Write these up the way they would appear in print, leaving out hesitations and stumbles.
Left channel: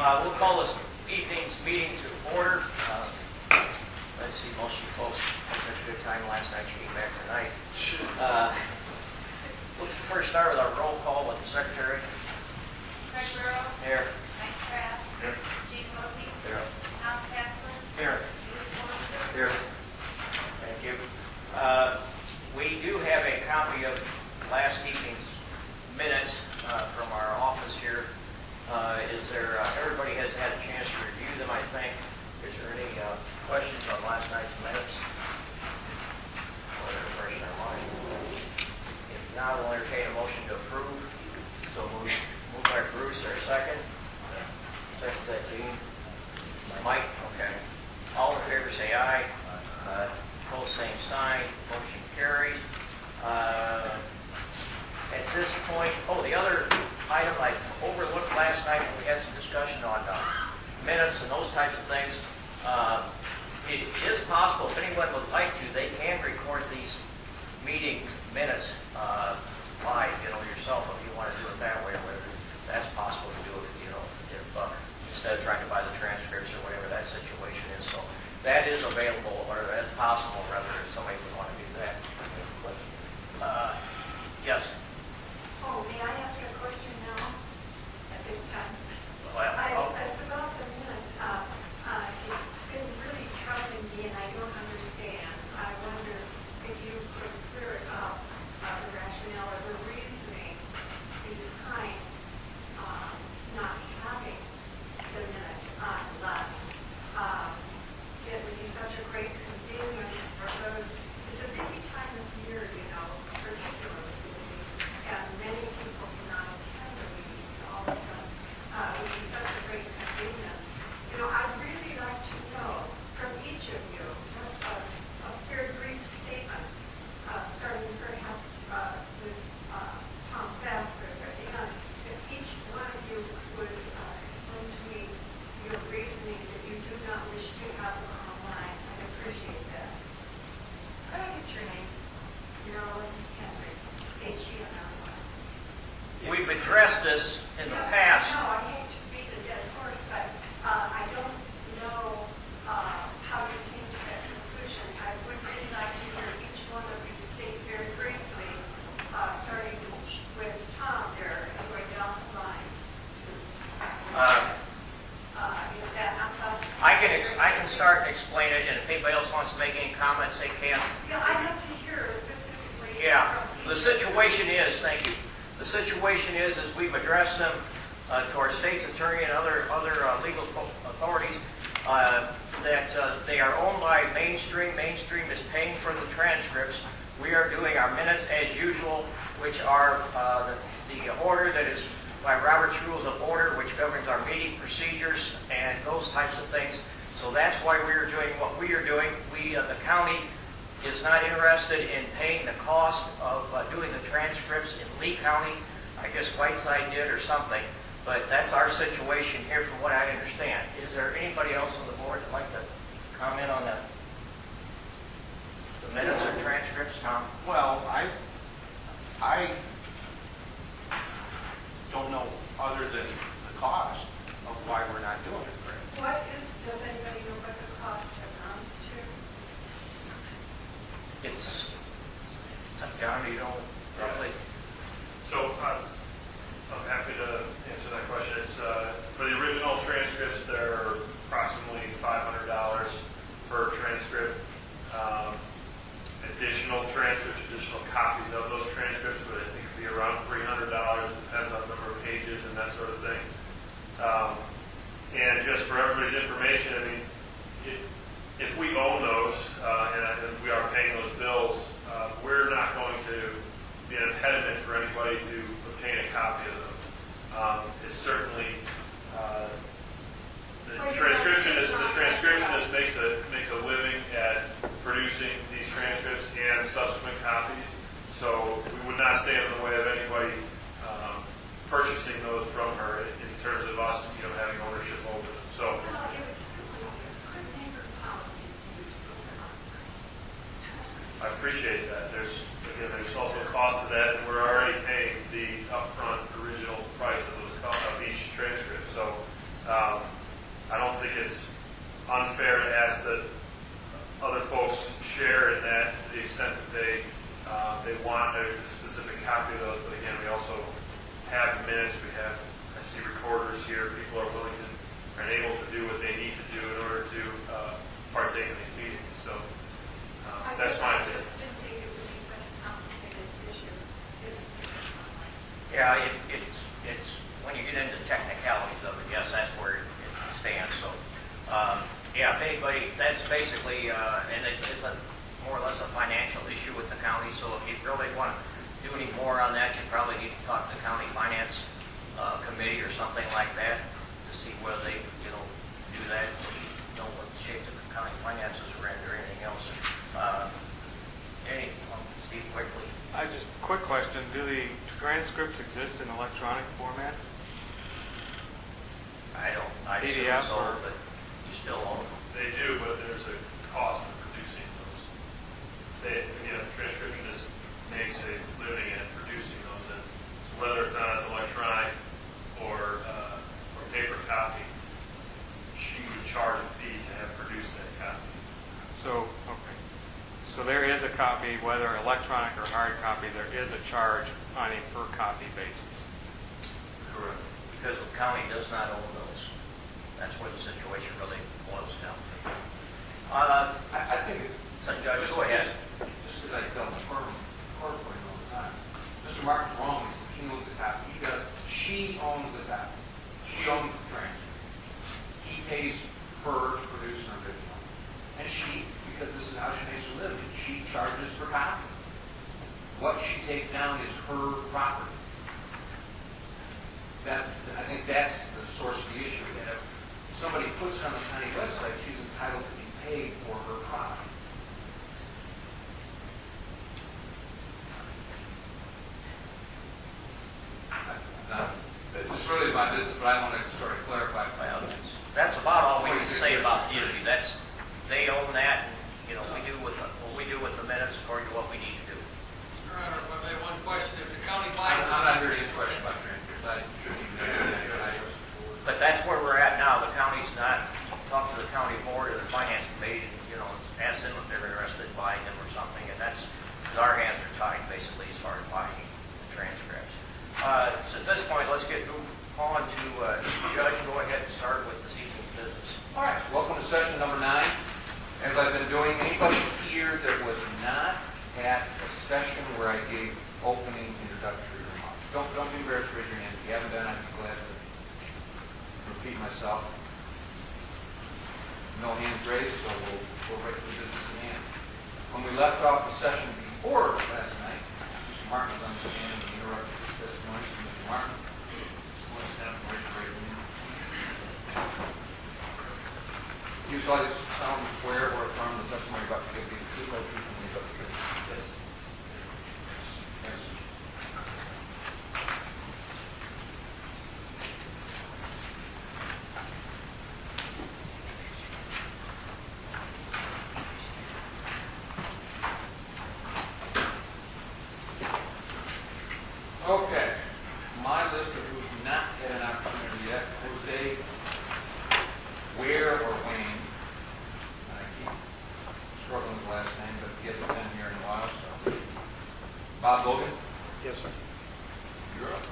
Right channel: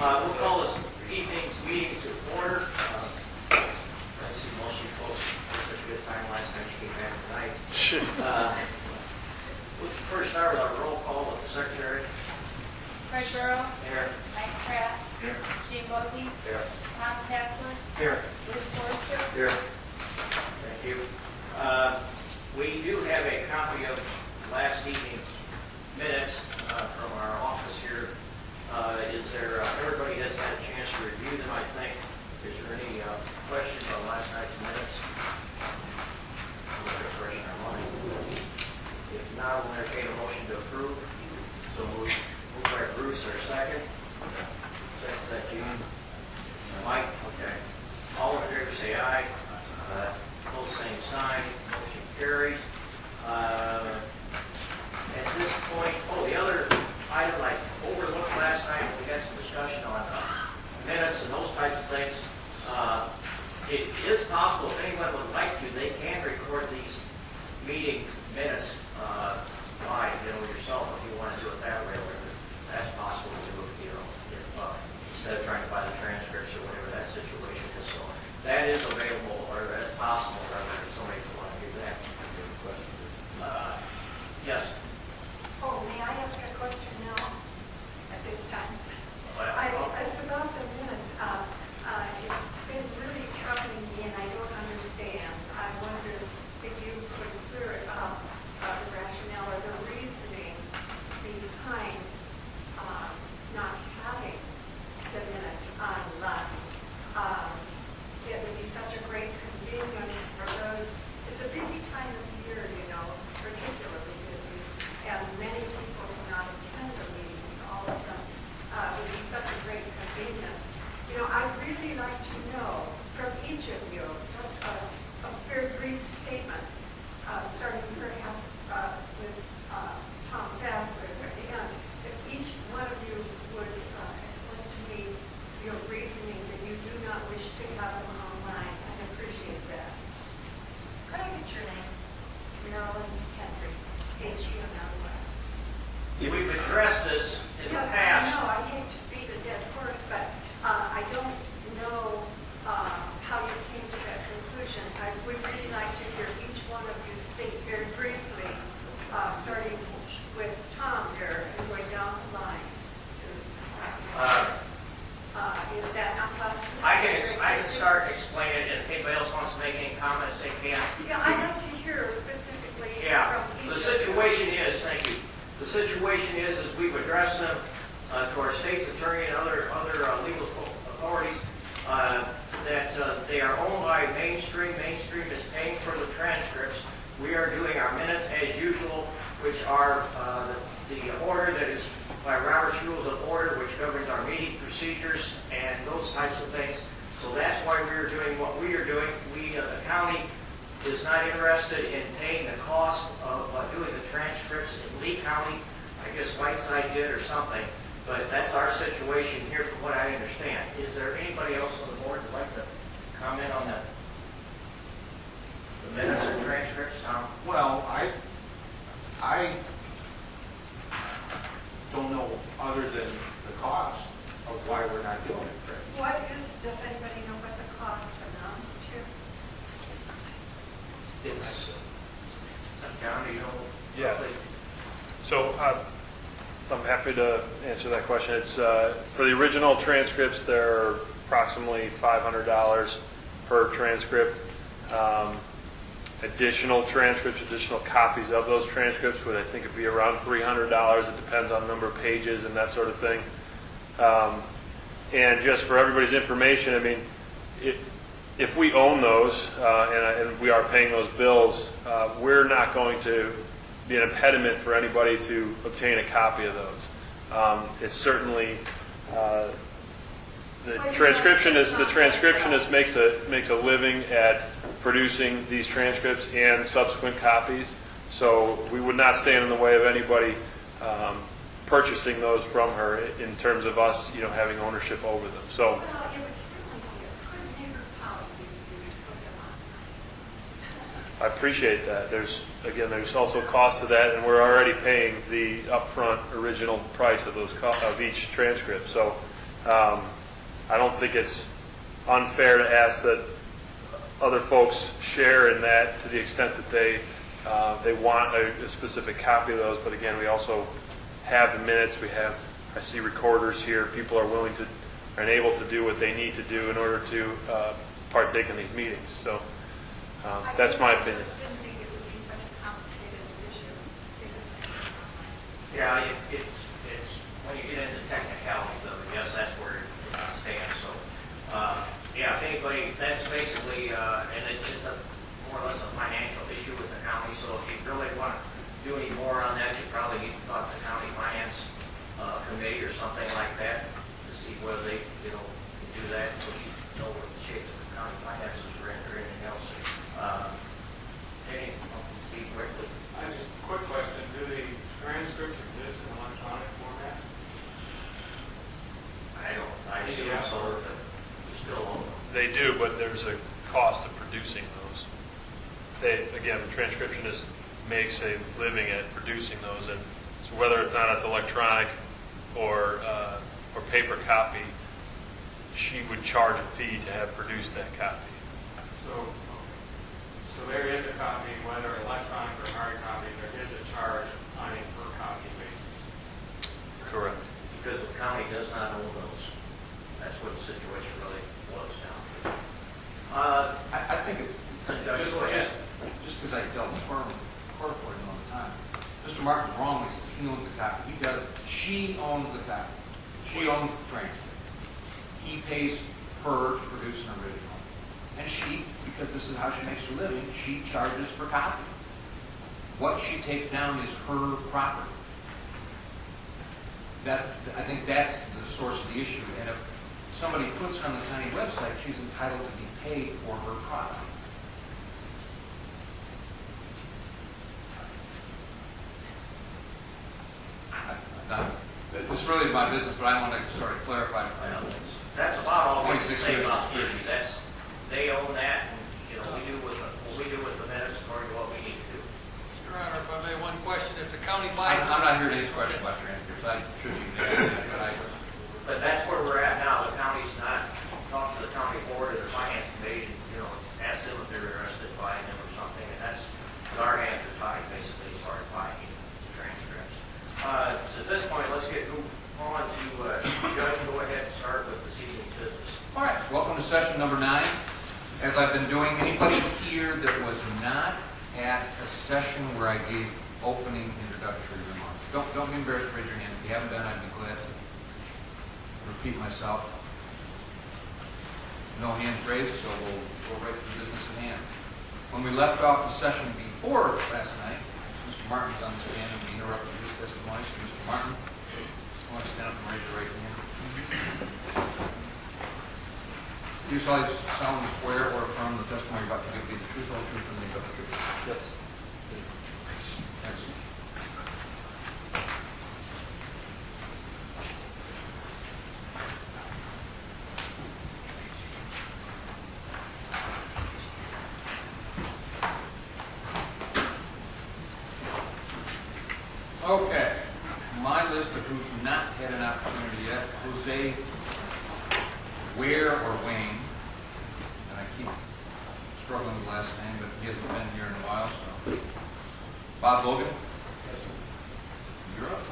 We'll call this evening's meeting to order. Let's see, most of you folks had such a good time last night, you came back tonight. Let's first start with our roll call with the secretary. Fred Burrow. Here. Mike Kraft. Here. Gene Bogey. Here. Tom Kessler. Here. Bruce Forster. Here. Thank you. We do have a copy of last evening's minutes from our office here. Everybody has had a chance to review them, I think. Is there any questions on last night's minutes? Fresh in our mind. If not, we'll entertain a motion to approve. So moved by Bruce, or second? Second, that Gene? Mike? Okay. All in favor say aye. Opposed, same sign. Motion carries. At this point, the other item I overlooked last night when we had some discussion on minutes and those types of things, it is possible, if anyone would like to, they can record these meeting minutes live, yourself if you want to do it that way, or whatever. That's possible to do if instead of trying to buy the transcripts or whatever that situation is. So that is available, or that's possible, rather, if somebody would want to do that. Yes. Oh, may I ask a question now at this time? It's about the minutes. It's been really troubling me, and I don't understand. I wonder if you could clear it up, the rationale or the reasoning behind not having the minutes online. It would be such a great convenience for those. It's a busy time of year, particularly busy, and many people cannot attend the meetings, all of them. It would be such a great convenience. I'd really like to know from each of you just a very brief statement, starting perhaps with Tom Fassler at the end. If each one of you would explain to me your reasoning that you do not wish to have them online, I'd appreciate that. Could I get your name? Marilyn Henry, H-E-N-R-Y. We've addressed this in the past. Yes, I know. I hate to beat a dead horse, but I don't know how you came to that conclusion. I would really like to hear each one of you state very briefly, starting with Tom there and going down the line. Is that not possible? I can start explaining it, and if anybody else wants to make any comments, they can. Yeah, I'd like to hear specifically Yeah, from the each situation is, thank you. The situation is we've addressed them to our state's attorney and other legal authorities that they are owned by Mainstream. Mainstream is paying for the transcripts. We are doing our minutes as usual, which are the order that is by Robert's Rules of Order, which governs our meeting procedures and those types of things. So that's why we are doing what we are doing. The county is not interested in paying the cost of doing the transcripts in Lee County. I guess Whiteside did or something. But that's our situation here from what I understand. Is there anybody else on the board that'd like to comment on the minutes or transcripts, Tom? Well, I don't know other than the cost of why we're not doing it, Craig. does anybody know what the cost amounts to? It's John, do you know? Yeah. Roughly? So I'm happy to answer that question. It's for the original transcripts, they're approximately $500 per transcript. Additional transcripts, additional copies of those transcripts would, I think, it'd be around $300. It depends on the number of pages and that sort of thing. And just for everybody's information, I mean, if we own those and we are paying those bills, we're not going to be an impediment for anybody to obtain a copy of those. It's certainly the transcriptionist makes a living at producing these transcripts and subsequent copies. So we would not stand in the way of anybody purchasing those from her in terms of us, having ownership over them. So. Well, it would certainly be a good neighbor policy for you to put them online. I appreciate that. There's also cost to that, and we're already paying the upfront original price of those of each transcript. So I don't think it's unfair to ask that other folks share in that to the extent that they want a specific copy of those. But again, we also have the minutes. I see recorders here. People are willing to and able to do what they need to do in order to partake in these meetings. So that's my opinion. I just didn't think it would be such a complicated issue. Yeah, it's when you get into the technicalities of it, yes, that's where it stands. So, yeah, if anybody, that's basically, and it's a more or less a financial issue with the county. So if you really want to do any more on that, you probably need to talk to the county finance committee or something like that to see whether they, do that. So you know what shape the county finances are in or anything else. Steve, quickly. Just a quick question. Do the transcripts exist in electronic format? I assume PDF so, or- but we still own them. They do, but there's a cost of producing those. Again, the transcriptionist makes a living at producing those, and so whether or not it's electronic or paper copy, she would charge a fee to have produced that copy. So, okay. So there is a copy, whether electronic or hard copy, there is a charge on a per copy basis. Correct. Because the county does not own those. That's what the situation really boils down to. I think it's, Judge, go ahead. just because I dealt with court reporting all the time, Mr. Martin's wrong when he says he owns the copy. He does. She owns the copy. She owns the transcript. He pays her to produce an original. And she, because this is how she makes her living, she charges for copy. What she takes down is her property. I think that's the source of the issue. And if somebody puts on the county website, she's entitled to be paid for her property. This is really my business, but I want to sort of clarify. Well, that's about all we can 26 say years. about the issue. They own that, and, we do what we do with the minutes according to what we need to do. Your Honor, if I may, one question. If the county I'm buys I'm not here to answer questions about transcripts. I should be doing that, but But that's where we're at now. The county's not, talk to the county board or the finance committee, ask them if they're interested in buying them or something, and that's, our hands are tied basically as far as buying the transcripts. So at this point, let's move on to, Judge, go ahead and start with this evening's business. all right. Welcome to session number 9. As I've been doing, anybody here that was not at a session where I gave opening introductory remarks, don't be embarrassed to raise your hand. If you haven't been, I'd be glad to repeat myself. No hands raised, so we'll go right to the business at hand. When we left off the session before last night, Mr. Martin was on the stand and we interrupted his testimony. So, Mr. Martin, I want to stand up and raise your right hand. Do you solemnly swear or affirm the testimony you're about to give be the truth, whole truth, and nothing but the truth? Yes. Excellent. Okay, my list of who's not had an opportunity yet: Jose, Ware or Wayne, and I keep struggling with the last name, but he hasn't been here in a while, so. Bob Logan, Yes, sir. you're up.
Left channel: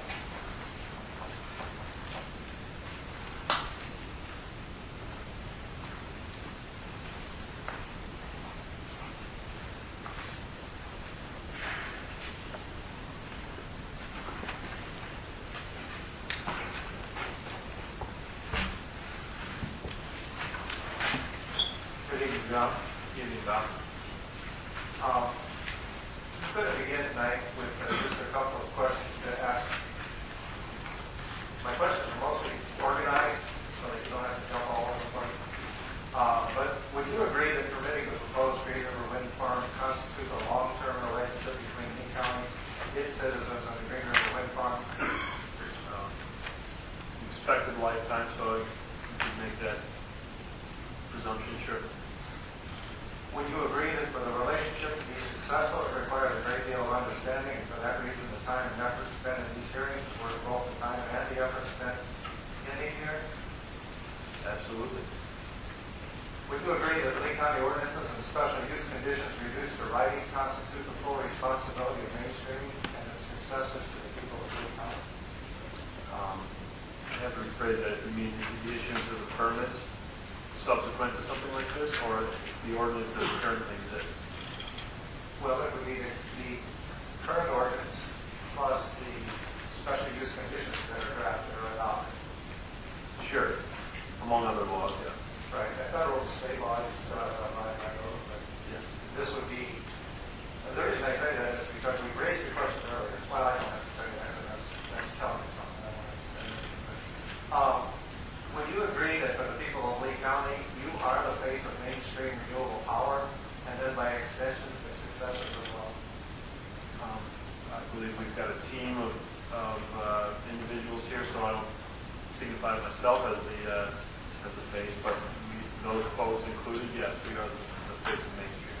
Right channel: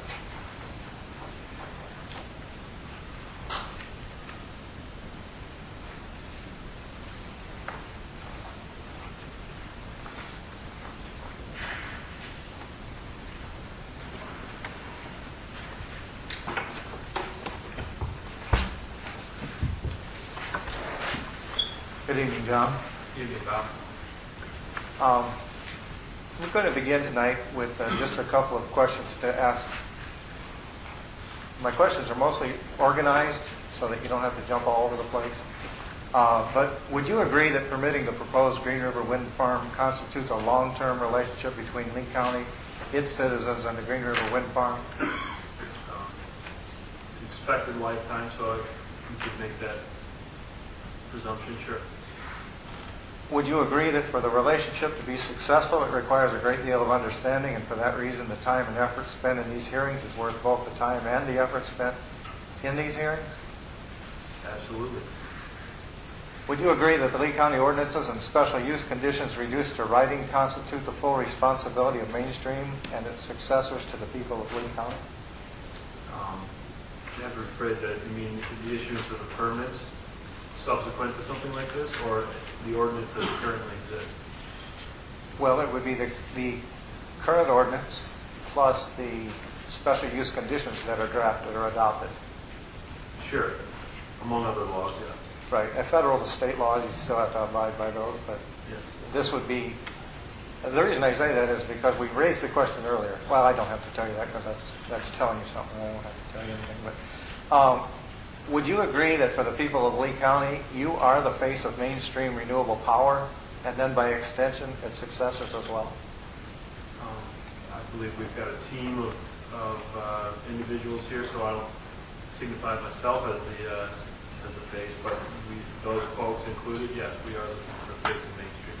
Good evening, John. Evening, Bob. We're going to begin tonight with just a couple of questions to ask. My questions are mostly organized so that you don't have to jump all over the place. But would you agree that permitting the proposed Green River Wind Farm constitutes a long-term relationship between Lee County, its citizens, and the Green River Wind Farm? It's an expected lifetime, so you could make that presumption, sure. Would you agree that for the relationship to be successful, it requires a great deal of understanding, and for that reason, the time and effort spent in these hearings is worth both the time and the effort spent in these hearings? Absolutely. Would you agree that the Lee County ordinances and special use conditions reduced to writing constitute the full responsibility of Mainstream and its successors to the people of Lee County? You have to rephrase that. You mean the issuance of the permits subsequent to something like this, or the ordinance as it currently exists? Well, it would be the current ordinance plus the special use conditions that are drafted or adopted. Sure. Among other laws, yes. Right. A federal and state law, you still have to abide by those, but Yes. this would be, the reason I say that is because we raised the question earlier. Well, I don't have to tell you that because that's telling you something. I don't have to tell you anything. But would you agree that for the people of Lee County, you are the face of Mainstream renewable power, and then by extension, its successors as well? I believe we've got a team of individuals here, so I don't signify myself as the face, but those folks included, yes, we are the face of Mainstream.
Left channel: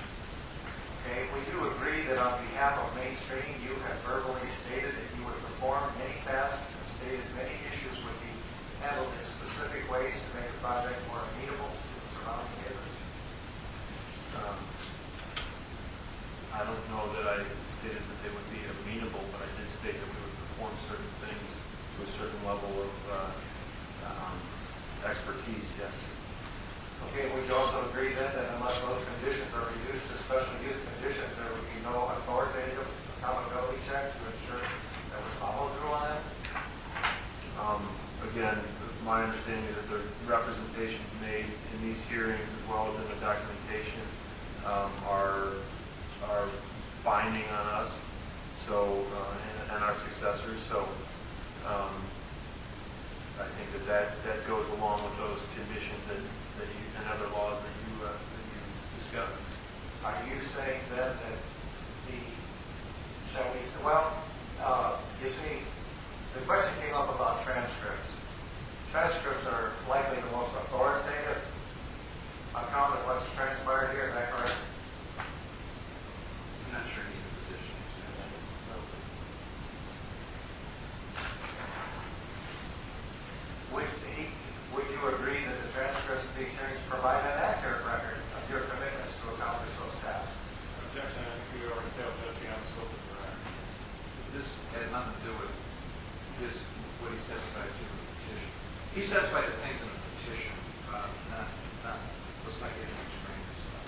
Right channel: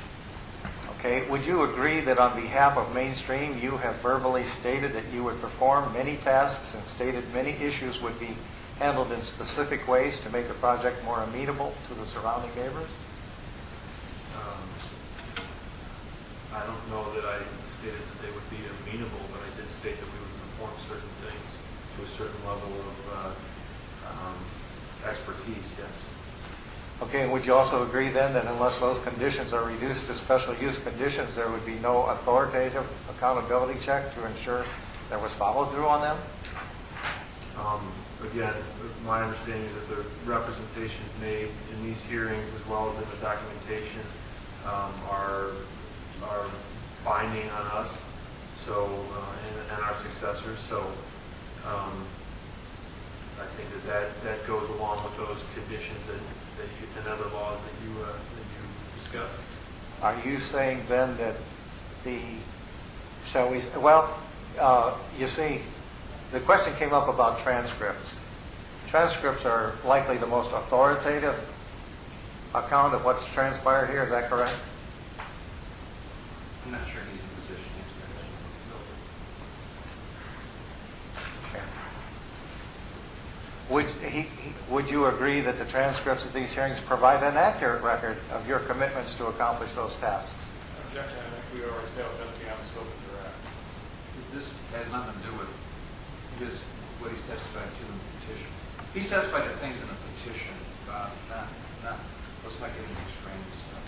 Okay. Would you agree that on behalf of Mainstream, you have verbally stated that you would perform many tasks and stated many issues would be handled in specific ways to make the project more amenable to the surrounding neighbors? I don't know that I stated that they would be amenable, but I did state that we would perform certain things to a certain level of expertise, yes. Okay, and would you also agree then that unless those conditions are reduced to special use conditions, there would be no authoritative accountability check to ensure there was follow-through on them? Again, my understanding is that the representations made in these hearings as well as in the documentation are binding on us, so and our successors. So I think that goes along with those conditions that you and other laws that you discussed. Are you saying then that you see, the question came up about transcripts. Transcripts are likely the most authoritative account of what's transpired here, is that correct? I'm not sure he's in position to answer that. Okay. Would you agree that the transcripts of these hearings provide an accurate record of your commitments to accomplish those tasks? Objection, I think we already established that's beyond the scope of your act. This has nothing to do with what he's testified to in the petition. He's testified to things in the petition, let's not get into extraneous stuff.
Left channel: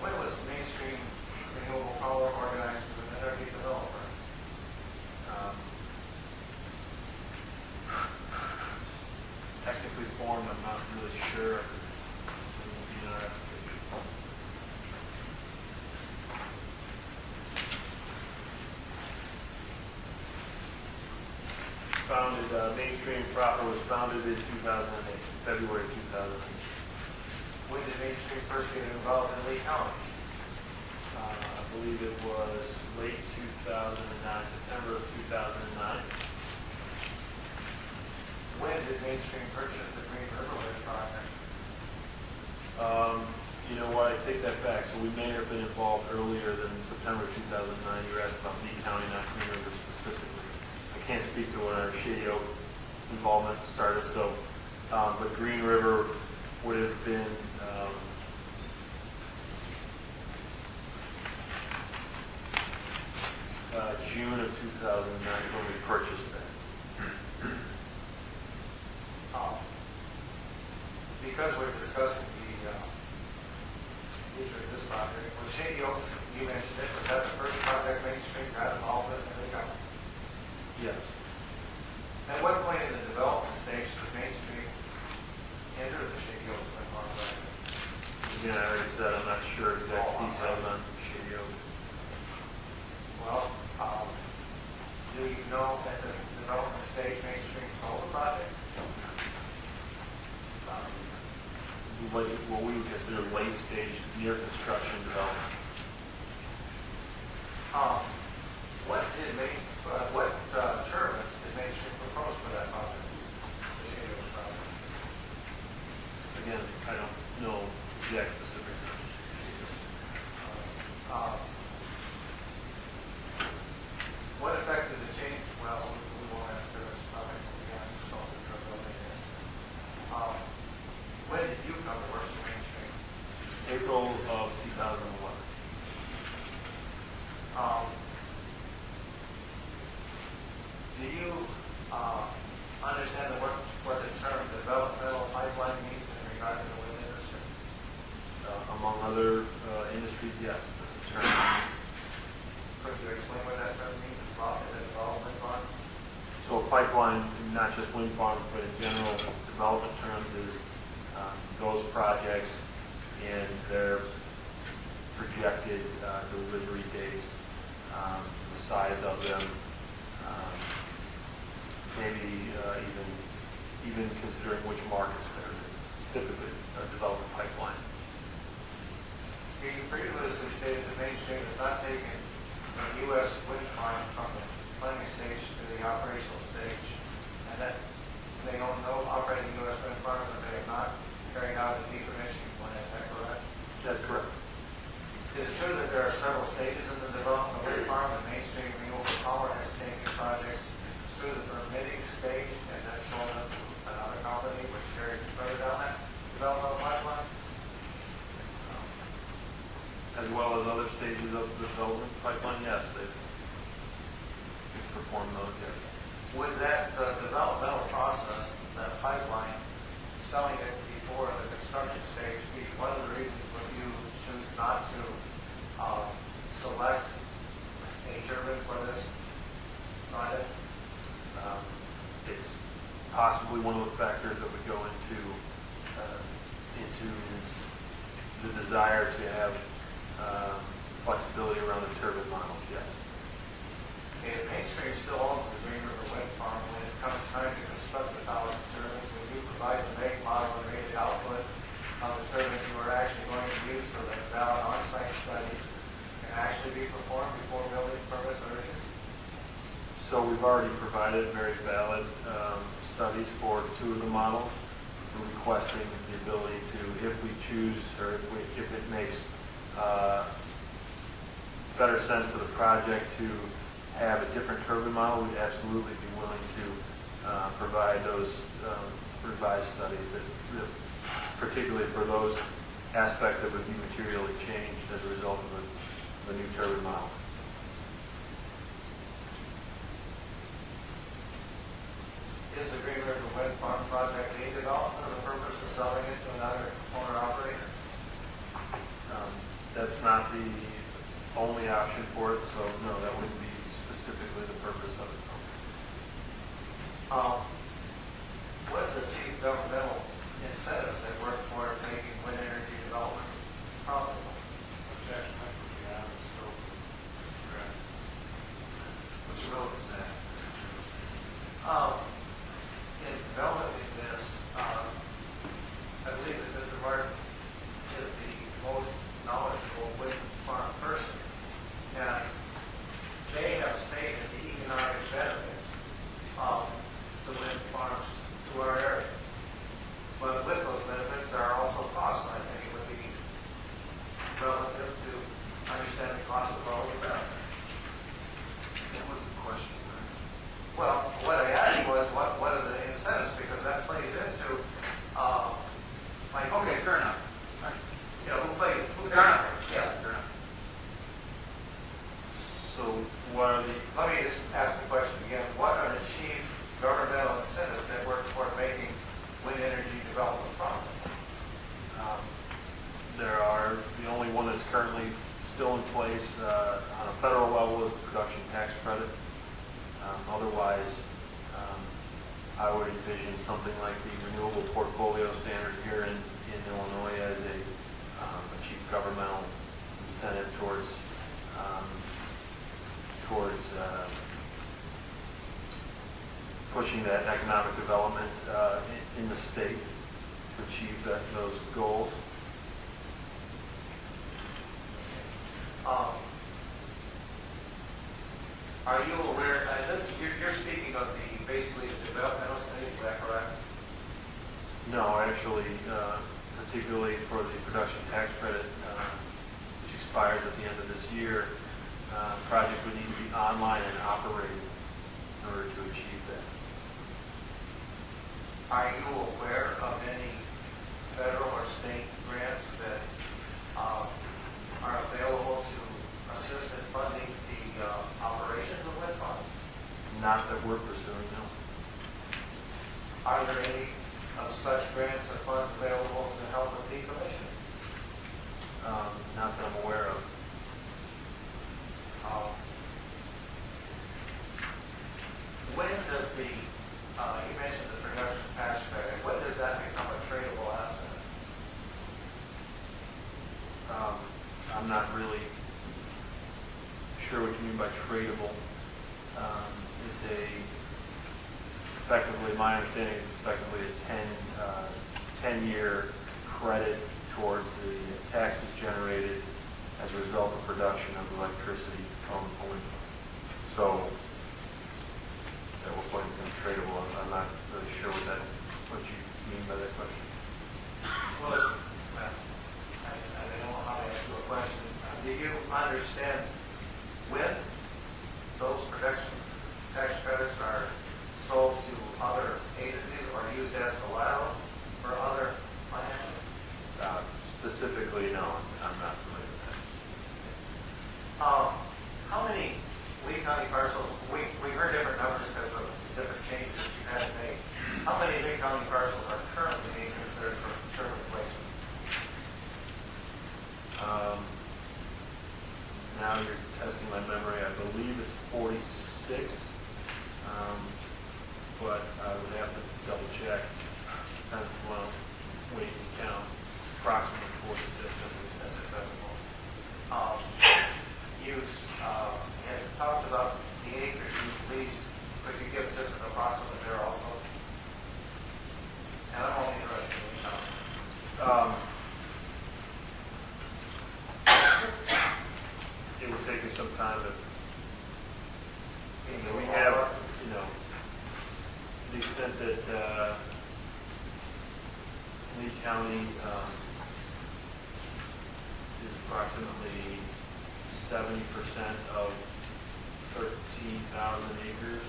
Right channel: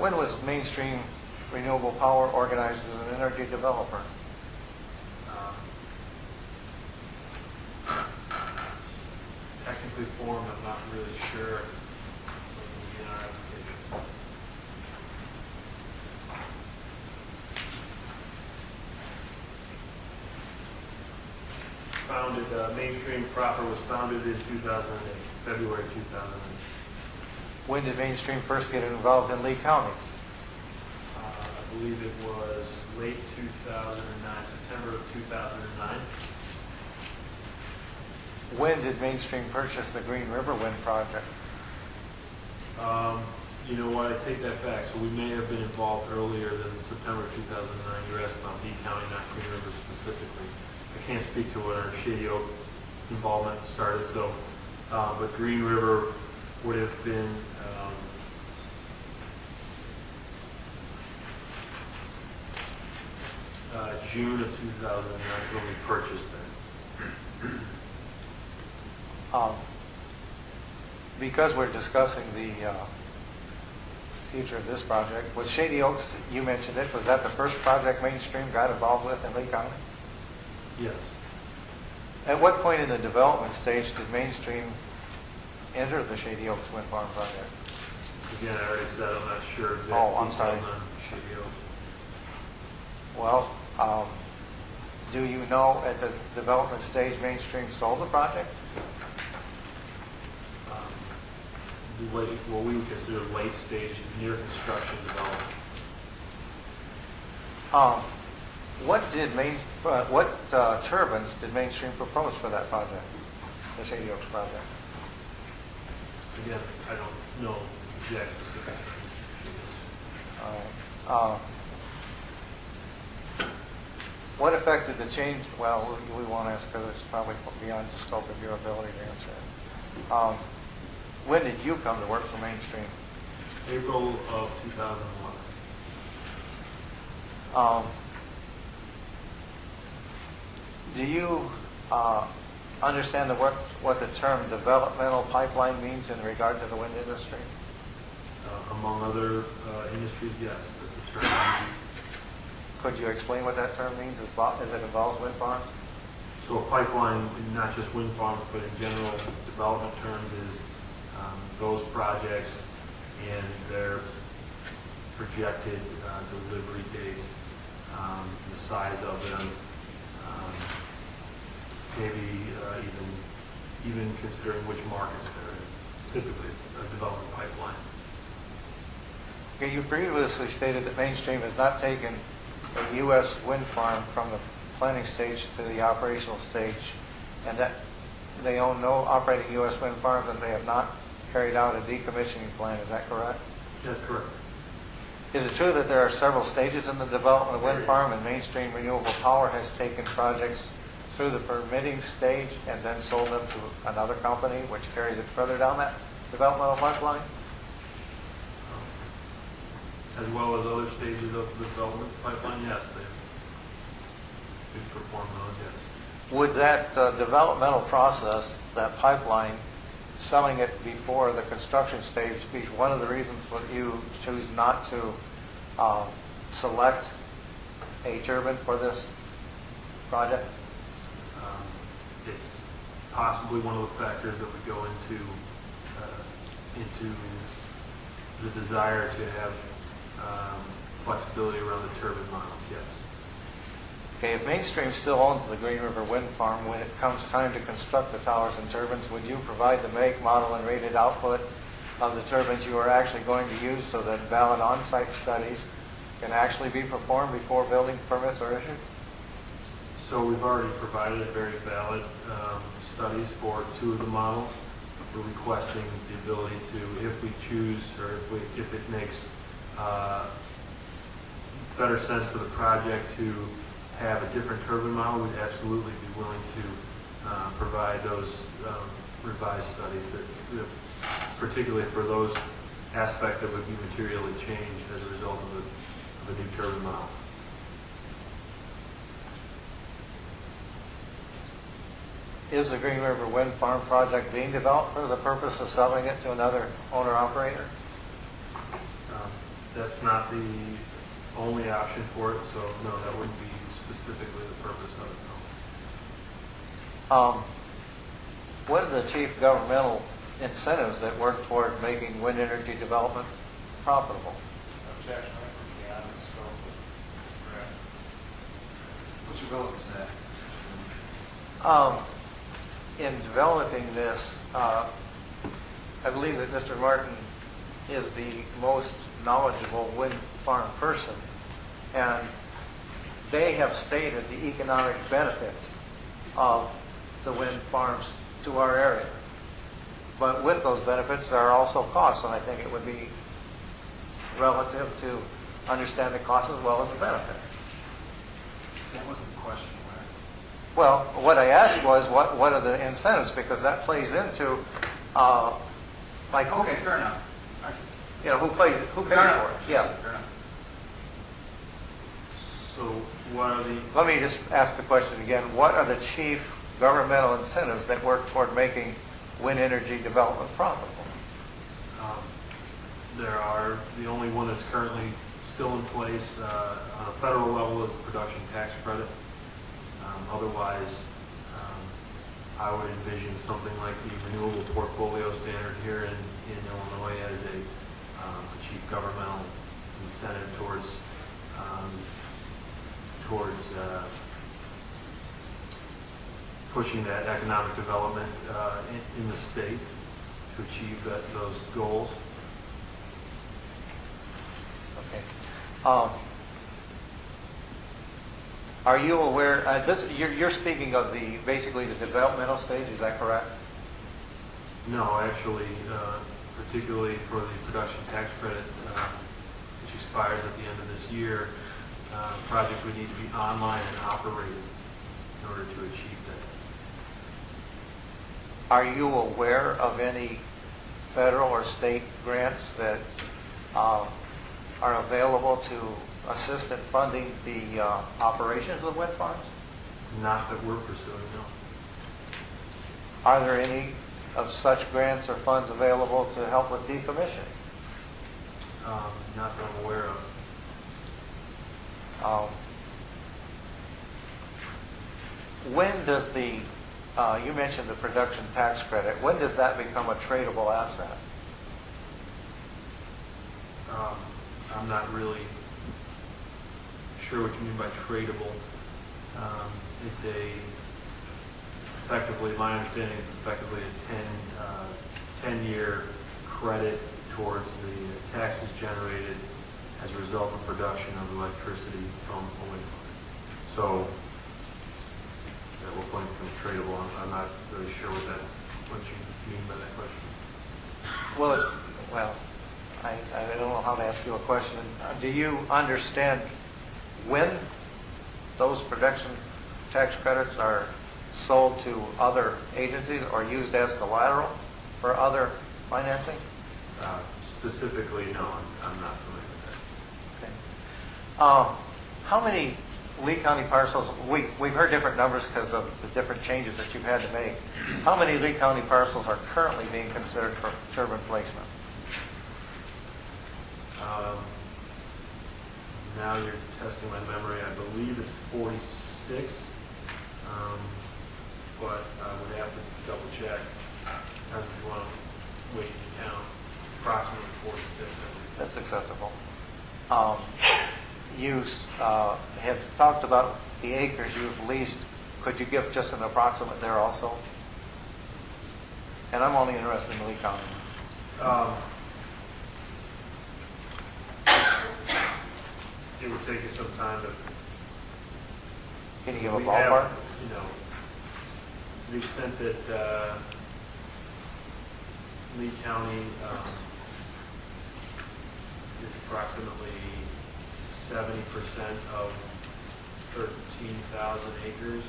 When was Mainstream Renewable Power organized as an energy developer? Technically formed, I'm not really sure when will be in our application. Founded, Mainstream proper was founded in 2008, February 2008. When did Mainstream first get involved in Lee County? I believe it was late 2009, September of 2009. When did Mainstream purchase the Green River Wind project? You know what, I take that back. So we may have been involved earlier than September 2009. You asked about Lee County, not Green River specifically. I can't speak to when our Shady Oak involvement started, so, but Green River would have been June of 2009 when we purchased that. Because we're discussing the future of this project, was Shady Oaks, you mentioned it, was that the first project Mainstream got involved with in Lee County? Yes. At what point in the development stage did Mainstream enter the Shady Oaks Wind Farm project? Again, I already said I'm not sure exact I'm sorry. details on Shady Oaks. Well, do you know at the development stage Mainstream sold the project? What we would consider late stage, near construction development. What turbines did Mainstream propose for that project, the Shady Oaks project? Again, I don't know exact specifics. What effect did the change, well, we won't ask her, it's probably beyond the scope of your ability to answer it. When did you come to work for Mainstream? April of 2011. Do you understand what the term developmental pipeline means in regard to the wind industry? Among other industries, yes, that's a term. Could you explain what that term means as it involves wind farms? So a pipeline, not just wind farms, but in general development terms, is those projects and their projected delivery dates, the size of them, maybe even considering which markets they're in. It's typically a development pipeline. Okay, you previously stated that Mainstream has not taken a U.S. wind farm from the planning stage to the operational stage, and that they own no operating U.S. wind farms, and they have not carried out a decommissioning plan. Is that correct? That's correct. Is it true that there are several stages in the development of wind farm, and Mainstream Renewable Power has taken projects through the permitting stage and then sold them to another company, which carries it further down that developmental pipeline? As well as other stages of the development pipeline, yes, they've performed those, yes. Would that developmental process, that pipeline, selling it before the construction stage, be one of the reasons that you choose not to select a turbine for this project? It's possibly one of the factors that would go into the desire to have flexibility around the turbine models, yes. Okay, if Mainstream still owns the Green River Wind Farm, when it comes time to construct the towers and turbines, would you provide the make, model, and rated output of the turbines you are actually going to use so that valid on-site studies can actually be performed before building permits are issued? So we've already provided very valid studies for 2 of the models. We're requesting the ability to, if we choose or if it makes better sense for the project to have a different turbine model, we'd absolutely be willing to provide those revised studies, that particularly for those aspects that would be materially changed as a result of a new turbine model. Is the Green River Wind Farm project being developed for the purpose of selling it to another owner-operator? That's not the only option for it, so no, that wouldn't be specifically the purpose of it. What are the chief governmental incentives that work toward making wind energy development profitable? Objection, that would be out of the scope of correct. What's your relevance to that? In developing this, I believe that Mr. Martin is the most knowledgeable wind farm person, and they have stated the economic benefits of the wind farms to our area. But with those benefits, there are also costs, and I think it would be relative to understand the costs as well as the benefits. That wasn't the question, right? Well, what I asked was, what are the incentives? Because that plays into, like, Okay, fair enough. you know, who pays Fair for it? enough. Yeah. Fair enough. So what are the, Let me just ask the question again. What are the chief governmental incentives that work toward making wind energy development profitable? there are, the only one that's currently still in place on a federal level is the production tax credit. Otherwise, I would envision something like the renewable portfolio standard here in Illinois as a chief governmental incentive towards pushing that economic development in the state to achieve those goals. Okay. Are you aware? You're speaking of basically the developmental stage. Is that correct? No, actually, particularly for the production tax credit, which expires at the end of this year, project would need to be online and operated in order to achieve that. Are you aware of any federal or state grants that are available to assist in funding the operations of wind farms? Not that we're pursuing, no. Are there any of such grants or funds available to help with decommissioning? Not that I'm aware of. When does the, you mentioned the production tax credit, when does that become a tradable asset? I'm not really sure what you mean by tradable. It's effectively, my understanding is effectively a 10-year credit towards the taxes generated as a result of production of electricity from a wind farm. So, at what point it becomes tradable? I'm not really sure what you mean by that question. Well, I don't know how to ask you a question. Do you understand when those production tax credits are sold to other agencies or used as collateral for other financing? Specifically, no, I'm not familiar with that. Okay. How many Lee County parcels, we've heard different numbers because of the different changes that you've had to make. How many Lee County parcels are currently being considered for turbine placement? Now you're testing my memory. I believe it's 46, but I would have to double check. Depends if you want to wait and count. Approximately 46, I believe. That's acceptable. You have talked about the acres you've leased. Could you give just an approximate there also? And I'm only interested in Lee County. It would take us some time to. Can you give a We ballpark? have, to the extent that Lee County is approximately 70% of 13,000 acres.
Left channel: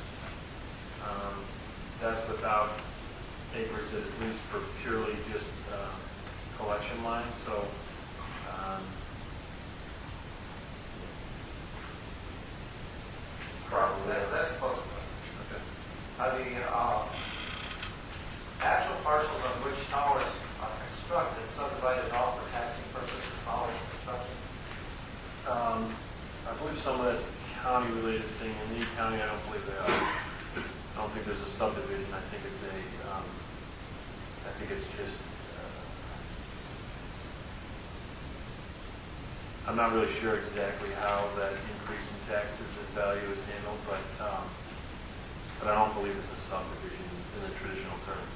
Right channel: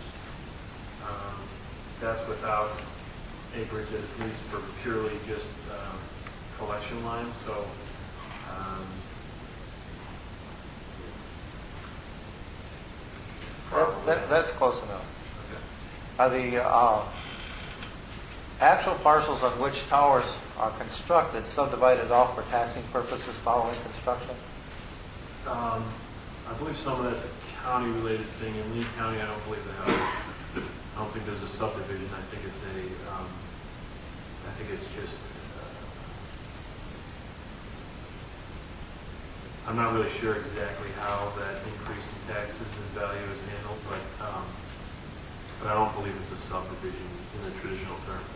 That's without acreage that is leased for purely just collection lines. So. That's close enough. Okay. Are the actual parcels on which towers are constructed subdivided off for taxing purposes following construction? I believe some of that's a county-related thing. In Lee County, I don't believe they are. I don't think there's a subdivision. I think it's just. I'm not really sure exactly how that increase in taxes and value is handled, but I don't believe it's a subdivision in the traditional terms.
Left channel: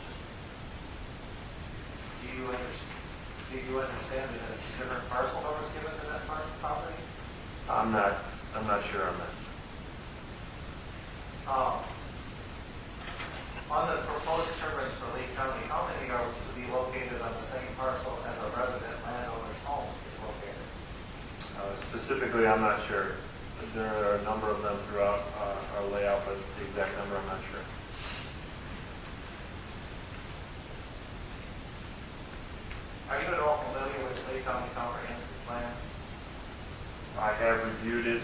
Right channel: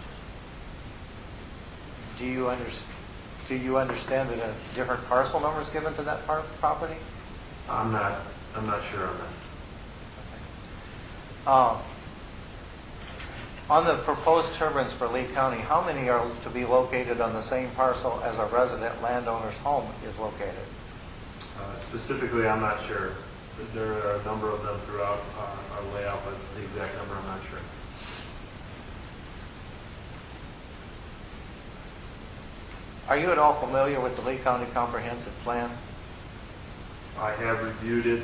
Do you understand that a different parcel number is given to that property? I'm not sure on that. On the proposed turbines for Lee County, how many are to be located on the same parcel as a resident landowner's home is located? Specifically, I'm not sure. There are a number of them throughout our layout, but the exact number I'm not sure. Are you at all familiar with the Lee County Comprehensive Plan? I have reviewed it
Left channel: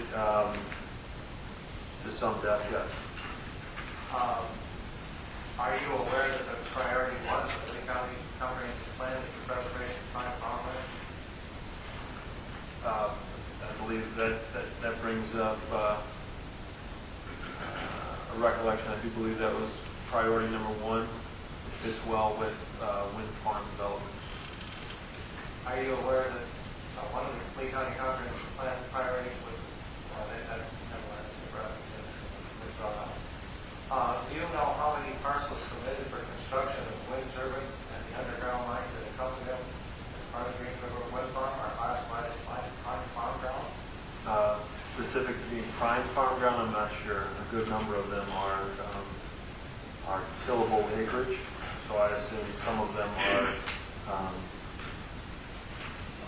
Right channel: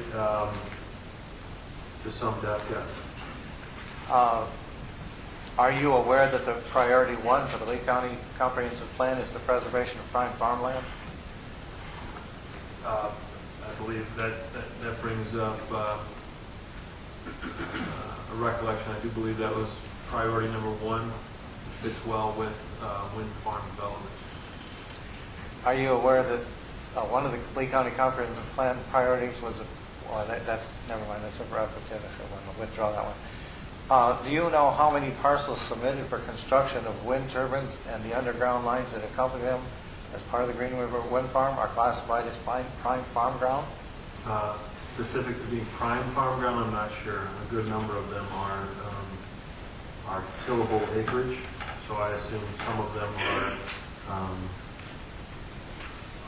to some depth, yes. Are you aware that the priority one for the Lee County Comprehensive Plan is the preservation of prime farmland? I believe that brings up a recollection. I do believe that was priority number one, which fits well with wind farm development. Are you aware that one of the Lee County Comprehensive Plan priorities was, that's, never mind, that's a reference, I'll withdraw that one. Do you know how many parcels submitted for construction of wind turbines and the underground lines that accompany them as part of the Green River Wind Farm are classified as prime farm ground? Specific to being prime farm ground, I'm not sure. A good number of them are tillable acreage, so I assume some of them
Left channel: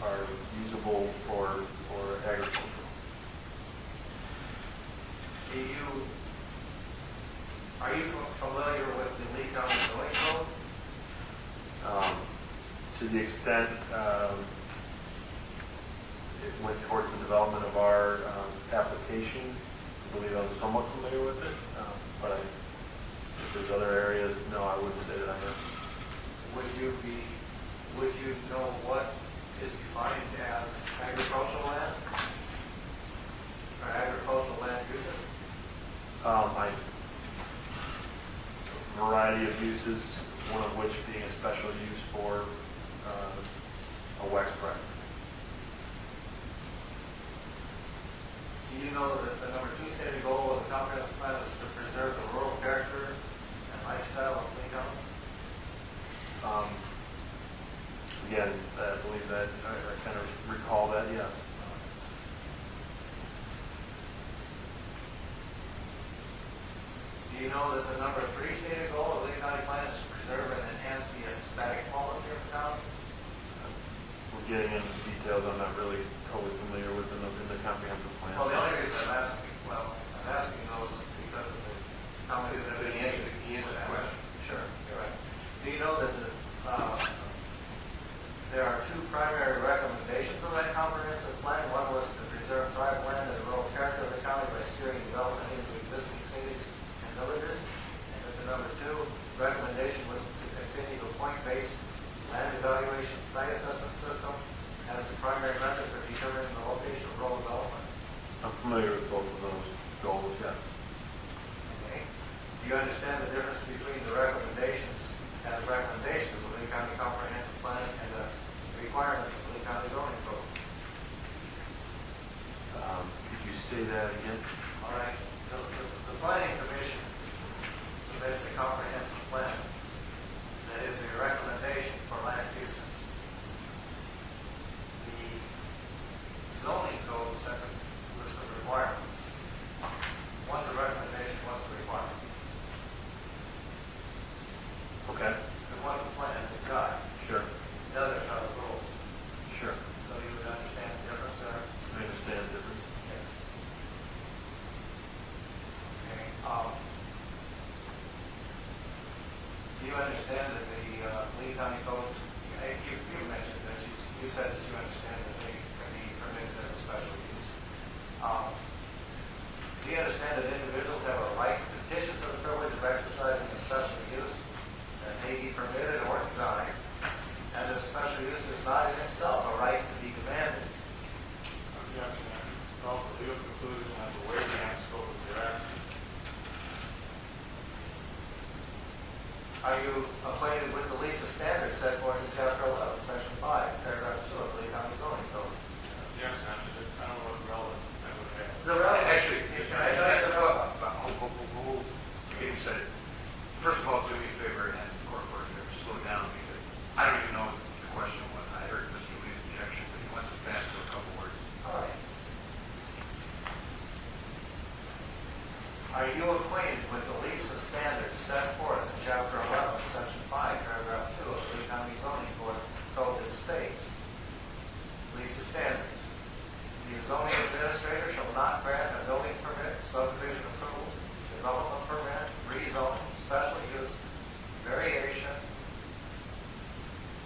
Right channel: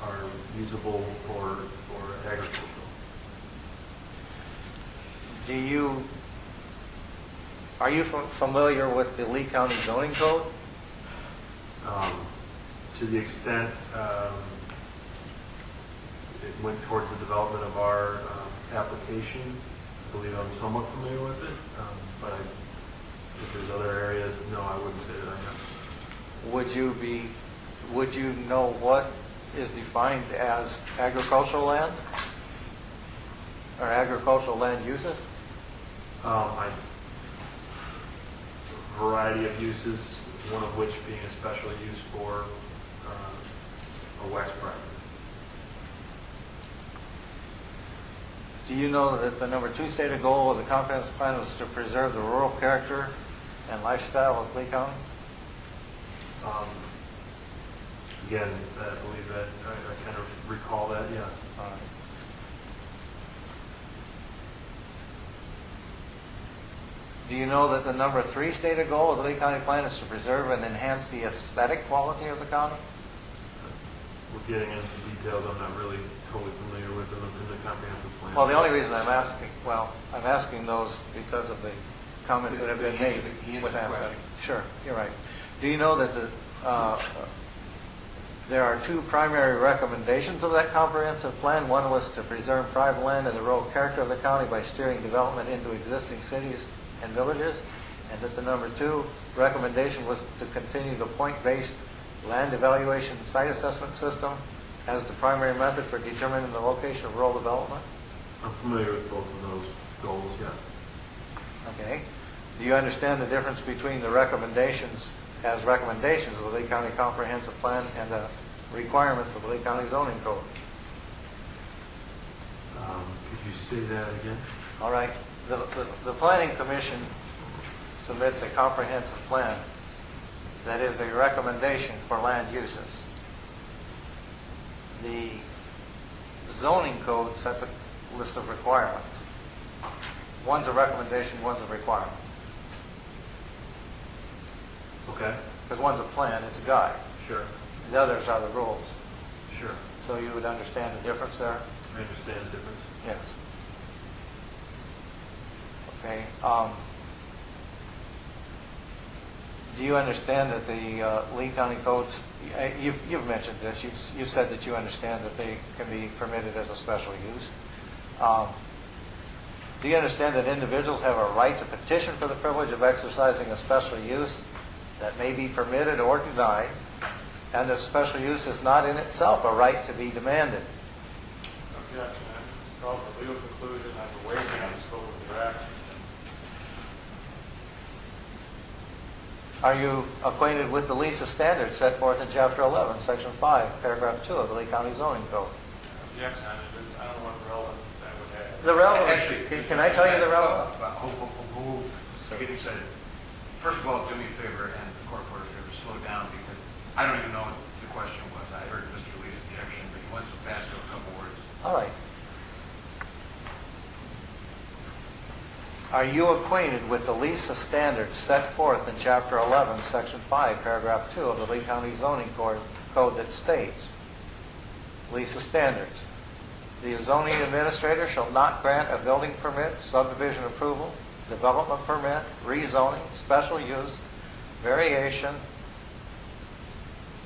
are usable for agricultural. Are you familiar with the Lee County zoning code? To the extent it went towards the development of our application, I believe I was somewhat familiar with it, but if there's other areas, no, I wouldn't say that I am. Would you know what is defined as agricultural land? Or agricultural land uses? Variety of uses, one of which being a special use for a wax prep. Do you know that the number 2 stated goal of the comprehensive plan was to preserve the rural character and lifestyle of Lee County? Again, I believe that, I kind of recall that, yes. Do you know that the number 3 stated goal of the Lee County plan is to preserve and enhance the aesthetic quality of the county? We're getting into details I'm not really totally familiar with in the comprehensive plan. Well, the only reason I'm asking those because of the comments that have been made. He with answered the that. question. Sure, you're right. Do you know that there are 2 primary recommendations of that comprehensive plan? One was to preserve private land and the rural character of the county by steering development into existing cities and villages, and that the number 2 recommendation was to continue the point-based land evaluation site assessment system as the primary method for determining the location of rural development? I'm familiar with both of those goals, yes. Okay. Do you understand the difference between the recommendations as recommendations of the Lee County Comprehensive Plan and the requirements of the Lee County Zoning Code? Could you say that again? All right. The Planning Commission submits a comprehensive plan that is a recommendation for land uses. The zoning code sets a list of requirements. One's a recommendation, one's a requirement. Okay. Because one's a plan, it's a guide. Sure. The others are the rules. Sure. So you would understand the difference there? I understand the difference. Yes. Okay. Do you understand that the Lee County codes, you've mentioned this, you said that you understand that they can be permitted as a special use. Do you understand that individuals have a right to petition for the privilege of exercising a special use that may be permitted or denied, and that special use is not in itself a right to be demanded? Objection. Call for legal conclusion on the waiver and scope of your action. Are you acquainted with the LISA standards set forth in Chapter 11, Section 5, Paragraph 2 of the Lee County Zoning Code? Objection. I don't know what relevance that would have. The relevance, Actually, can I tell you the relevance? Getting excited. First of all, do me a favor and the court reporter favor, slow down because I don't even know what the question was. I heard Mr. Lee's objection, but he went so fast to a couple words. All right. Are you acquainted with the LISA standards set forth in Chapter 11, Section 5, Paragraph 2 of the Lee County Zoning Code that states, LISA standards, the zoning administrator shall not grant a building permit, subdivision approval, development permit, rezoning, special use, variation,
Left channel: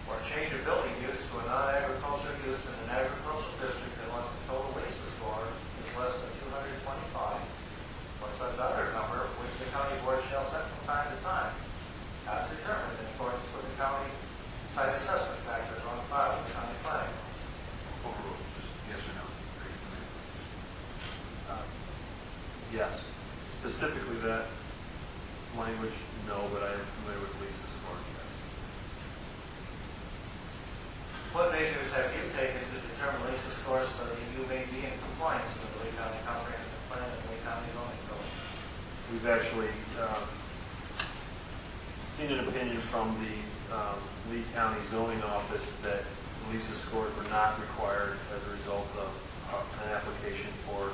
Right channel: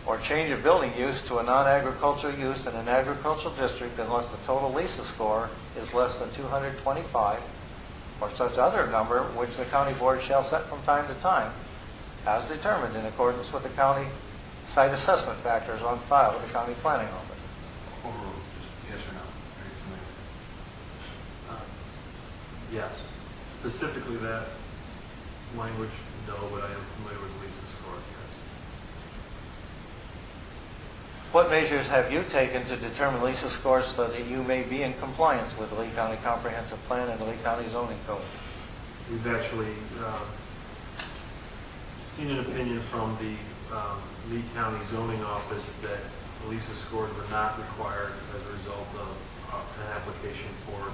or change of building use to a non-agricultural use in an agricultural district unless the total LISA score is less than 225, or such other number which the county board shall set from time to time, as determined in accordance with the county site assessment factors on file with the county planning office. Overruled. Just yes or no. Are you familiar? Yes. Specifically that language, no, but I am familiar with Lisa's score, yes. What measures have you taken to determine LISA scores so that you may be in compliance with the Lee County Comprehensive Plan and the Lee County Zoning Code? We've actually seen an opinion from the Lee County Zoning Office that Lisa scores were not required as a result of an application for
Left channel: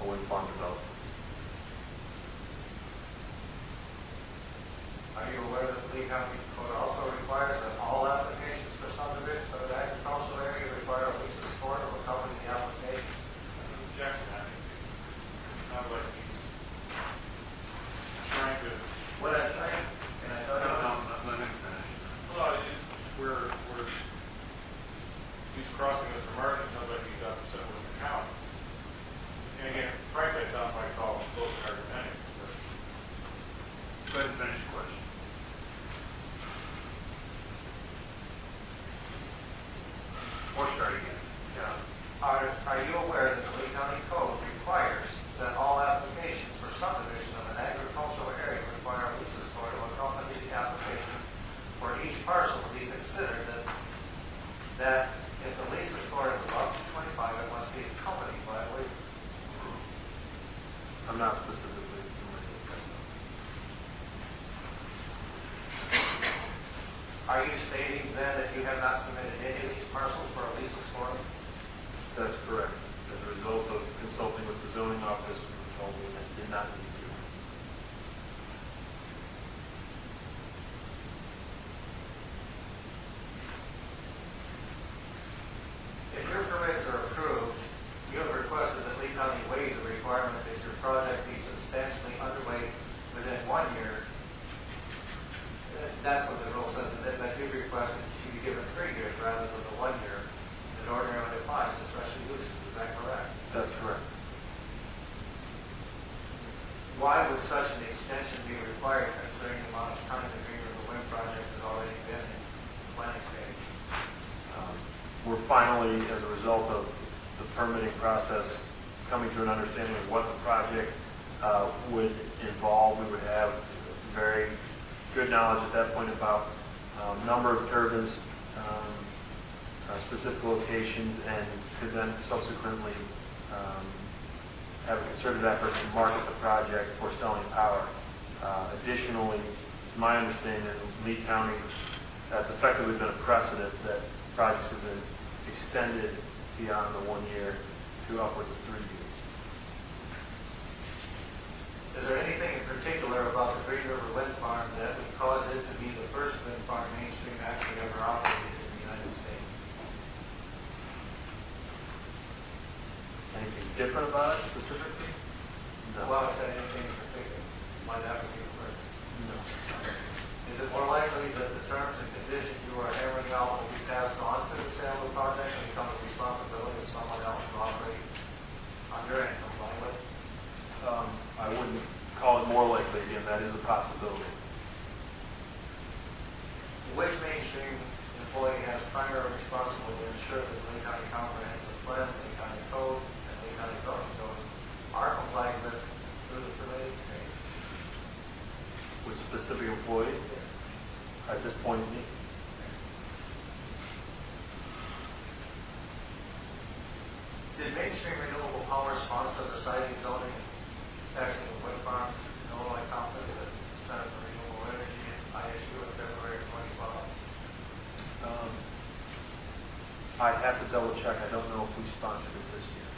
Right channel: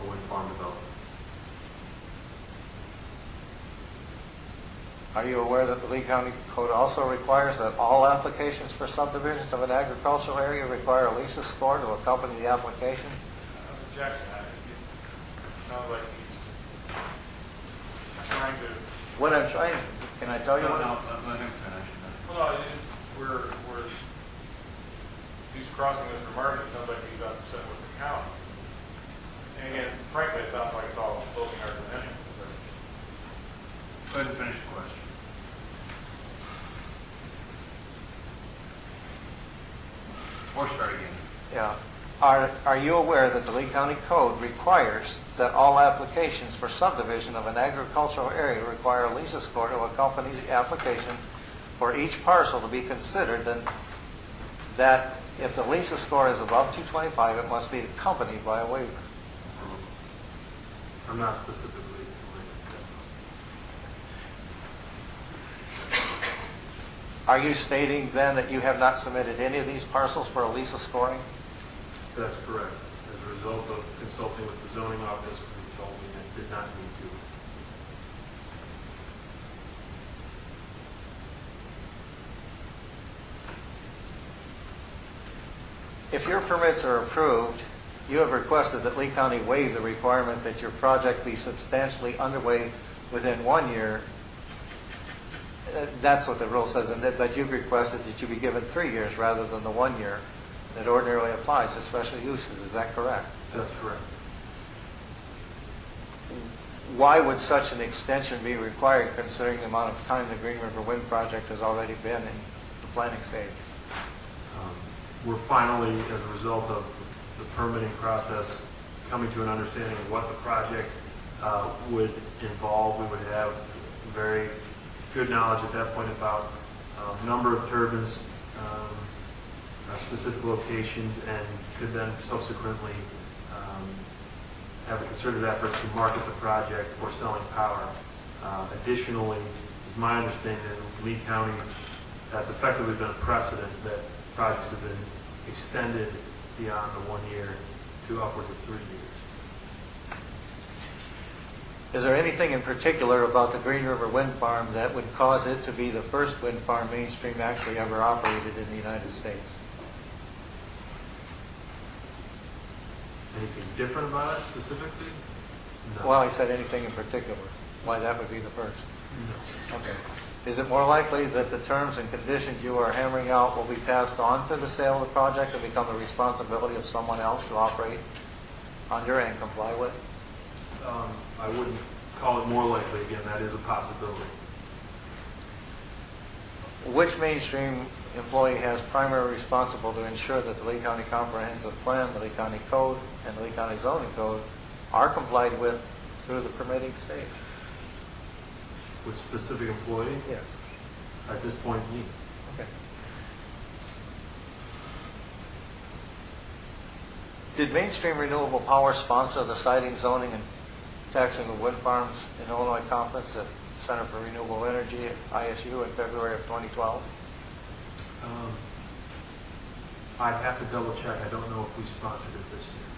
a wind farm development. Are you aware that the Lee County Code also requires that all applications for subdivisions of an agricultural area require a LISA score to accompany the application? Objection. It sounds like he's What I'm trying, can I tell you? No, let him finish. Well, we're, he's crossing Mr. Martin, it sounds like he's upset with the county. And again, frankly, it sounds like it's all closing argument anyway. Go ahead and finish the question. Or start again. Yeah. Are you aware that the Lee County Code requires that all applications for subdivision of an agricultural area require a lease score to accompany the application for each parcel to be considered, and that if the lease score is above 225, it must be accompanied by a waiver? I'm not specifically familiar with that. Are you stating then that you have not submitted any of these parcels for a lease scoring? That's correct. As a result of consulting with the zoning office, we were told we did not need to. If your permits are approved, you have requested that Lee County waive the requirement that your project be substantially underway within 1 year. That's what the rule says, but you've requested that you be given 3 years rather than the 1 year that ordinarily applies to special uses. Is that correct? That's correct. Why would such an extension be required considering the amount of time the Green River Wind project has already been in the planning stage? We're finally, as a result of the permitting process, coming to an understanding of what the project would involve. We would have very good knowledge at that point about number of turbines, specific locations, and could then subsequently have a concerted effort to market the project for selling power. Additionally, it's my understanding that in Lee County, that's effectively been a precedent that projects have been extended beyond the 1 year to upwards of 3 years. Is there anything in particular about the Green River Wind Farm that would cause it to be the first wind farm mainstream actually ever operated in the United States? Anything different about it specifically? No. Well, I said anything in particular. Why that would be the first? No. Okay. Is it more likely that the terms and conditions you are hammering out will be passed on to the sale of the project and become the responsibility of someone else to operate under and comply with? I wouldn't call it more likely. Again, that is a possibility. Which mainstream employee has primary responsibility to ensure that the Lee County Comprehensive Plan, the Lee County Code, and the Lee County Zoning Code are complied with through the permitting stage? With specific employee? Yes. At this point, me. Okay. Did Mainstream Renewable Power sponsor the siting, zoning, and taxing of wind farms in Illinois conference at Center for Renewable Energy at ISU in February of 2012? I'd have to double check. I don't know if we sponsored it this year.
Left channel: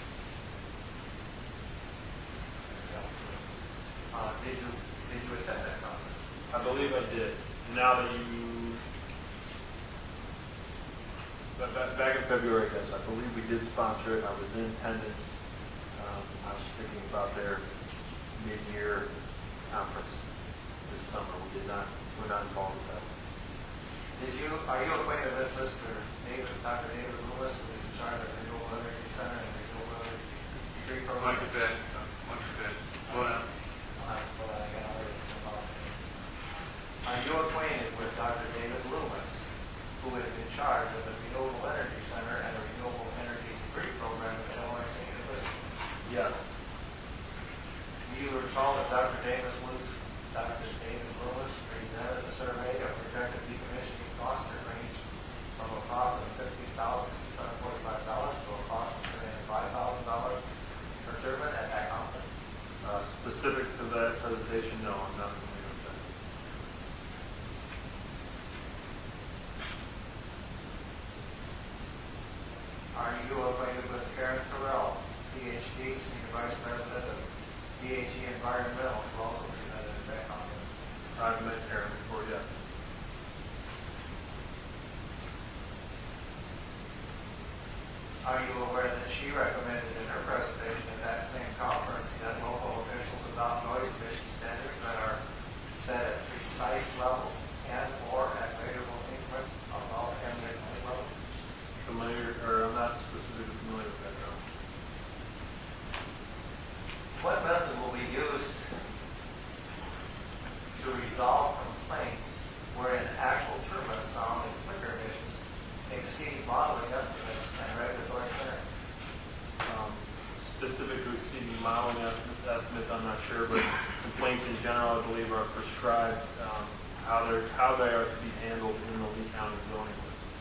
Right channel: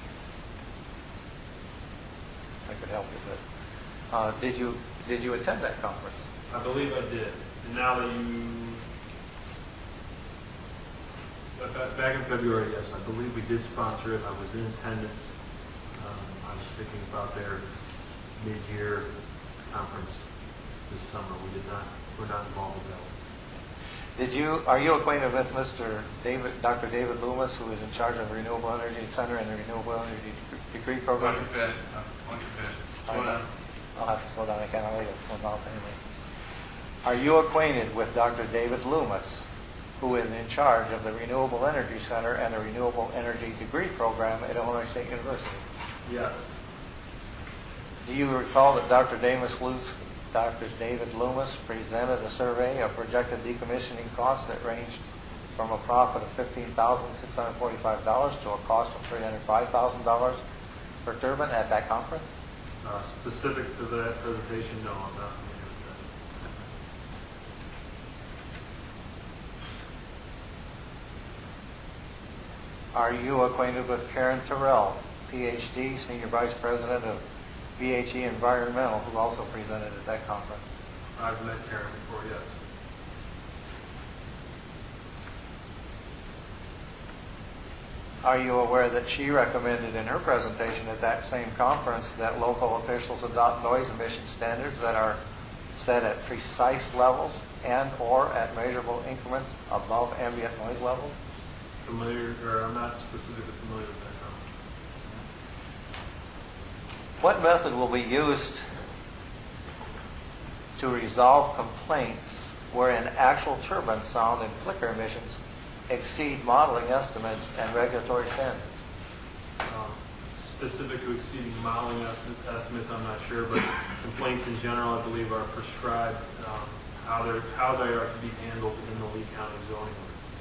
I could help you with it. Did you attend that conference? I believe I did. And now that back in February, yes, I believe we did sponsor it. I was in attendance. I was thinking about their mid-year conference this summer. We're not involved with that one. Are you acquainted with Dr. David Loomis, who is in charge of the Renewable Energy Center and the Renewable Energy Degree Program? Why don't you fast? Slow down. I'll have to slow down. I can't read it from mouth anyway. Are you acquainted with Dr. David Loomis, who is in charge of the Renewable Energy Center and the Renewable Energy Degree Program at Illinois State University? Yes. Do you recall that Dr. David Loomis presented a survey of projected decommissioning costs that ranged from a profit of $15,645 to a cost of $305,000 per turbine at that conference? Specific to that presentation, no, I'm not familiar with that. Are you acquainted with Karen Terrell, PhD, Senior Vice President of VHE Environmental, who also presented at that conference? I've met Karen before, yes. Are you aware that she recommended in her presentation at that same conference that local officials adopt noise emission standards that are set at precise levels and/or at measurable increments above ambient noise levels? I'm not specifically familiar with that, no. What method will be used to resolve complaints wherein actual turbine sound and flicker emissions exceed modeling estimates and regulatory standards? Specific to exceeding modeling estimates, I'm not sure, but complaints in general, I believe, are prescribed how they are to be handled in the Lee County zoning ordinance.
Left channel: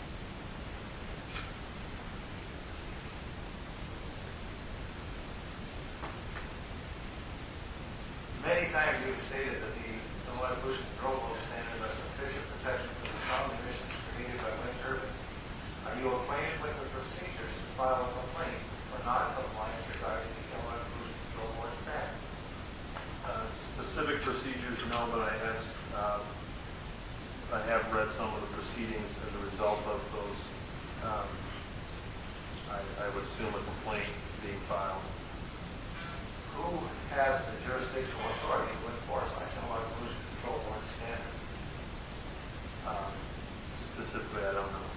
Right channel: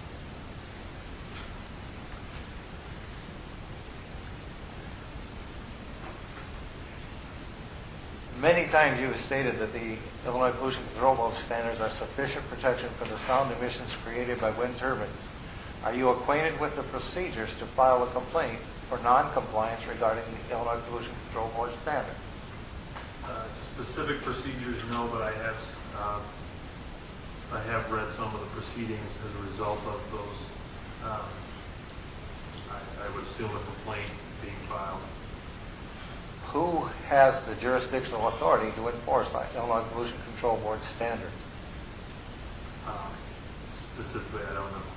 Many times you have stated that the Illinois Pollution Control Board standards are sufficient protection for the sound emissions created by wind turbines. Are you acquainted with the procedures to file a complaint for non-compliance regarding the Illinois Pollution Control Board standard? Specific procedures, no, but I have read some of the proceedings as a result of those. I would assume a complaint being filed. Who has the jurisdictional authority to enforce the Illinois Pollution Control Board standards? Specifically, I don't know.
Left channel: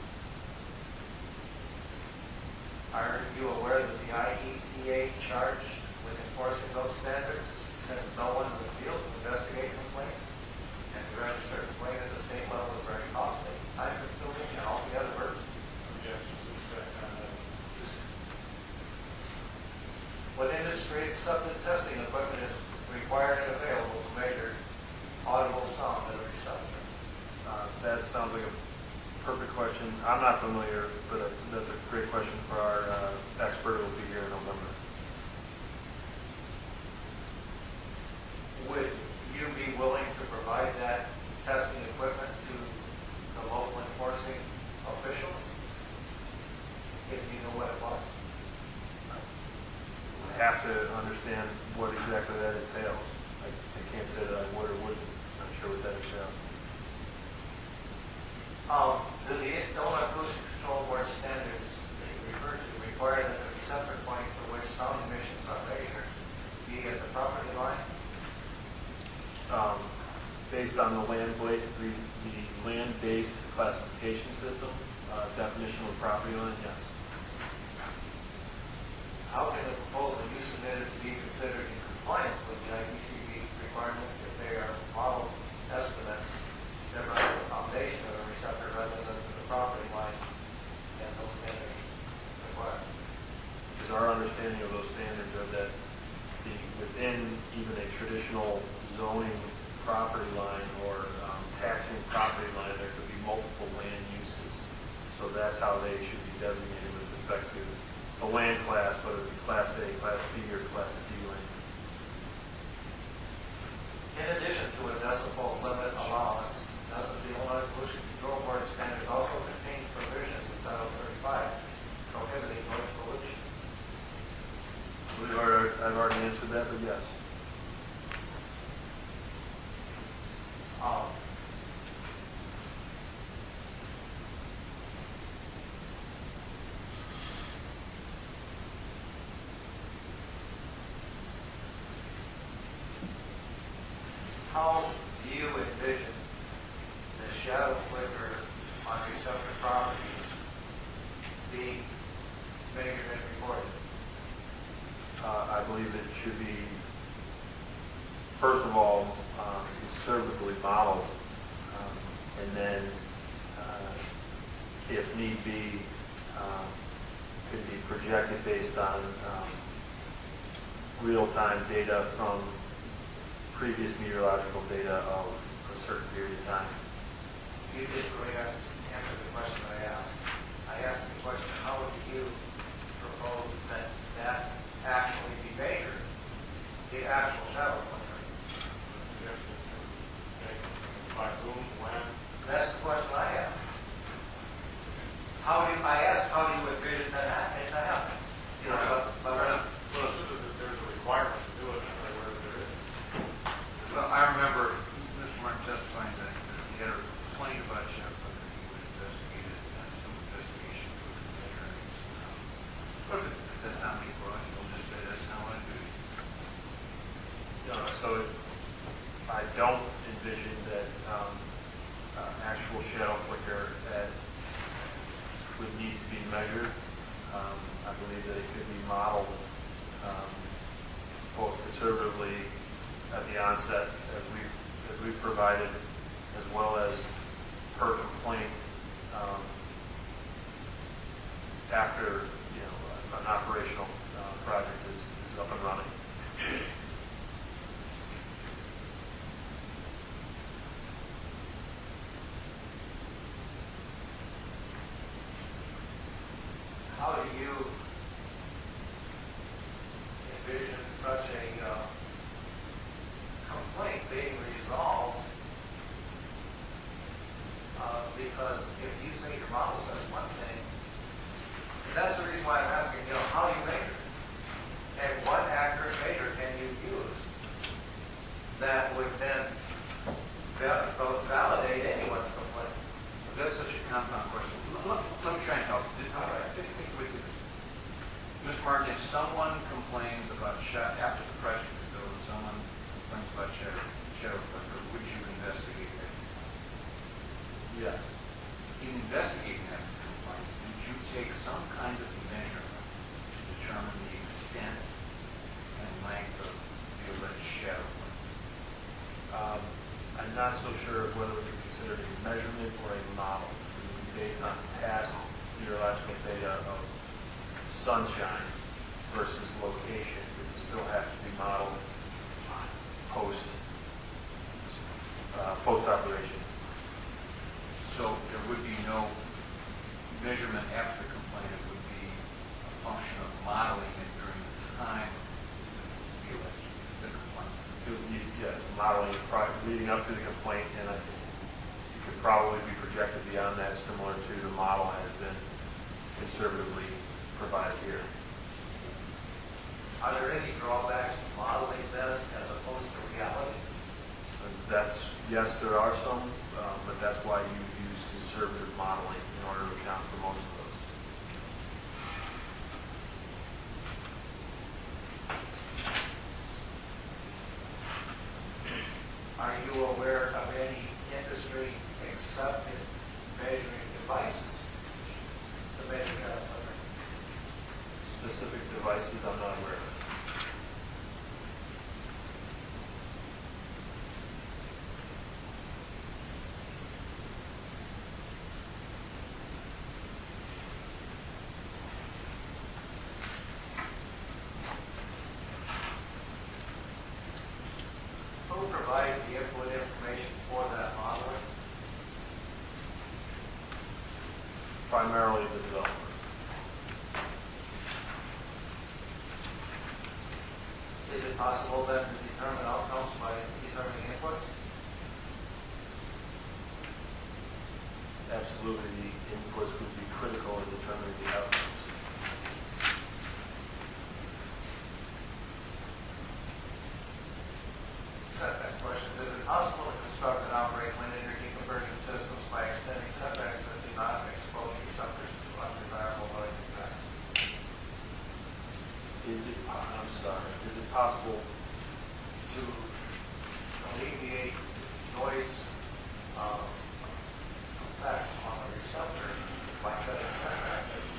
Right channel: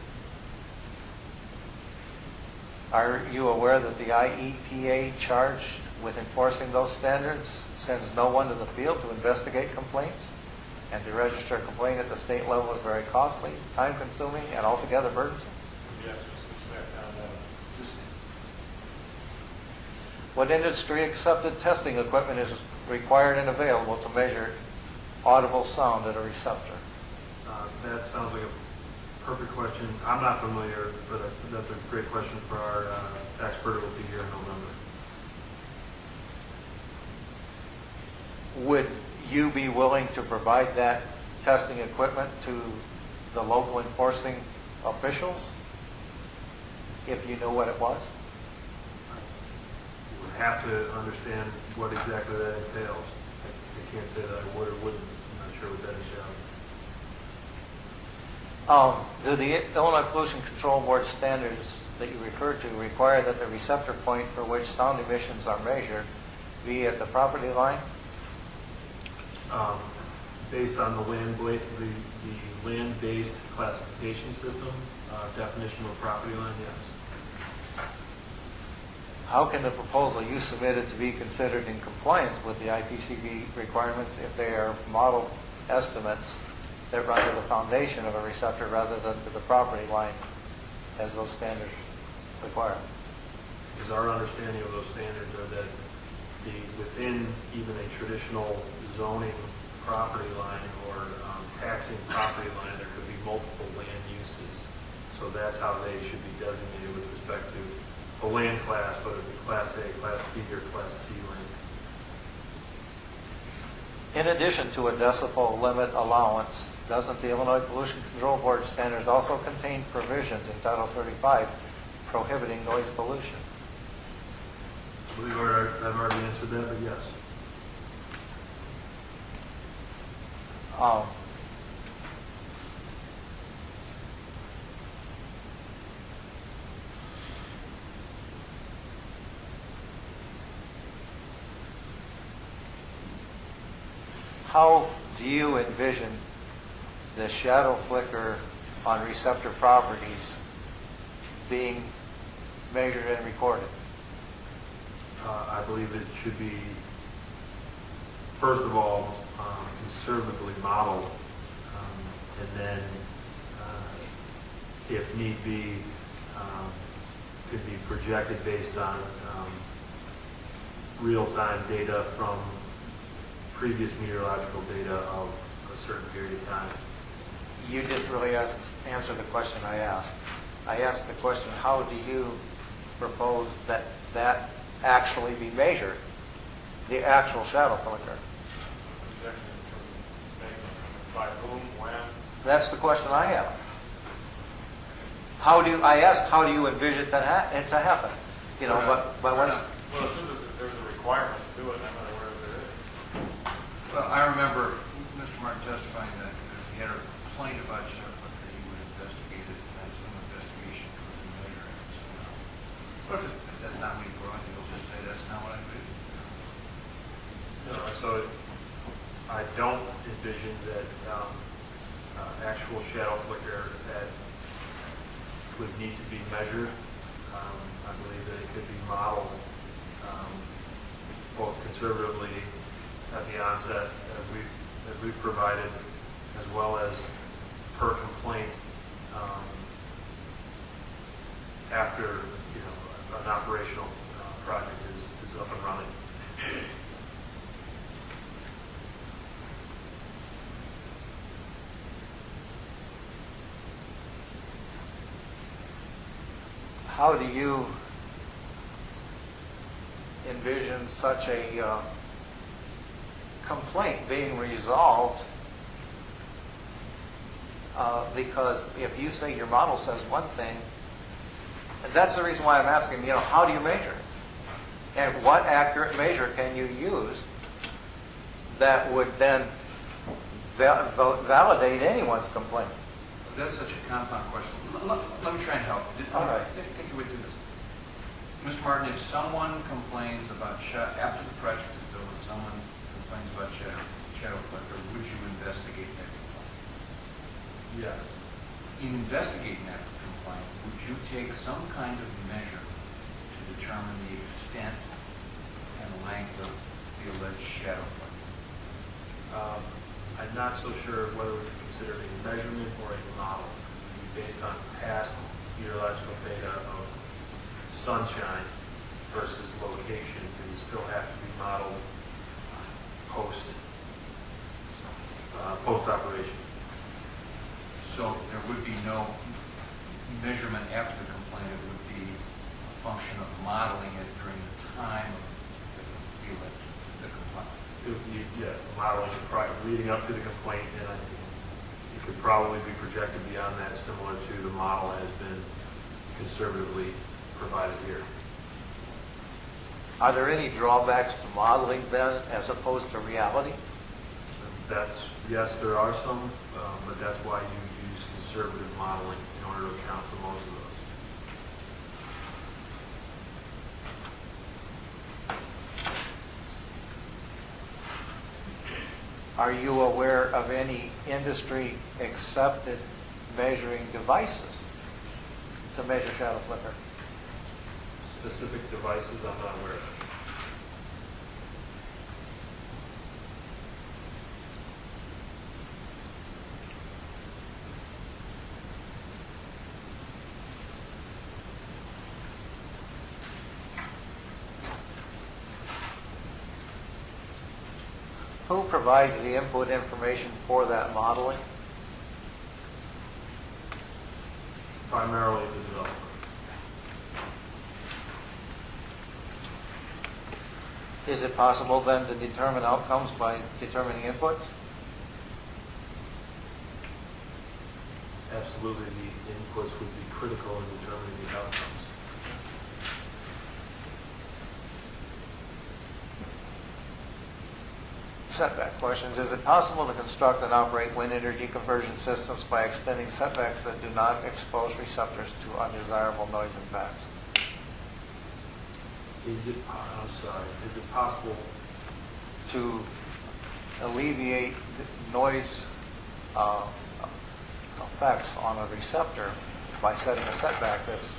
Are you aware that the IEPA charged with enforcing those standards sends no one to the field to investigate complaints? And to register a complaint at the state level is very costly, time-consuming, and altogether burdensome. What industry-accepted testing equipment is required and available to measure audible sound at a receptor? That sounds like a perfect question. I'm not familiar, but that's a great question for our expert who will be here in November. Would you be willing to provide that testing equipment to the local enforcing officials if you knew what it was? I would have to understand what exactly that entails. I can't say that I would or wouldn't. I'm not sure what that entails. Do the Illinois Pollution Control Board standards that you referred to require that the receptor point for which sound emissions are measured be at the property line? Based on the land-based classification system, definition of property line, yes. How can the proposal you submitted to be considered in compliance with the IPCB requirements if they are model estimates that run to the foundation of a receptor rather than to the property line as those standards require? Because our understanding of those standards are that within even a traditional zoning property line or taxing property line, there could be multiple land uses. So that's how they should be designated with respect to a land class, whether it be Class A, Class B, or Class C land. In addition to a decibel limit allowance, doesn't the Illinois Pollution Control Board standards also contain provisions in Title 35 prohibiting noise pollution? I believe I've already answered that, but yes. How do you envision the shadow flicker on receptor properties being measured and recorded? I believe it should be, first of all, conservatively modeled, and then, if need be, could be projected based on real-time data from previous meteorological data of a certain period of time. You just really answered the question I asked. I asked the question, how do you propose that that actually be measured, the actual shadow flicker? By whom, when? That's the question I have. I asked, how do you envision it to happen? You know, but when Well, as soon as there's a requirement to do it, I'm not aware if there is. Well, I remember Mr. Martin testifying that if he had a complaint about shadow flicker, he would investigate it, and some investigation would measure it somehow. But if that's not what he brought, he'll just say that's not what I do. So I don't envision envision that actual shadow flicker would need to be measured. I believe that it could be modeled both conservatively at the onset, as we've provided, as well as per complaint after an operational project is up and running. How do you envision such a complaint being resolved? Because if you say your model says one thing, and that's the reason why I'm asking, how do you measure? And what accurate measure can you use that would then validate anyone's complaint? That's such a compound question. Let me try and help. All right. Take your way through this. Mr. Martin, if someone complains about after the project is built, and someone complains about shadow flicker, would you investigate that complaint? Yes. In investigating that complaint, would you take some kind of measurement to determine the extent and length of the alleged shadow flicker? I'm not so sure of whether we would consider it a measurement or a model. It would be based on past meteorological data of sunshine versus locations. It would still have to be modeled post-operation. So there would be no measurement after the complaint. It would be a function of modeling it during the time of the complaint. Modeling leading up to the complaint, and I think it could probably be projected beyond that, similar to the model has been conservatively provided here. Are there any drawbacks to modeling then as opposed to reality? Yes, there are some, but that's why you use conservative modeling in order to account for most of those. Are you aware of any industry-accepted measuring devices to measure shadow flicker? Specific devices, I'm not aware of. Who provides the input information for that modeling? Primarily the developer. Is it possible then to determine outcomes by determining inputs? Absolutely, the inputs would be critical in determining the outcomes. Setback questions. Is it possible to construct and operate wind energy conversion systems by extending setbacks that do not expose receptors to undesirable noise impacts? Is it possible To alleviate noise effects on a receptor by setting a setback that's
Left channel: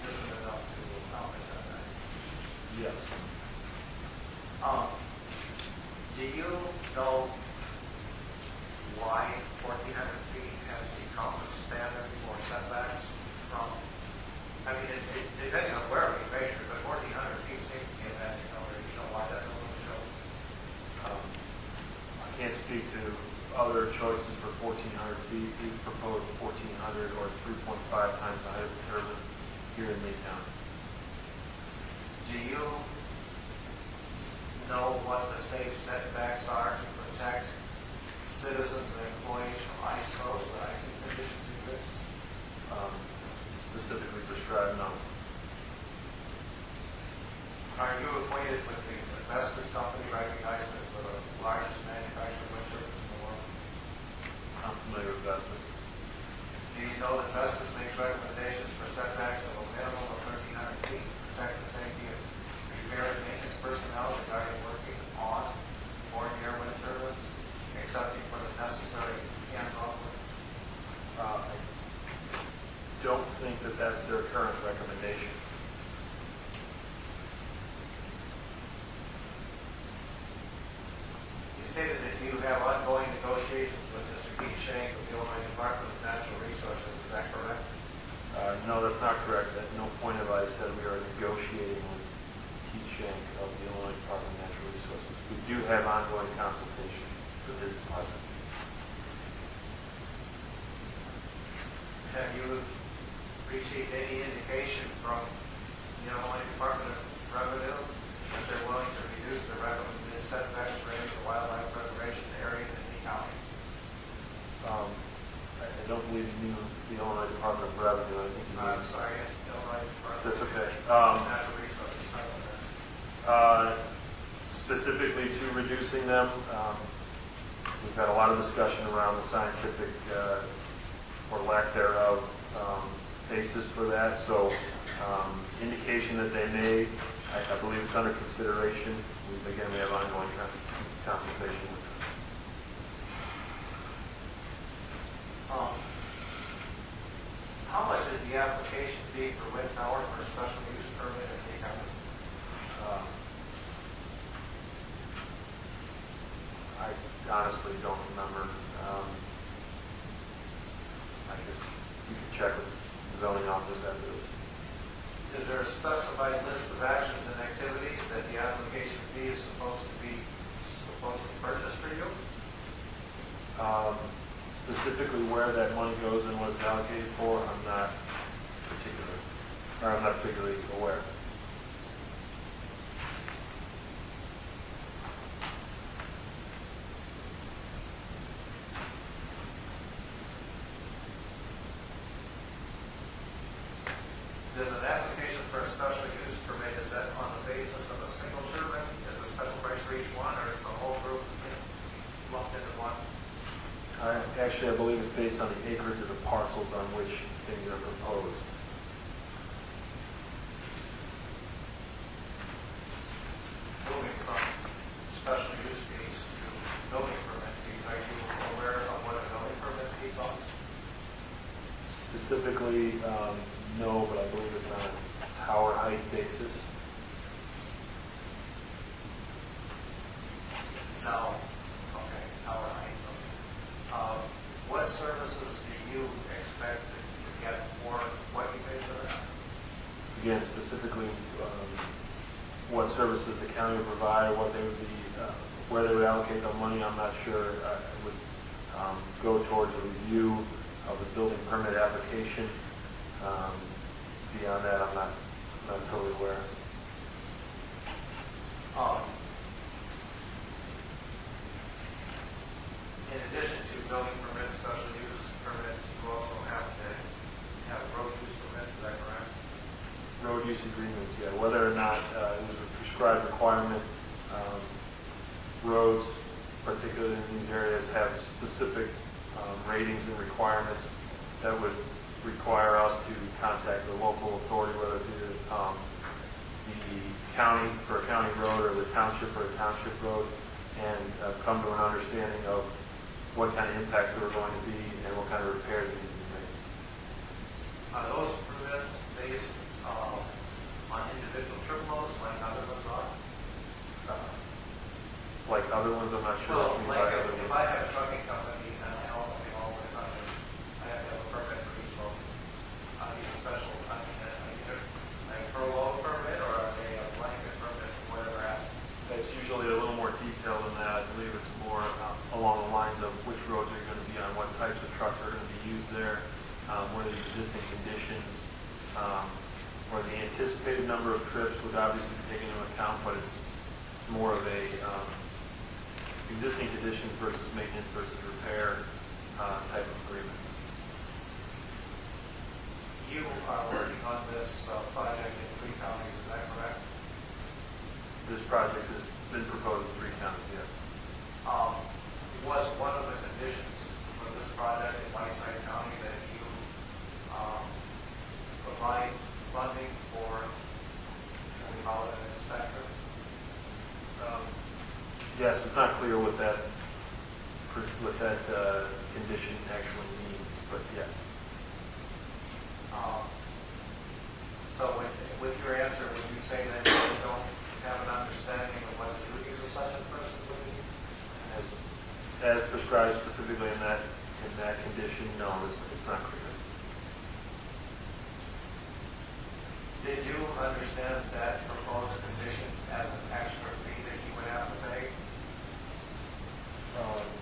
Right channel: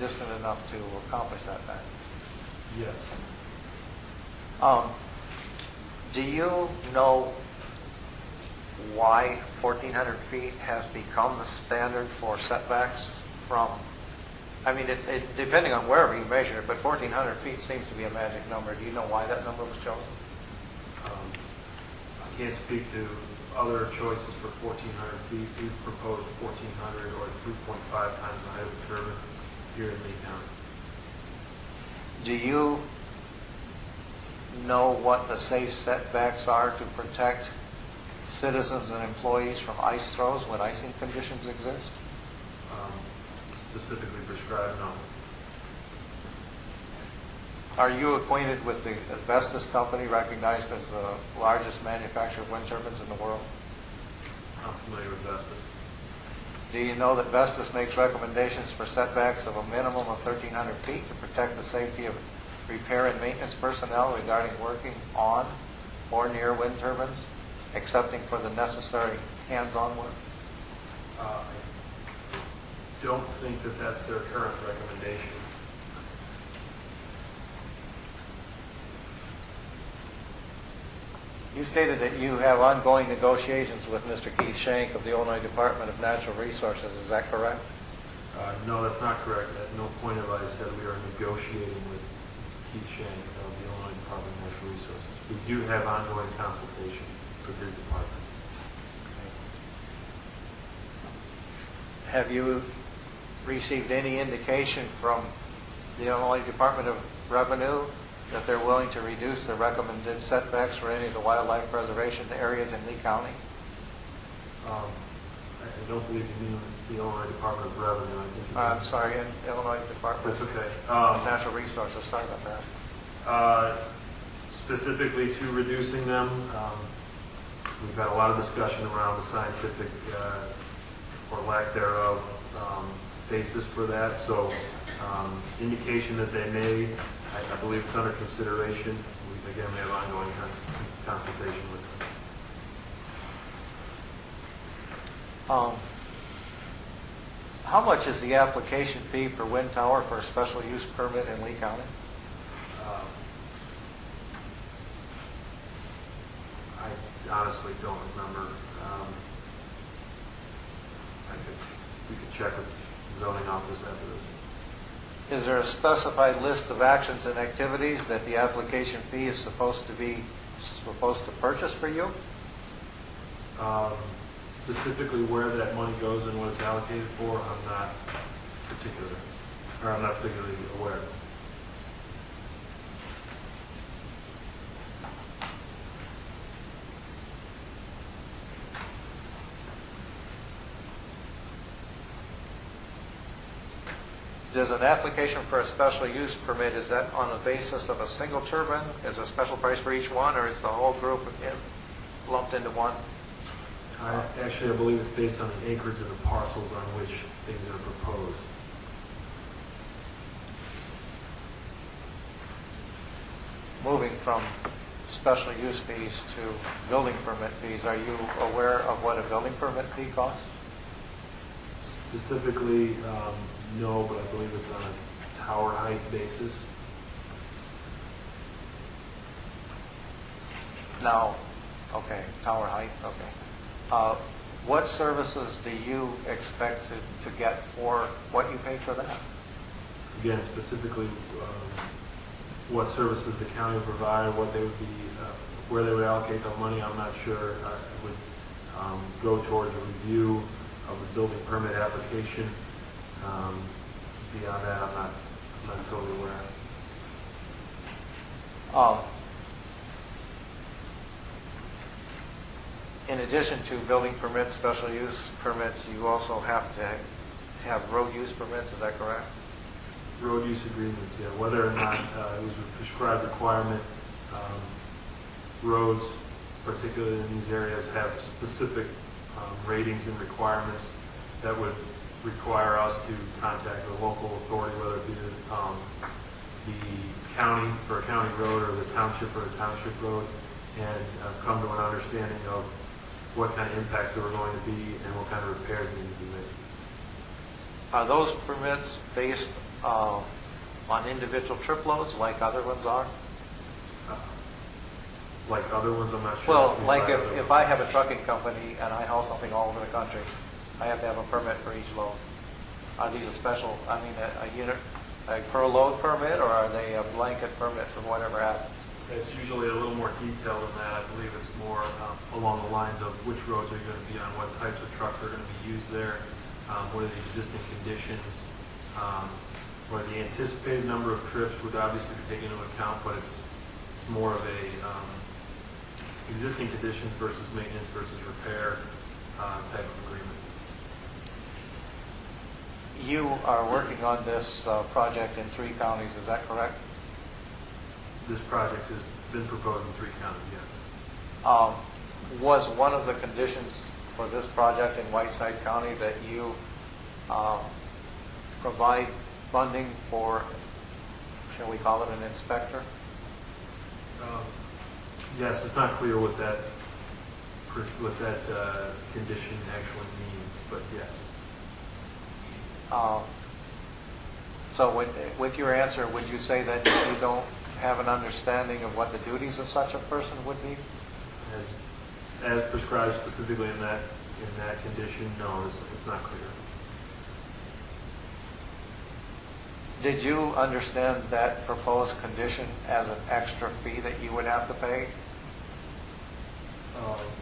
distant enough to accomplish that fact? Yes. Do you know why 1,400 feet has become the standard for setbacks from, it's depending on wherever you measure it, but 1,400 feet seems to be a magic number. Do you know why that number was chosen? I can't speak to other choices for 1,400 feet. We've proposed 1,400 or 3.5 times the height of the turbine here in Lee County. Do you know what the safe setbacks are to protect citizens and employees from ice throws when icing conditions exist? Specifically prescribed, no. Are you acquainted with the Vestas company, recognized as the largest manufacturer of wind turbines in the world? I'm familiar with Vestas. Do you know that Vestas makes recommendations for setbacks of a minimum of 1,300 feet to protect the safety of repair and maintenance personnel regarding working on or near wind turbines excepting for the necessary hands-on work? I don't think that that's their current recommendation. You stated that you have ongoing negotiations with Mr. Keith Shank of the Illinois Department of Natural Resources. Is that correct? No, that's not correct. At no point have I said we are negotiating with Keith Shank of the Illinois Department of Natural Resources. We do have ongoing consultation with his department. Have you received any indication from the Illinois Department of Revenue that they're willing to reduce the recommended setbacks for any of the wildlife preservation areas in Lee County? I don't believe you mean the Illinois Department of Revenue. I think you mean, I'm sorry, Illinois Department that's okay. of Natural Resources. Sorry about that. Specifically to reducing them, we've had a lot of discussion around the scientific, or lack thereof, basis for that. So indication that they made, I believe it's under consideration. Again, we have ongoing consultation with them. How much is the application fee for wind tower for a special use permit in Lee County? I honestly don't remember. We could check with the zoning office after this. Is there a specified list of actions and activities that the application fee is supposed to purchase for you? Specifically where that money goes and what it's allocated for, I'm not particularly aware. Does an application for a special use permit, is that on the basis of a single turbine? Is a special price for each one, or is the whole group lumped into one? Actually, I believe it's based on the acreage of the parcels on which things are proposed. Moving from special use fees to building permit fees, are you aware of what a building permit fee costs? Specifically, no, but I believe it's on a tower height basis. Now, okay, tower height, okay. What services do you expect to get for what you pay for that? Again, specifically, what services the county would provide, what they would be, where they would allocate their money, I'm not sure. I would go towards a review of the building permit application. Beyond that, I'm not totally aware. In addition to building permits, special use permits, you also have to have road use permits, is that correct? Road use agreements, yeah. Whether or not it was a prescribed requirement, roads, particularly in these areas, have specific ratings and requirements that would require us to contact the local authority, whether it be the county for a county road or the township for a township road, and come to an understanding of what kind of impacts there were going to be and what kind of repairs needed to be made. Are those permits based on individual trip loads like other ones are? Like other ones, I'm not sure. Well, like if I have a trucking company and I haul something all over the country, I have to have a permit for each load. Are these a special, a unit, like per load permit, or are they a blanket permit for whatever happens? It's usually a little more detailed than that. I believe it's more along the lines of which roads are going to be on, what types of trucks are going to be used there, what are the existing conditions, where the anticipated number of trips would obviously be taken into account, but it's more of a existing conditions versus maintenance versus repair type of agreement. You are working on this project in 3 counties, is that correct? This project has been proposed in 3 counties, yes. Was one of the conditions for this project in Whiteside County that you provide funding for, shall we call it an inspector? Yes, it's not clear what that condition actually means, but yes. So with your answer, would you say that you don't have an understanding of what the duties of such a person would be? As prescribed specifically in that condition, no, it's not clear. Did you understand that proposed condition as an extra fee that you would have to pay?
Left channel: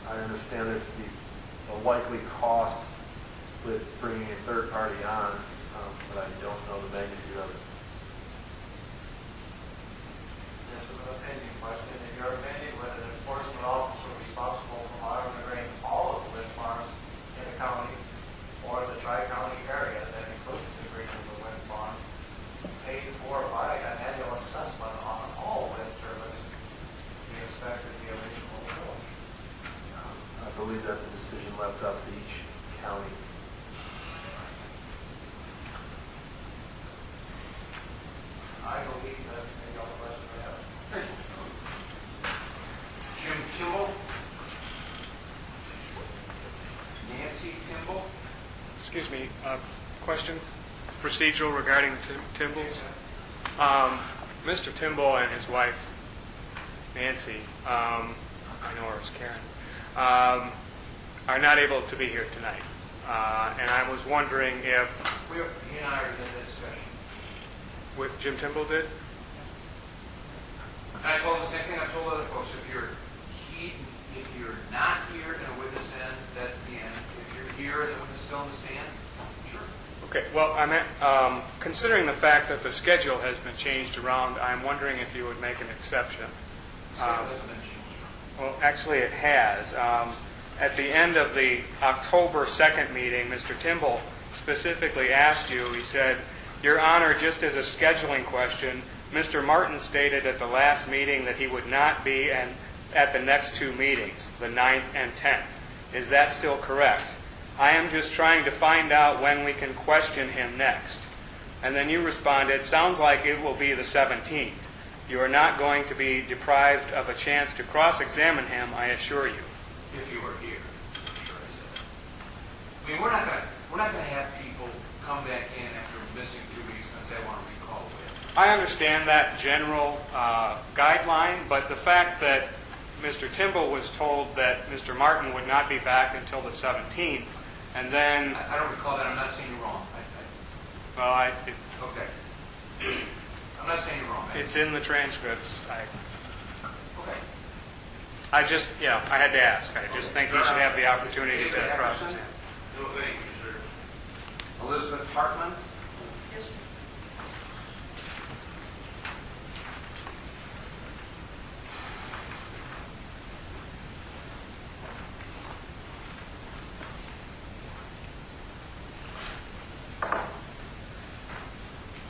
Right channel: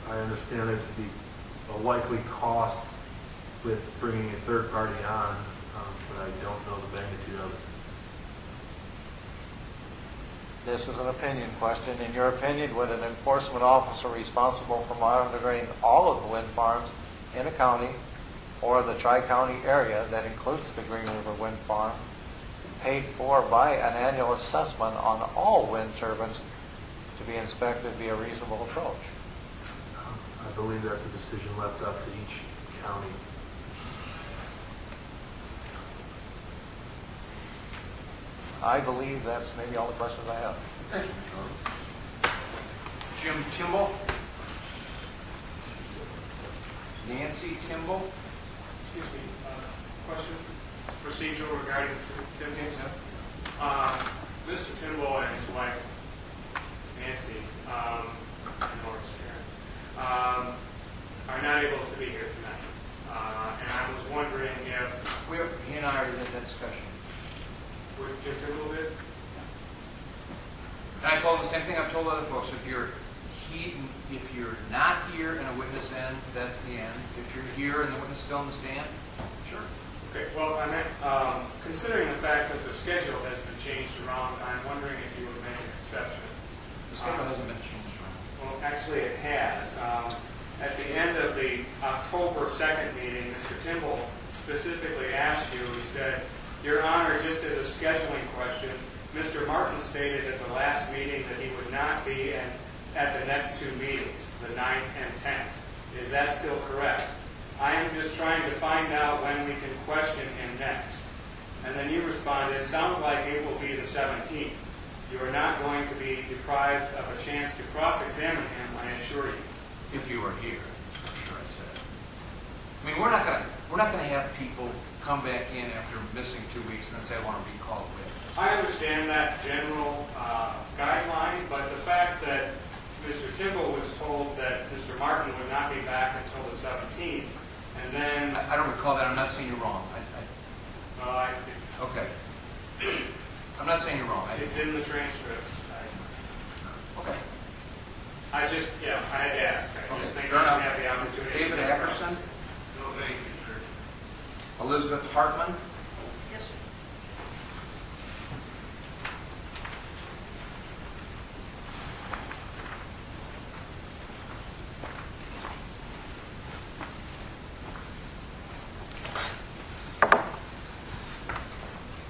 I understand there to be a likely cost with bringing a third party on, but I don't know the magnitude of it. This is an opinion question. In your opinion, would an enforcement officer responsible for monitoring all of the wind farms in a county or the tri-county area that includes the Green River Wind Farm, paid for by an annual assessment on all wind turbines to be inspected, be a reasonable approach? I believe that's a decision left up to each county. I believe that's maybe all the questions I have. Thank you, Mr. Oden. Jim Timble. Nancy Timble. Excuse me, question procedural regarding Timble's. Mr. Timble and his wife, Nancy, I know her as Karen, are not able to be here tonight. And I was wondering if... He and I already had that discussion. What Jim Timble did? And I told him the same thing I've told other folks. If you're not here and a witness ends, that's the end. If you're here and the witness is still in the stand, sure. Okay, well, I meant, considering the fact that the schedule has been changed around, I'm wondering if you would make an exception. The schedule hasn't been changed around. Well, actually it has. At the end of the October 2nd meeting, Mr. Timble specifically asked you, he said, Your Honor, just as a scheduling question, Mr. Martin stated at the last meeting that he would not be at the next two meetings, the 9th and 10th. Is that still correct? I am just trying to find out when we can question him next. And then you responded, sounds like it will be the 17th. You are not going to be deprived of a chance to cross-examine him, I assure you. If you were here, I'm sure I said. I mean, we're not going to have people come back in after missing 2 weeks and then say, I want to recall a witness. I understand that general guideline, but the fact that Mr. Timble was told that Mr. Martin would not be back until the 17th, and then... I don't recall that. I'm not saying you're wrong. Okay. I'm not saying you're wrong. It's in the transcripts. Okay. I had to ask. I just think you should have the opportunity David to Ackerson? No, thank you, sir. Elizabeth Hartman? Yes, sir.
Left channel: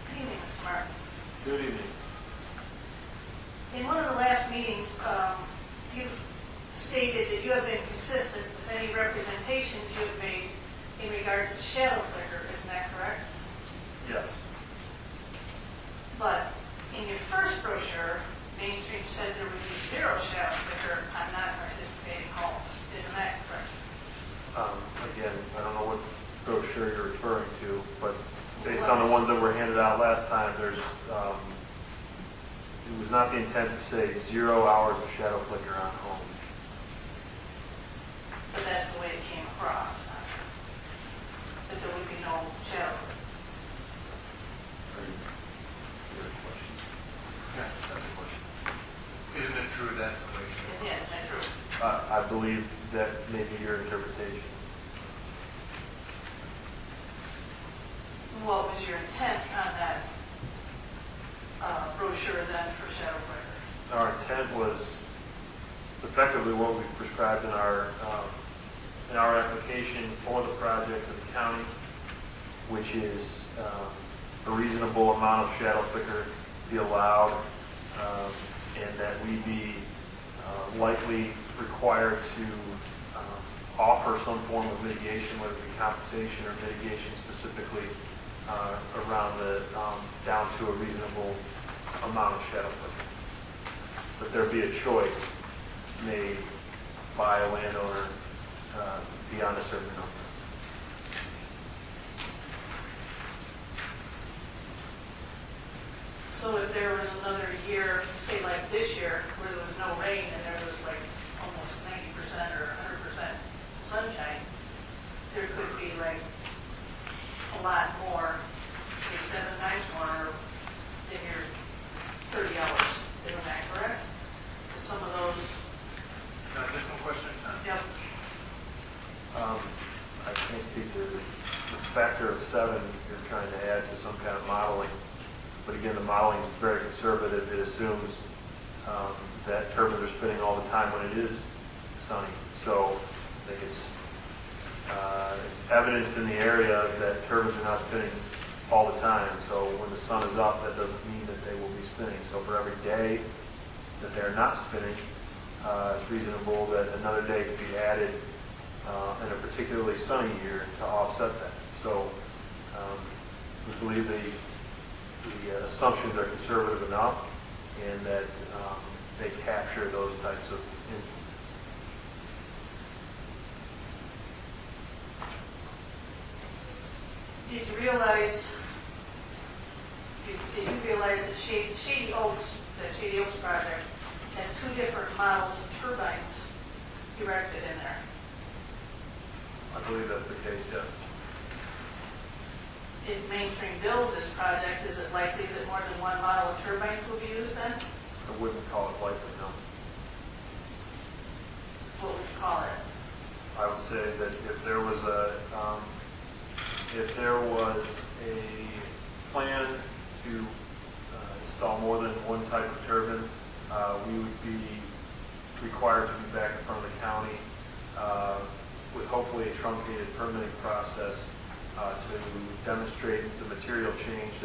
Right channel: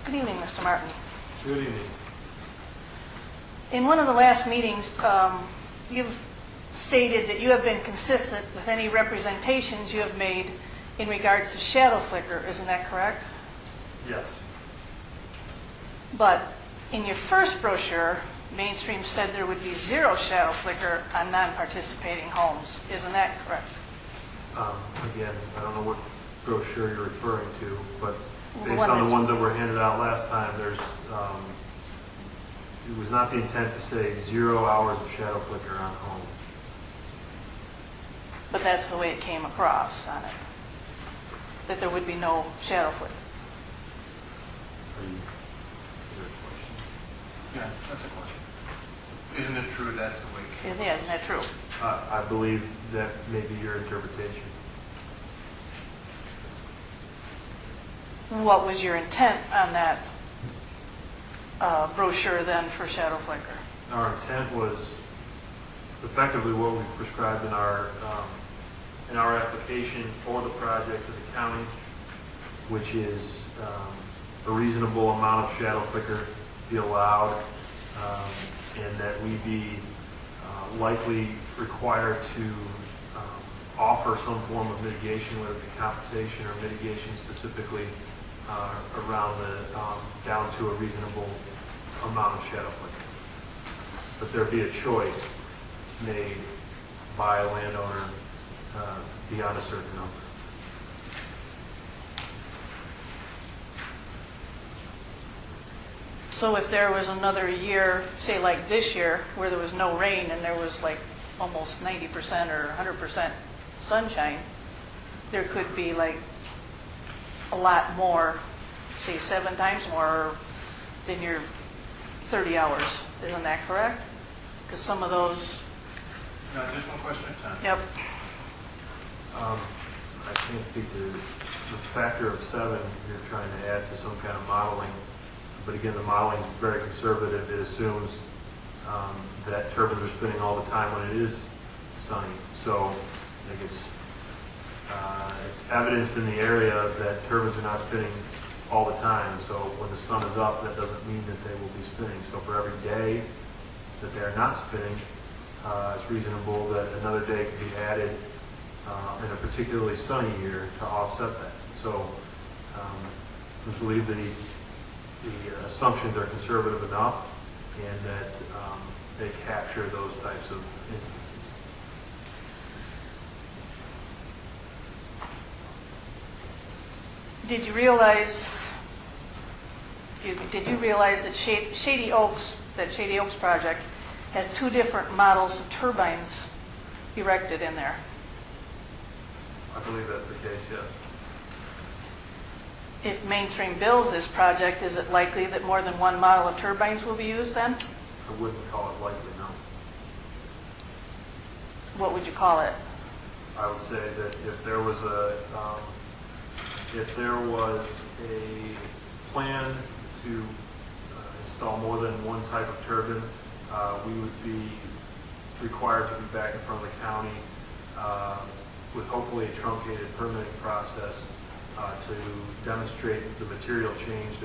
Good evening, Mr. Martin. Good evening. In one of the last meetings, you've stated that you have been consistent with any representations you have made in regards to shadow flicker. Isn't that correct? Yes. But in your first brochure, Mainstream said there would be zero shadow flicker on non-participating homes. Isn't that correct? Again, I don't know what brochure you're referring to, but The based one on the that's- ones that were handed out last time, it was not the intent to say 0 hours of shadow flicker on home. But that's the way it came across on it, that there would be no shadow flicker. Is there a question? Yeah, that's a question. Isn't it true that's the way it came? Isn't that true? I believe that may be your interpretation. What was your intent on that brochure then for shadow flicker? Our intent was effectively what we prescribed in our application for the project to the county, which is a reasonable amount of shadow flicker be allowed, and that we be likely required to offer some form of mitigation, whether it be compensation or mitigation specifically around the down to a reasonable amount of shadow flicker. But there be a choice made by a landowner beyond a certain number. So if there was another year, say like this year, where there was no rain and there was like almost 90% or 100% sunshine, there could be like a lot more, say 7 times more than your 30 hours. Isn't that correct? Because some of those, No, just one question at a time. yep. I can't speak to the factor of 7 you're trying to add to some kind of modeling. But again, the modeling is very conservative. It assumes that turbines are spinning all the time when it is sunny. So I think it's evidenced in the area that turbines are not spinning all the time. So when the sun is up, that doesn't mean that they will be spinning. So for every day that they're not spinning, it's reasonable that another day could be added in a particularly sunny year to offset that. So we believe the assumptions are conservative enough and that they capture those types of instances. Did you realize that Shady Oaks project has 2 different models of turbines erected in there? I believe that's the case, yes. If Mainstream builds this project, is it likely that more than 1 model of turbines will be used then? I wouldn't call it likely, no. What would you call it? I would say that if there was a plan to install more than one type of turbine, we would be required to be back in front of the county with hopefully a truncated permitting process to demonstrate the material change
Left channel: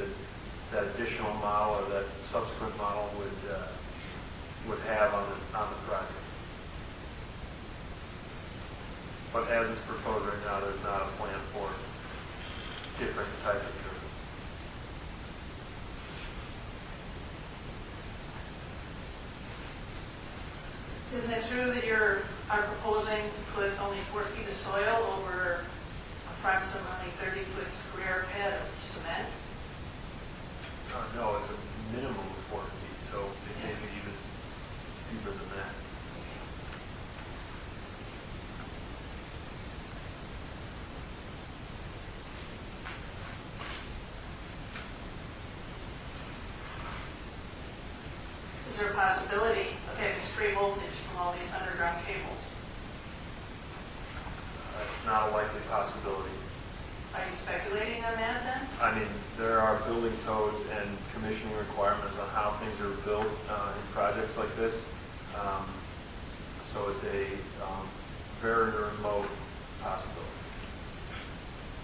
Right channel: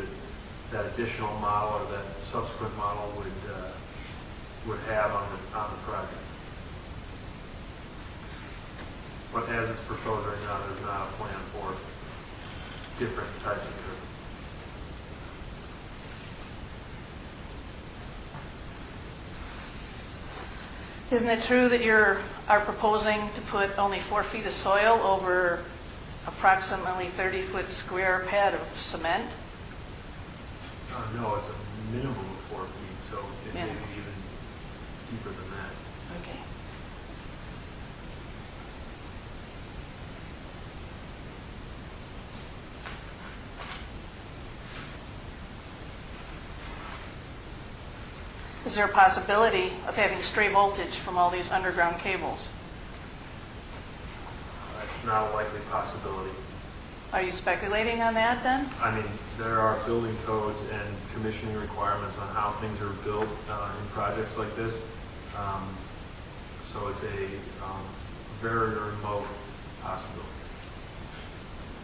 that additional model or that subsequent model would have on the project. But as it's proposed right now, there's not a plan for different types of turbines. Isn't it true that you are proposing to put only 4 feet of soil over approximately 30-foot square pad of cement? No, it's a minimum of 4 feet, so it may be even deeper than that. Okay. Is there a possibility of having stray voltage from all these underground cables? It's not a likely possibility. Are you speculating on that then? I mean, there are building codes and commissioning requirements on how things are built in projects like this. So it's a very remote possibility.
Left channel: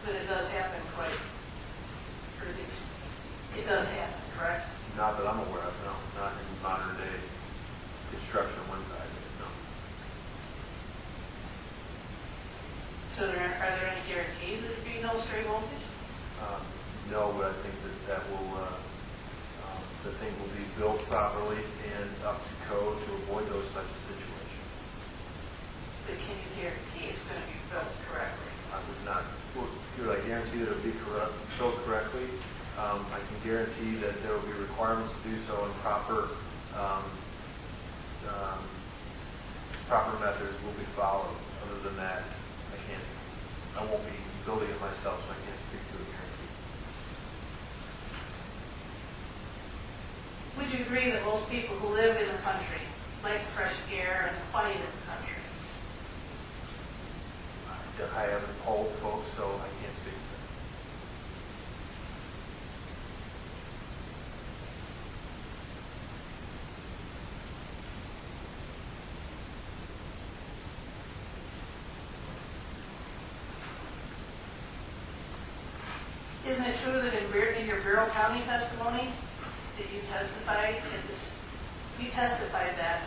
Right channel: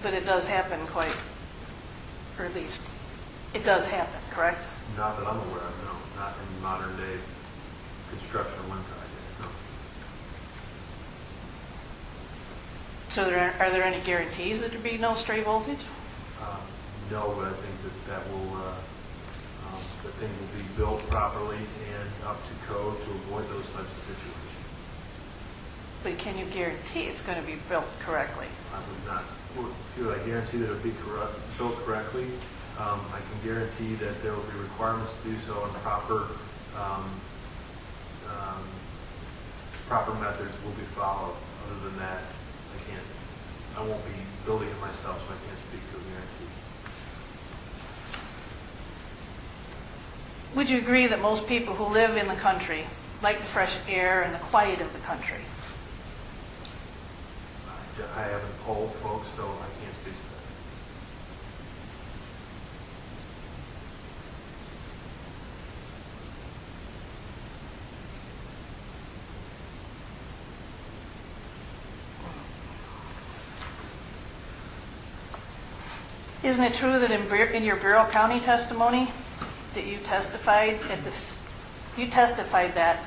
But it does happen or at least it does happen, correct? Not that I'm aware of, no. Not in modern day construction of wind projects, no. So are there any guarantees that there be no stray voltage? No, but I think that will, the thing will be built properly and up to code to avoid those types of situations. But can you guarantee it's going to be built correctly? I would not, could I guarantee that it will be built correctly? I can guarantee that there will be requirements to do so and proper methods will be followed. Other than that, I won't be building it myself, so I can't speak to a guarantee. Would you agree that most people who live in the country like the fresh air and the quiet of the country? I haven't polled folks, so I can't speak to that. Isn't it true that in your Bureau County testimony that you testified that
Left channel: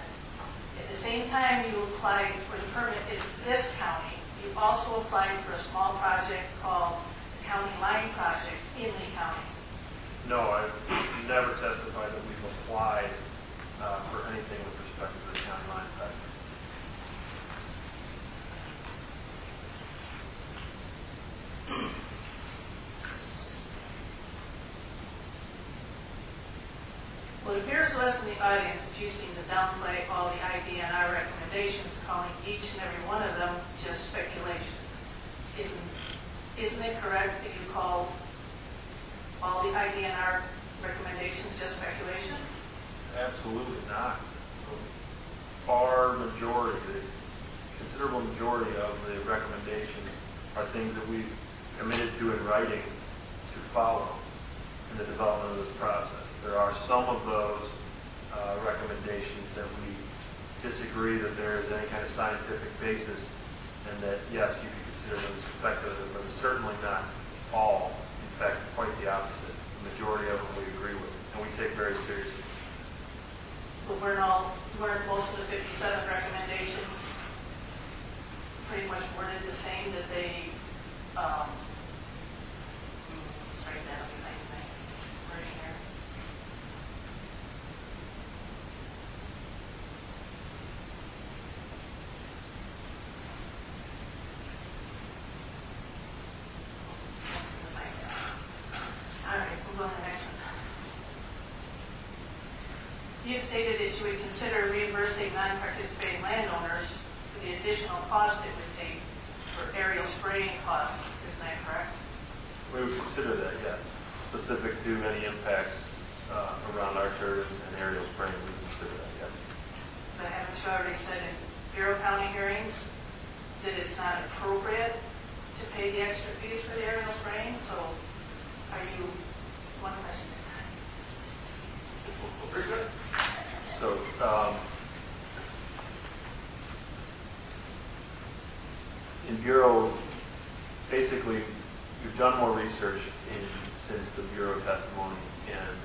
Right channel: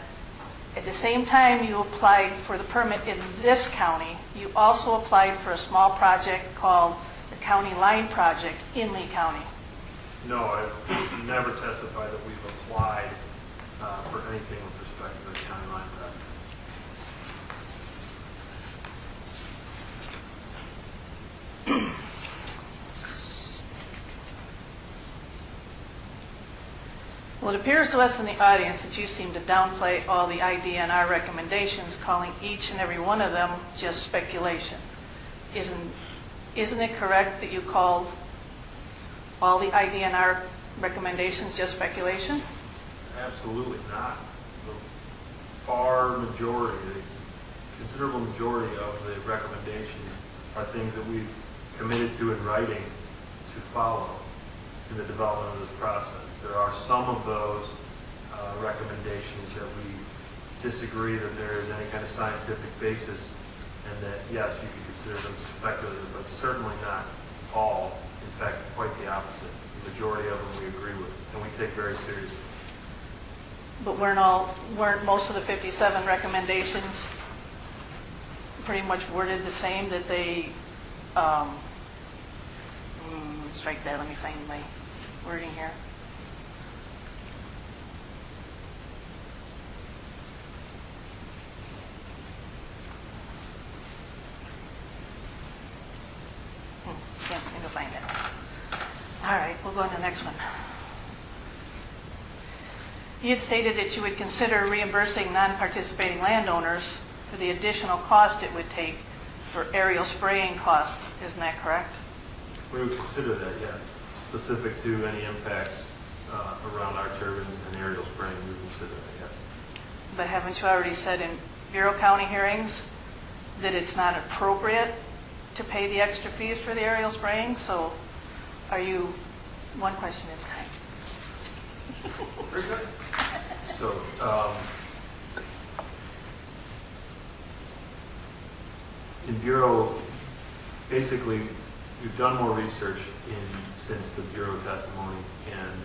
at the same time you applied for the permit in this county, you also applied for a small project called the County Line Project in Lee County? No, I've never testified that we've applied for anything with respect to the county line project. Well, it appears to us in the audience that you seem to downplay all the IDNR recommendations, calling each and every one of them just speculation. Isn't it correct that you called all the IDNR recommendations just speculation? Absolutely not. The far majority, the considerable majority of the recommendations are things that we've committed to in writing to follow in the development of this process. There are some of those recommendations that we disagree that there is any kind of scientific basis, and that, yes, you could consider them speculative, but certainly not all. In fact, quite the opposite. The majority of them we agree with, and we take very seriously. But weren't most of the 57 recommendations pretty much worded the same, that they, strike that, let me find my wording here. Can't seem to find it. All right, we'll go on to the next one. You had stated that you would consider reimbursing non-participating landowners for the additional cost it would take for aerial spraying costs. Isn't that correct? We would consider that, yes. Specific to any impacts around our turbines and aerial spraying, we would consider that, yes. But haven't you already said in Bureau County hearings that it's not appropriate to pay the extra fees for the aerial spraying? So are you, one question at a time. Very good. So, in Bureau, basically, we've done more research since the Bureau testimony, and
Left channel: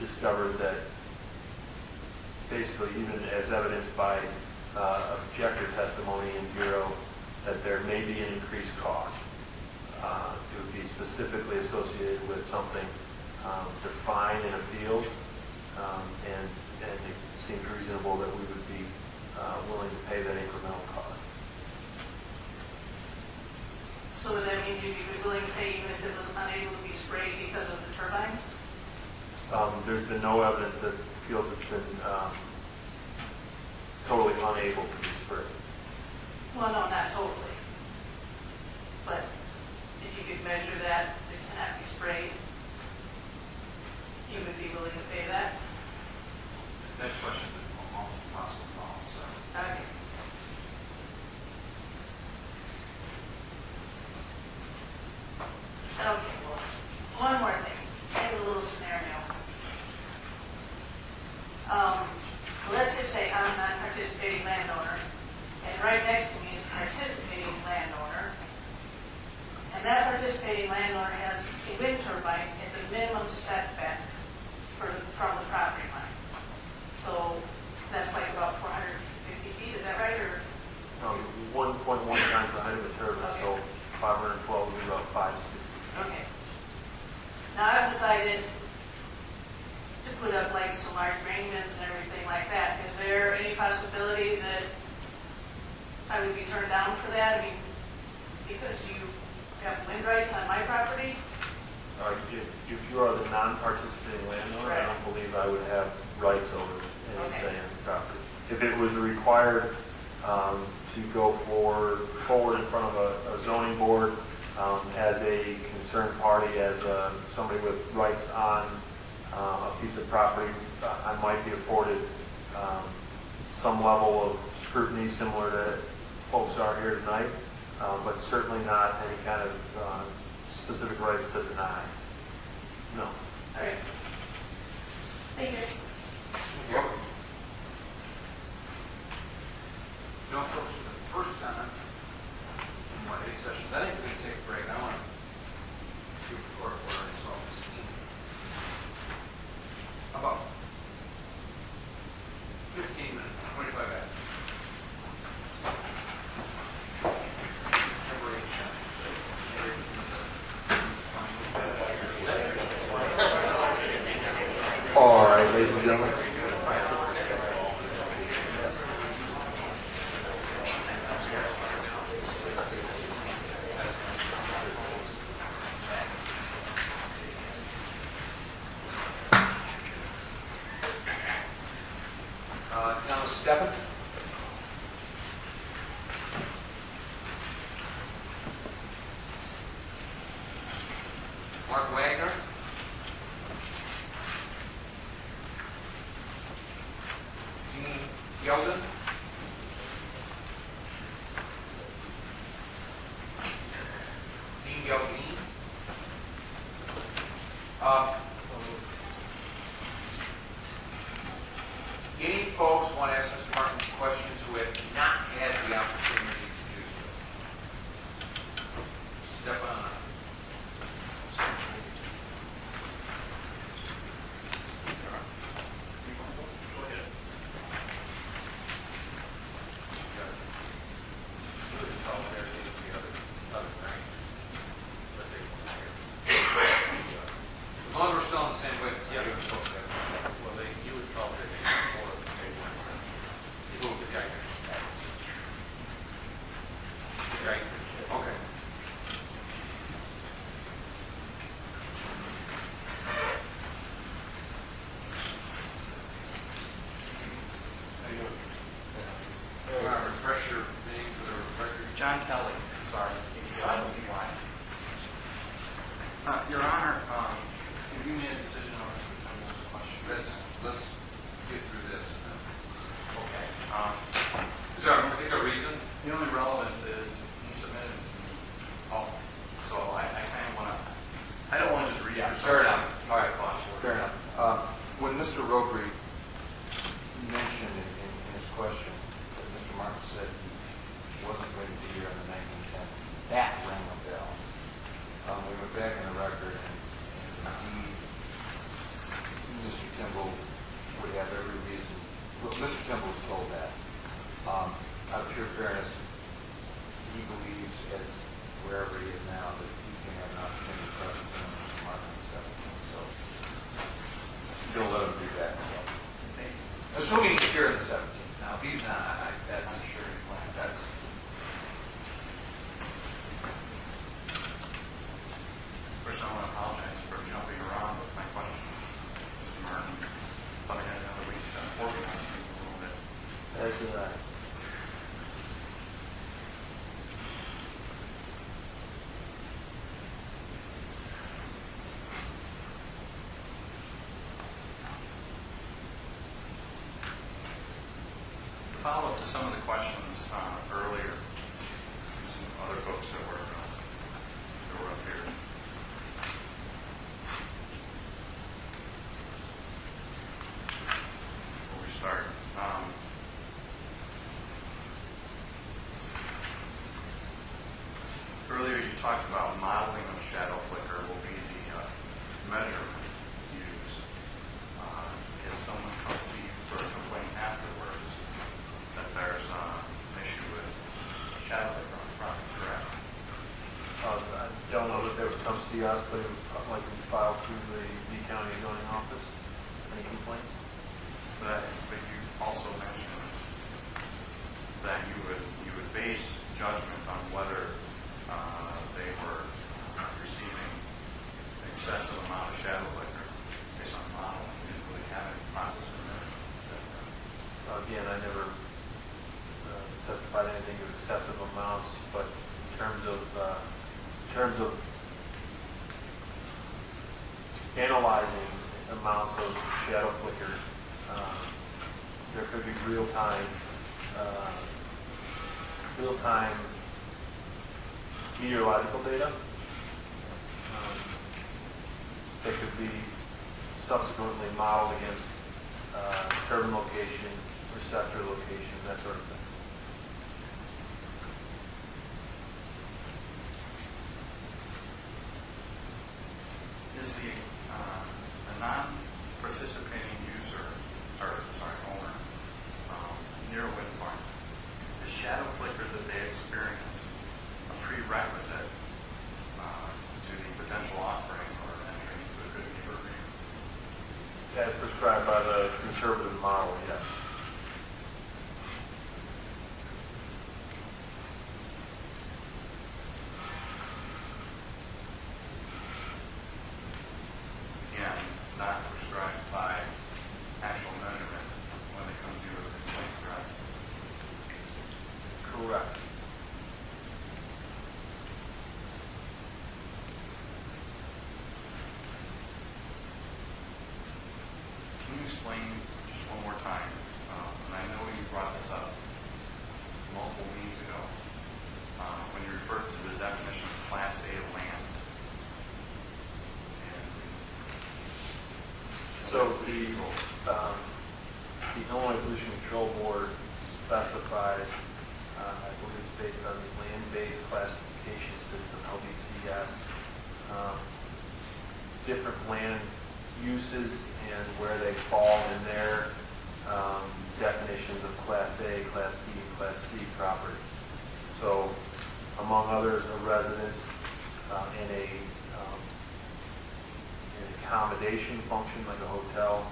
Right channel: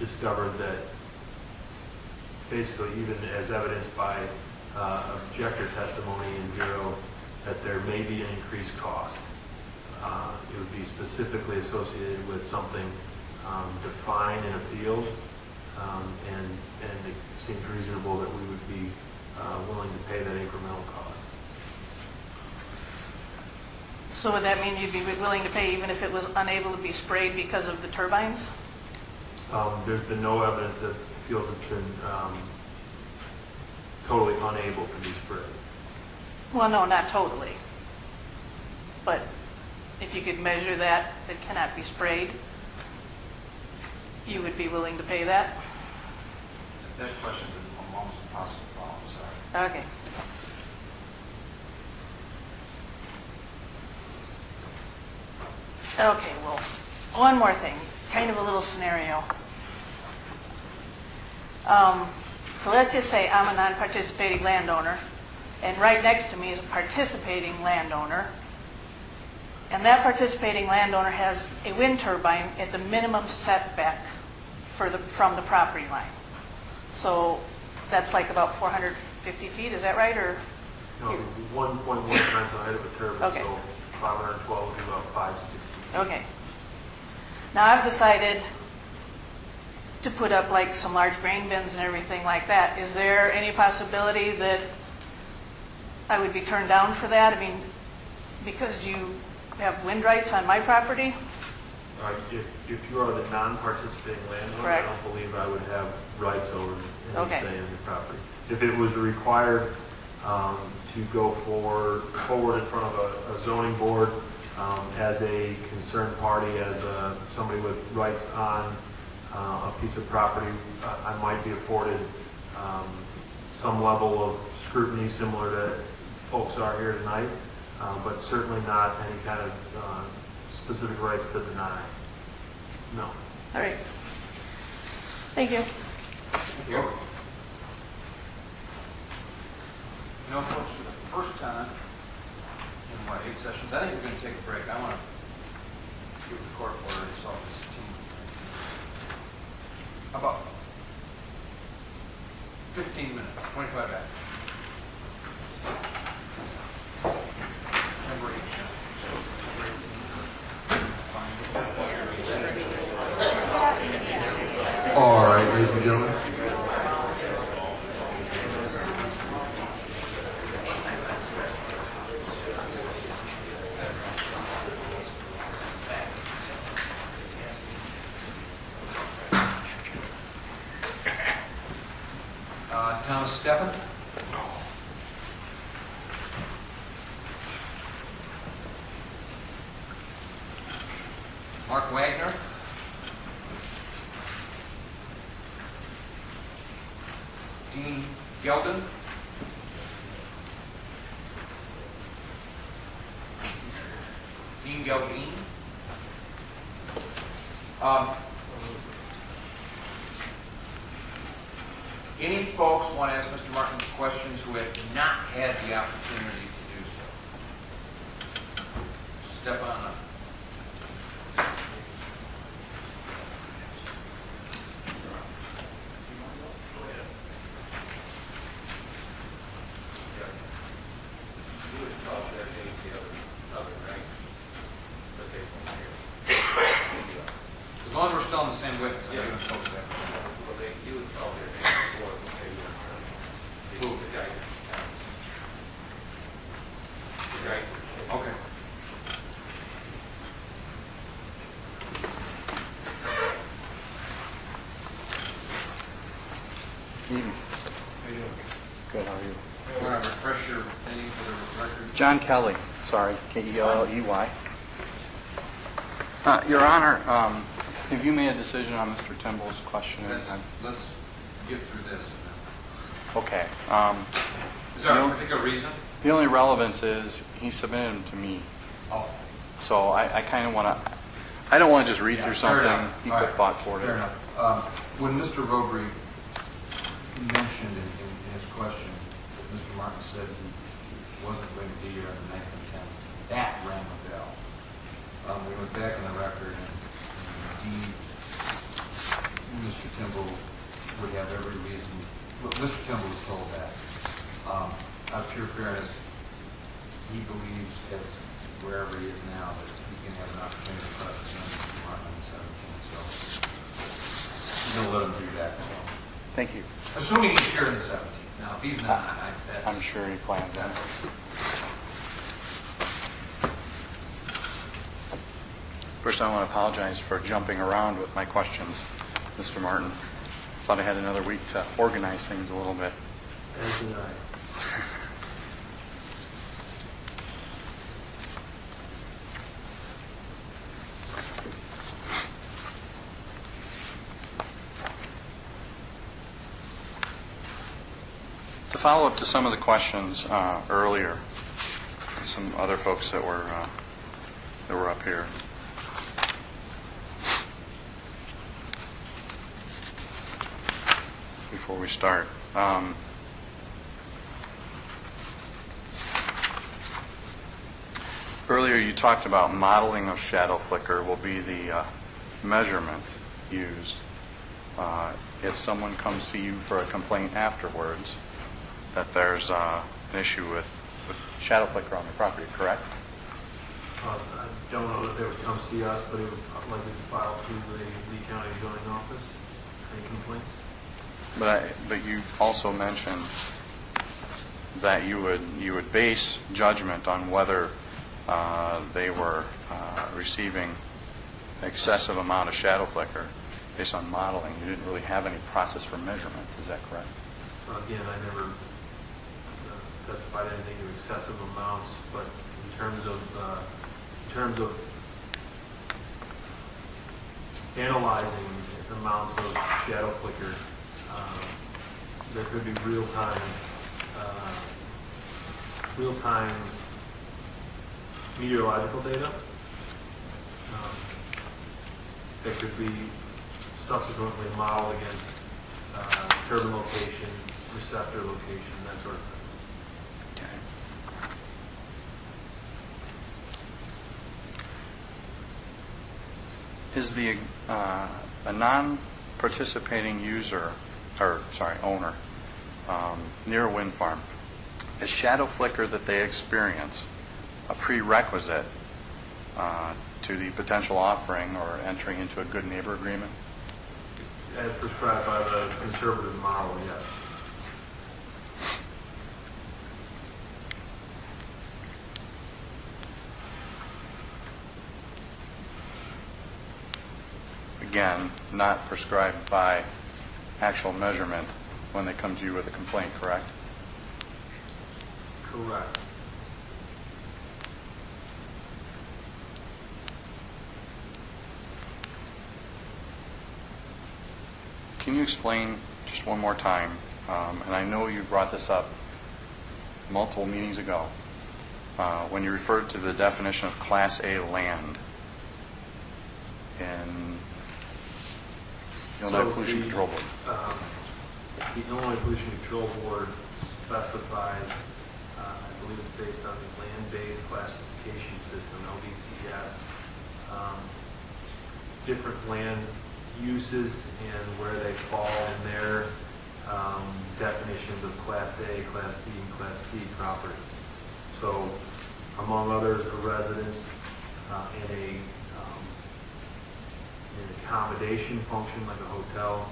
discovered that basically, even as evidenced by objector testimony in Bureau, that there may be an increased cost. It would be specifically associated with something defined in a field, and it seems reasonable that we would be willing to pay that incremental cost. So would that mean you'd be willing to pay even if it was unable to be sprayed because of the turbines? There's been no evidence that fields have been totally unable to be sprayed. Well, no, not totally. But if you could measure that cannot be sprayed, you would be willing to pay that? That question is almost impossible to follow, I'm sorry. Okay. Okay, well, one more thing, kind of a little scenario. So let's just say I'm a non-participating landowner, and right next to me is a participating landowner, and that participating landowner has a wind turbine at the minimum setback from the property line. So that's like about 450 feet, is that right? Or No, 1.1 times the height of a turbine, Okay. so 512 would be about 560. okay. Now I've decided to put up like some large grain bins and everything like that. Is there any possibility that I would be turned down for that? I mean, because you have wind rights on my property? If you are the non-participating landowner, Correct. I don't believe I would have rights over any Okay. say in the property. If it was required to go forward in front of a zoning board as a concerned party, as somebody with rights on a piece of property, I might be afforded some level of scrutiny similar to folks are here tonight, but certainly not any kind of specific rights to deny. No. All right. Thank you. Thank you. You know, folks, for the first time in, 8 sessions, I think we're going to take a break. I want to give the court order and solve this team. About 15 minutes, 25 after. Number 8, All right, ladies and gentlemen. Thomas Steffen. Mark Wagner. Dean Gelden. Dean Geldine. Any folks want to ask Mr. Martin questions who have not had the opportunity to do so? Step on up. As long as we're still on the same witness, I'm giving folks that. Well, you would call their name before the table. The guy. The guy. Okay. How you doing? Good, how are you? You want to refresh your name for the record? John Kelly, sorry, K-E-L-L-E-Y. Your Honor, have you made a decision on Mr. Timble's question? Let's get through this. And then. Okay. Is there a particular reason? The only relevance is he submitted them to me. Oh, So I kind of want to, I don't want to just read through fair something. enough. He All put right. thought for it. Fair enough. When Mr. Robry mentioned in his question that Mr. Martin said he wasn't going to be here on the 9th and 10th, that rang a bell. We went back in the record, and indeed, Mr. Timble would have every reason. Well, Mr. Timble was told that. Out of pure fairness, he believes, as wherever he is now, that he's going to have an opportunity to press his name to Martin on the 17th. So you're going to let him do that. So. Thank you. Assuming he's here on the 17th. Now, if he's not, that's... I'm sure he plans that. First, I want to apologize for jumping around with my questions, Mr. Martin. Thought I had another week to organize things a little bit. As did I. To follow up to some of the questions earlier, some other folks that were up here. Before we start, earlier you talked about modeling of shadow flicker will be the measurement used. If someone comes to you for a complaint afterwards, that there's an issue with shadow flicker on the property, correct? I don't know that they would come see us, but it would likely be filed through the Lee County zoning office. Any complaints? But you also mentioned that you would base judgment on whether they were receiving excessive amount of shadow flicker based on modeling. You didn't really have any process for measurement. Is that correct? Again, I never testified anything to excessive amounts, but in terms of analyzing amounts of shadow flicker, there could be real-time meteorological data. That could be subsequently modeled against turbine location, receptor location, that sort of thing. Is the a non-participating user, or sorry, owner, near a wind farm, is shadow flicker that they experience a prerequisite to the potential offering or entering into a good neighbor agreement? As prescribed by the conservative model, yes. Again, not prescribed by actual measurement when they come to you with a complaint, correct? Correct. Can you explain just one more time, and I know you brought this up multiple meetings ago, when you referred to the definition of Class A land in Illinois Pollution Control Board? The Illinois Pollution Control Board specifies, I believe it's based on the land-based classification system, LDCS, different land uses and where they fall in their definitions of Class A, Class B, and Class C properties. So, among others, a residence in an accommodation function like a hotel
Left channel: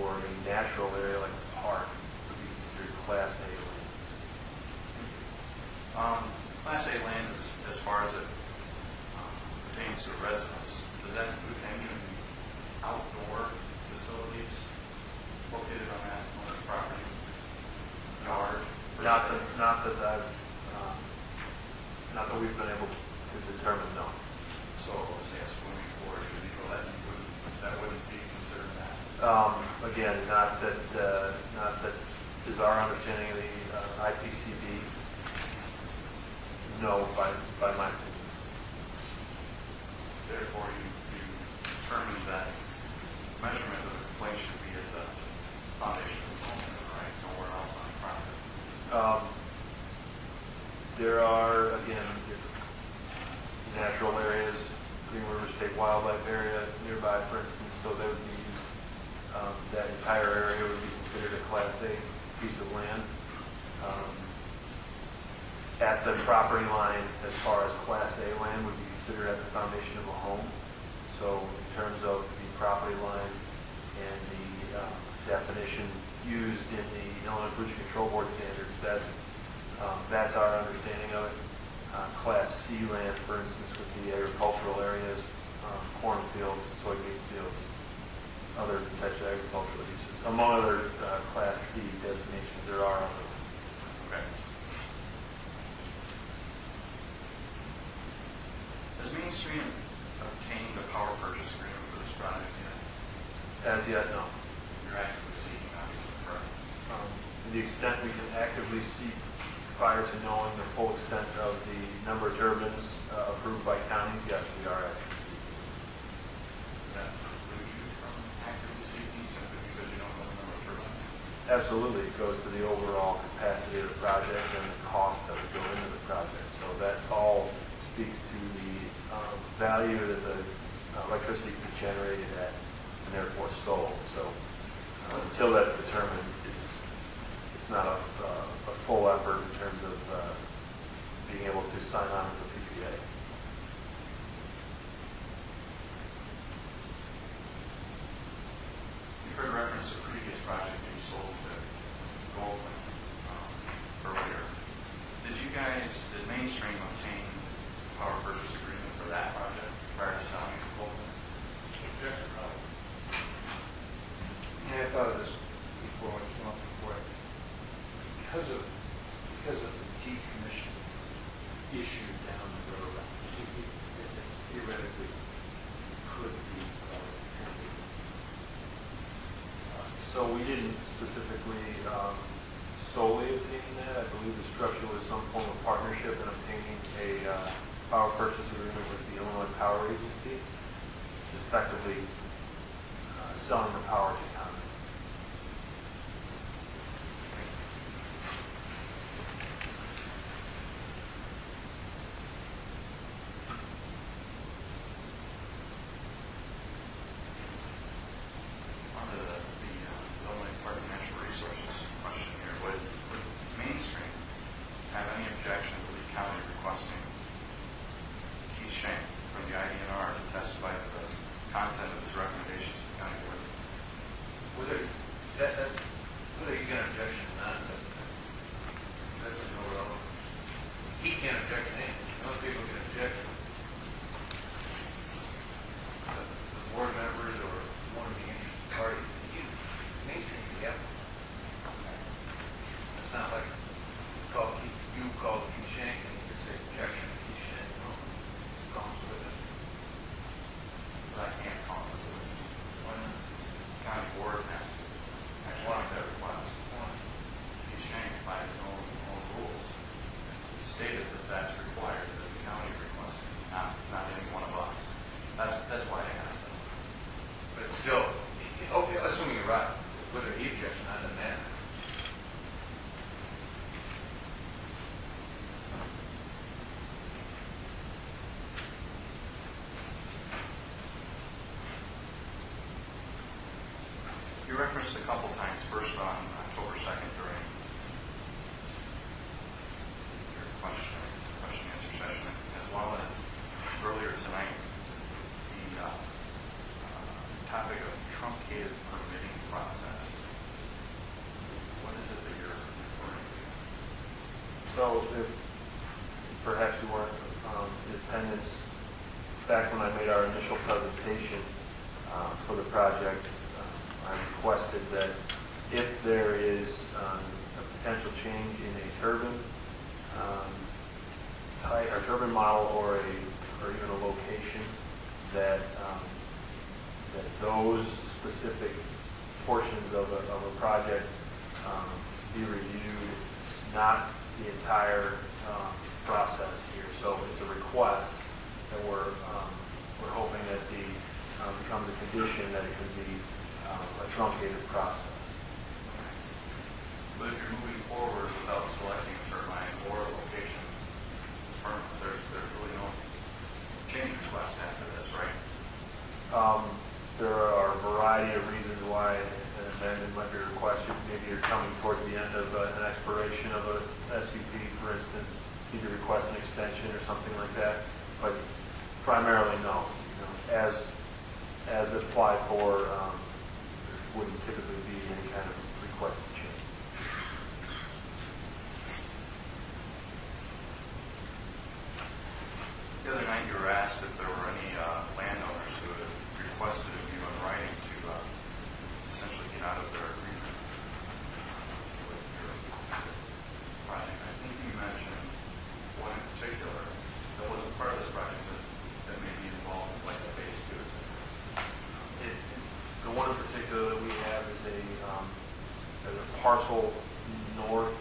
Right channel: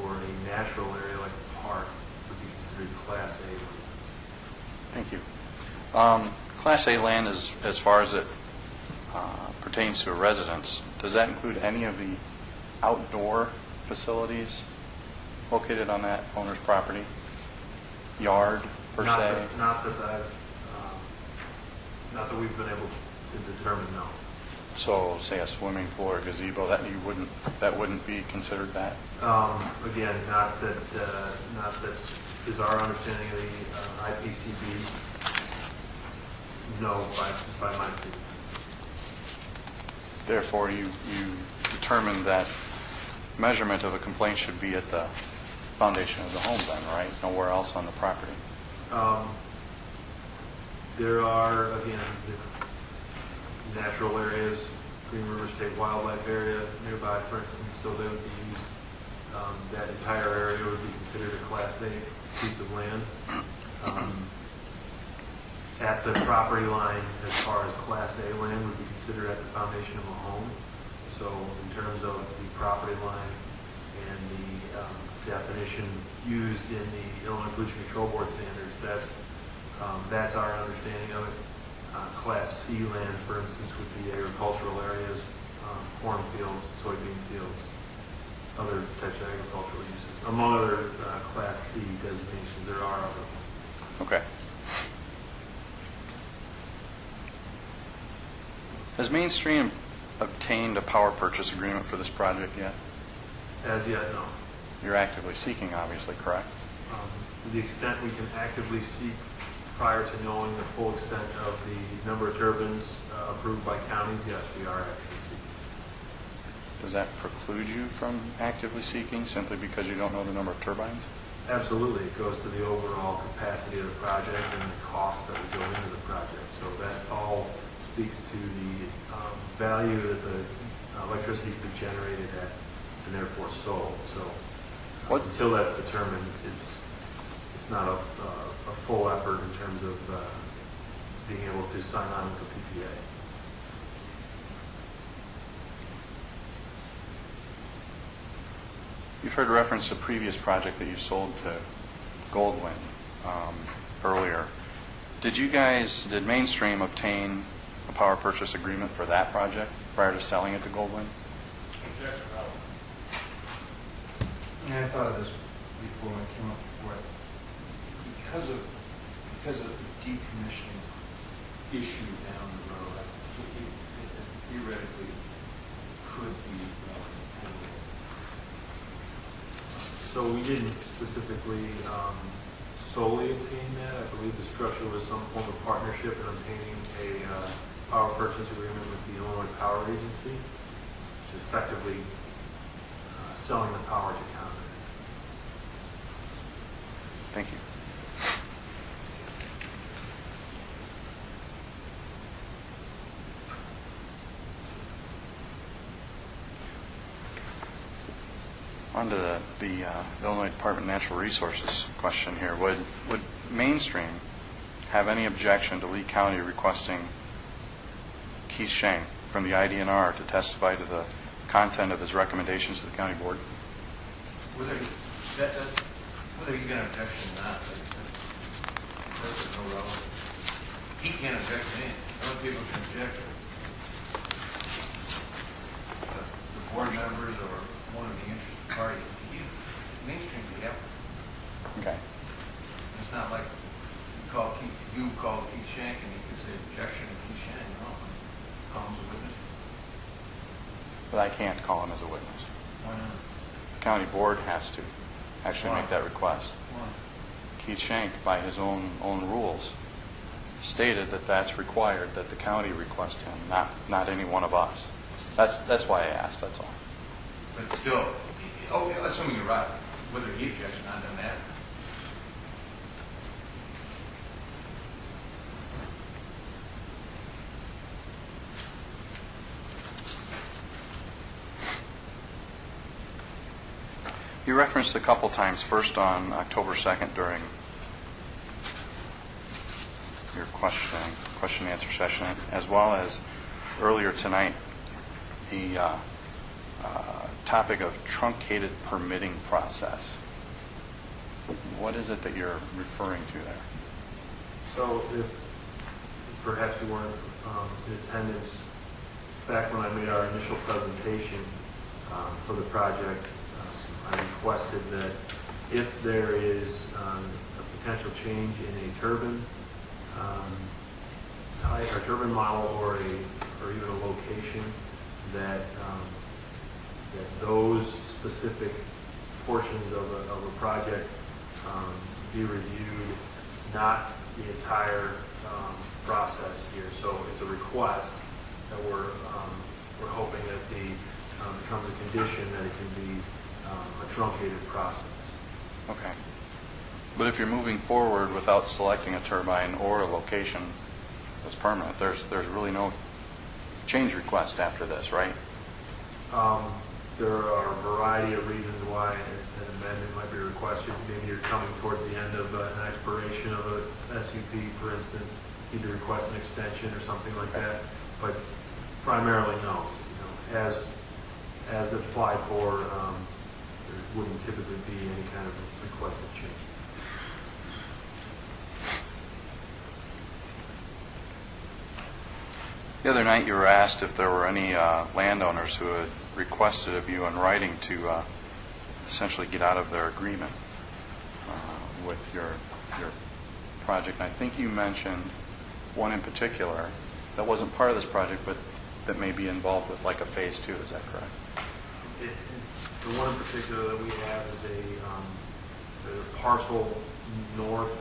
or a natural area like a park would be considered Class A lands. Thank you. Class A land is, as far as it pertains to a residence, does that include any of the outdoor facilities located on that owner's property? Yard, per se? Not that we've been able to determine, no. So, say a swimming pool or gazebo, that wouldn't be considered that? Again, not that is our understanding of the IPCB. No, by my opinion. Therefore, you determined that measurement of a complaint should be at the foundation of the home then, right? Nowhere else on the property? There are, again, natural areas, Green River State Wildlife Area nearby, for instance, so they would be used. That entire area would be considered a Class A piece of land. At the property line, as far as Class A land, would be considered at the foundation of a home. So in terms of the property line and the definition used in the Illinois Pollution Control Board standards, that's our understanding of it. Class C land, for instance, would be agricultural areas, cornfields, soybean fields, other types of agricultural uses. Among other Class C designations, there are other ones. Okay. Has Mainstream obtained a power purchase agreement for this project yet? As yet, no. You're actively seeking, obviously, correct? To the extent we can actively seek prior to knowing the full extent of the number of turbines approved by counties, yes, we are actively seeking. Does that preclude you from actively seeking simply because you don't know the number of turbines? Absolutely. It goes to the overall capacity of the project and the cost that would go into the project. So that all speaks to the value that the electricity could be generated at and therefore sold. So until that's determined, it's not a full effort in terms of being able to sign on with the PPA. You've heard reference to a previous project that you sold to Goldwyn earlier. Did Mainstream obtain a power purchase agreement for that project prior to selling it to Goldwyn? Objection, Ralph. Yeah, I thought of this before when it came up before. Because of the decommissioning issue down the road, it theoretically could be handled. So we didn't specifically solely obtain that. I believe the structure was some form of partnership in obtaining a power purchase agreement with the Illinois Power Agency, which is effectively selling the power to Congress. Thank you. On to the Illinois Department of Natural Resources question here. Would Mainstream have any objection to Lee County requesting Keith Shank from the IDNR to testify to the content of his recommendations to the county board? Whether he's got an objection or not, that's no relevant. He can't object to anything. Other people can object. The board members or one of the interested parties. Mainstream, yeah. Okay. It's not like you call Keith Shank and he could say objection to Keith Shank, no, call him as a witness. But I can't call him as a witness. Why not? County board has to actually make that request. Why? Keith Shank, by his own rules, stated that that's required, that the county request him, not any one of us. That's why I asked, that's all. But still, assuming you're right, whether he objects or not, doesn't matter. You referenced a couple times, first on October 2nd during your question and answer session, as well as earlier tonight, the topic of truncated permitting process. What is it that you're referring to there? So if perhaps you weren't in attendance back when I made our initial presentation for the project, I requested that if there is a potential change in a turbine type or turbine model or even a location, that those specific portions of a project be reviewed, not the entire process here. So it's a request that we're hoping that becomes a condition that it can be a truncated process. Okay. But if you're moving forward without selecting a turbine or a location that's permanent, there's really no change request after this, right? There are a variety of reasons why an amendment might be requested. Maybe you're coming towards the end of an expiration of a SUP, for instance, need to request an extension or something like that. But primarily, no. As applied for, there wouldn't typically be any kind of requested change. The other night you were asked if there were any landowners who had requested of you in writing to essentially get out of their agreement with your project. I think you mentioned one in particular that wasn't part of this project, but that may be involved with like a phase 2. Is that correct? The one in particular that we have is there's a parcel northwest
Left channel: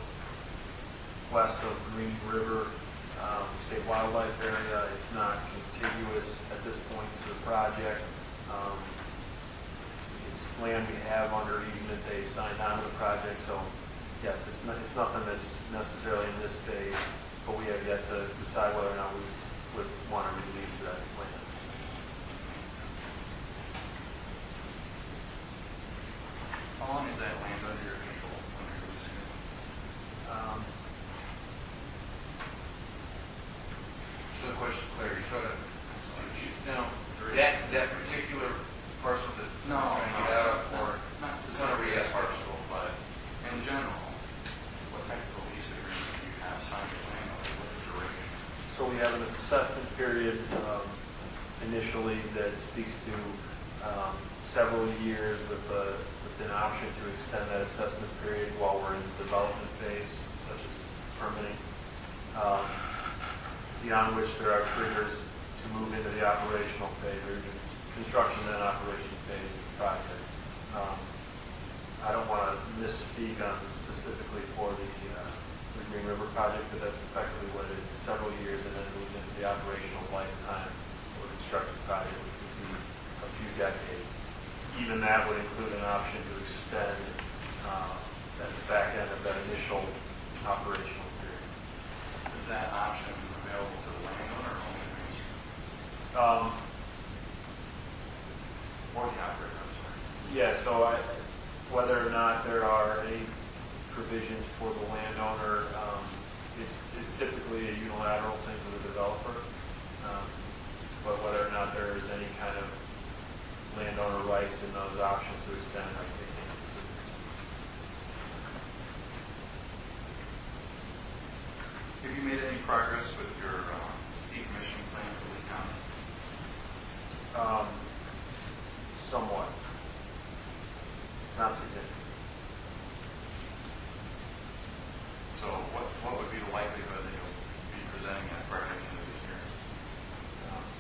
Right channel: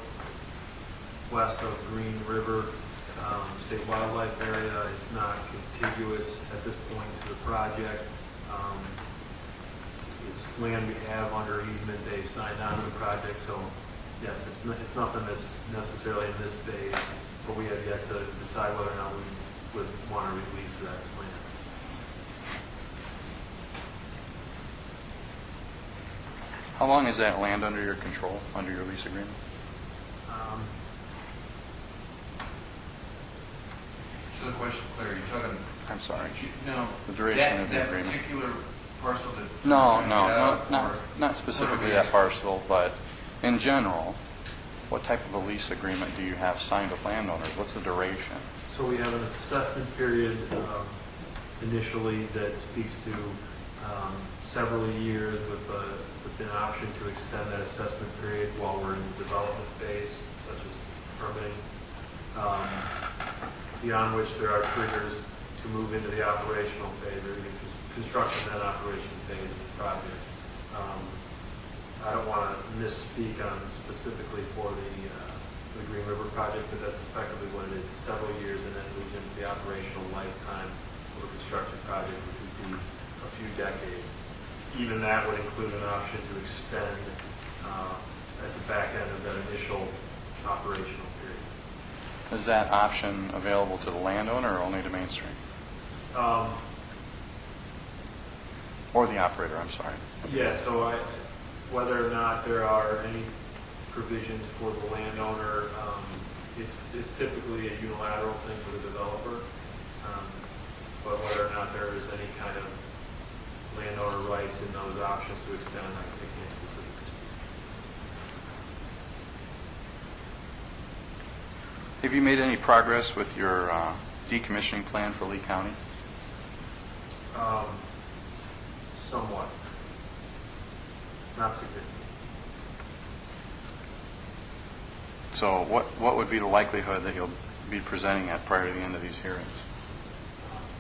of Green River State Wildlife Area. It's not contiguous at this point to the project. It's land we have under easement. They've signed on to the project, so yes, it's nothing that's necessarily in this phase, but we have yet to decide whether or not we would want to release that land. How long is that land under your control, under your lease agreement? So the question, Claire, you're talking... I'm sorry. No, The duration of the that agreement. particular parcel that... Not specifically that parcel, but in general, what type of a lease agreement do you have signed with landowners? What's the duration? So we have an assessment period initially that speaks to several years with an option to extend that assessment period while we're in the development phase, such as permitting, beyond which there are triggers to move into the operational phase or even construction and operation phase of the project. I don't want to misspeak on specifically for the Green River project, but that's effectively what it is. It's several years and then moves into the operational lifetime of a construction project, which would be a few decades. Even that would include an option to extend at the back end of that initial operational period. Is that option available to the landowner or only to Mainstream? Or the operator, I'm sorry. Yeah, so whether or not there are any provisions for the landowner, it's typically a unilateral thing for the developer. But whether or not there is any kind of landowner rights in those options to extend, I can't specifically speak. Have you made any progress with your decommissioning plan for Lee County? Somewhat. Not significant. So what would be the likelihood that you'll be presenting at prior to the end of these hearings?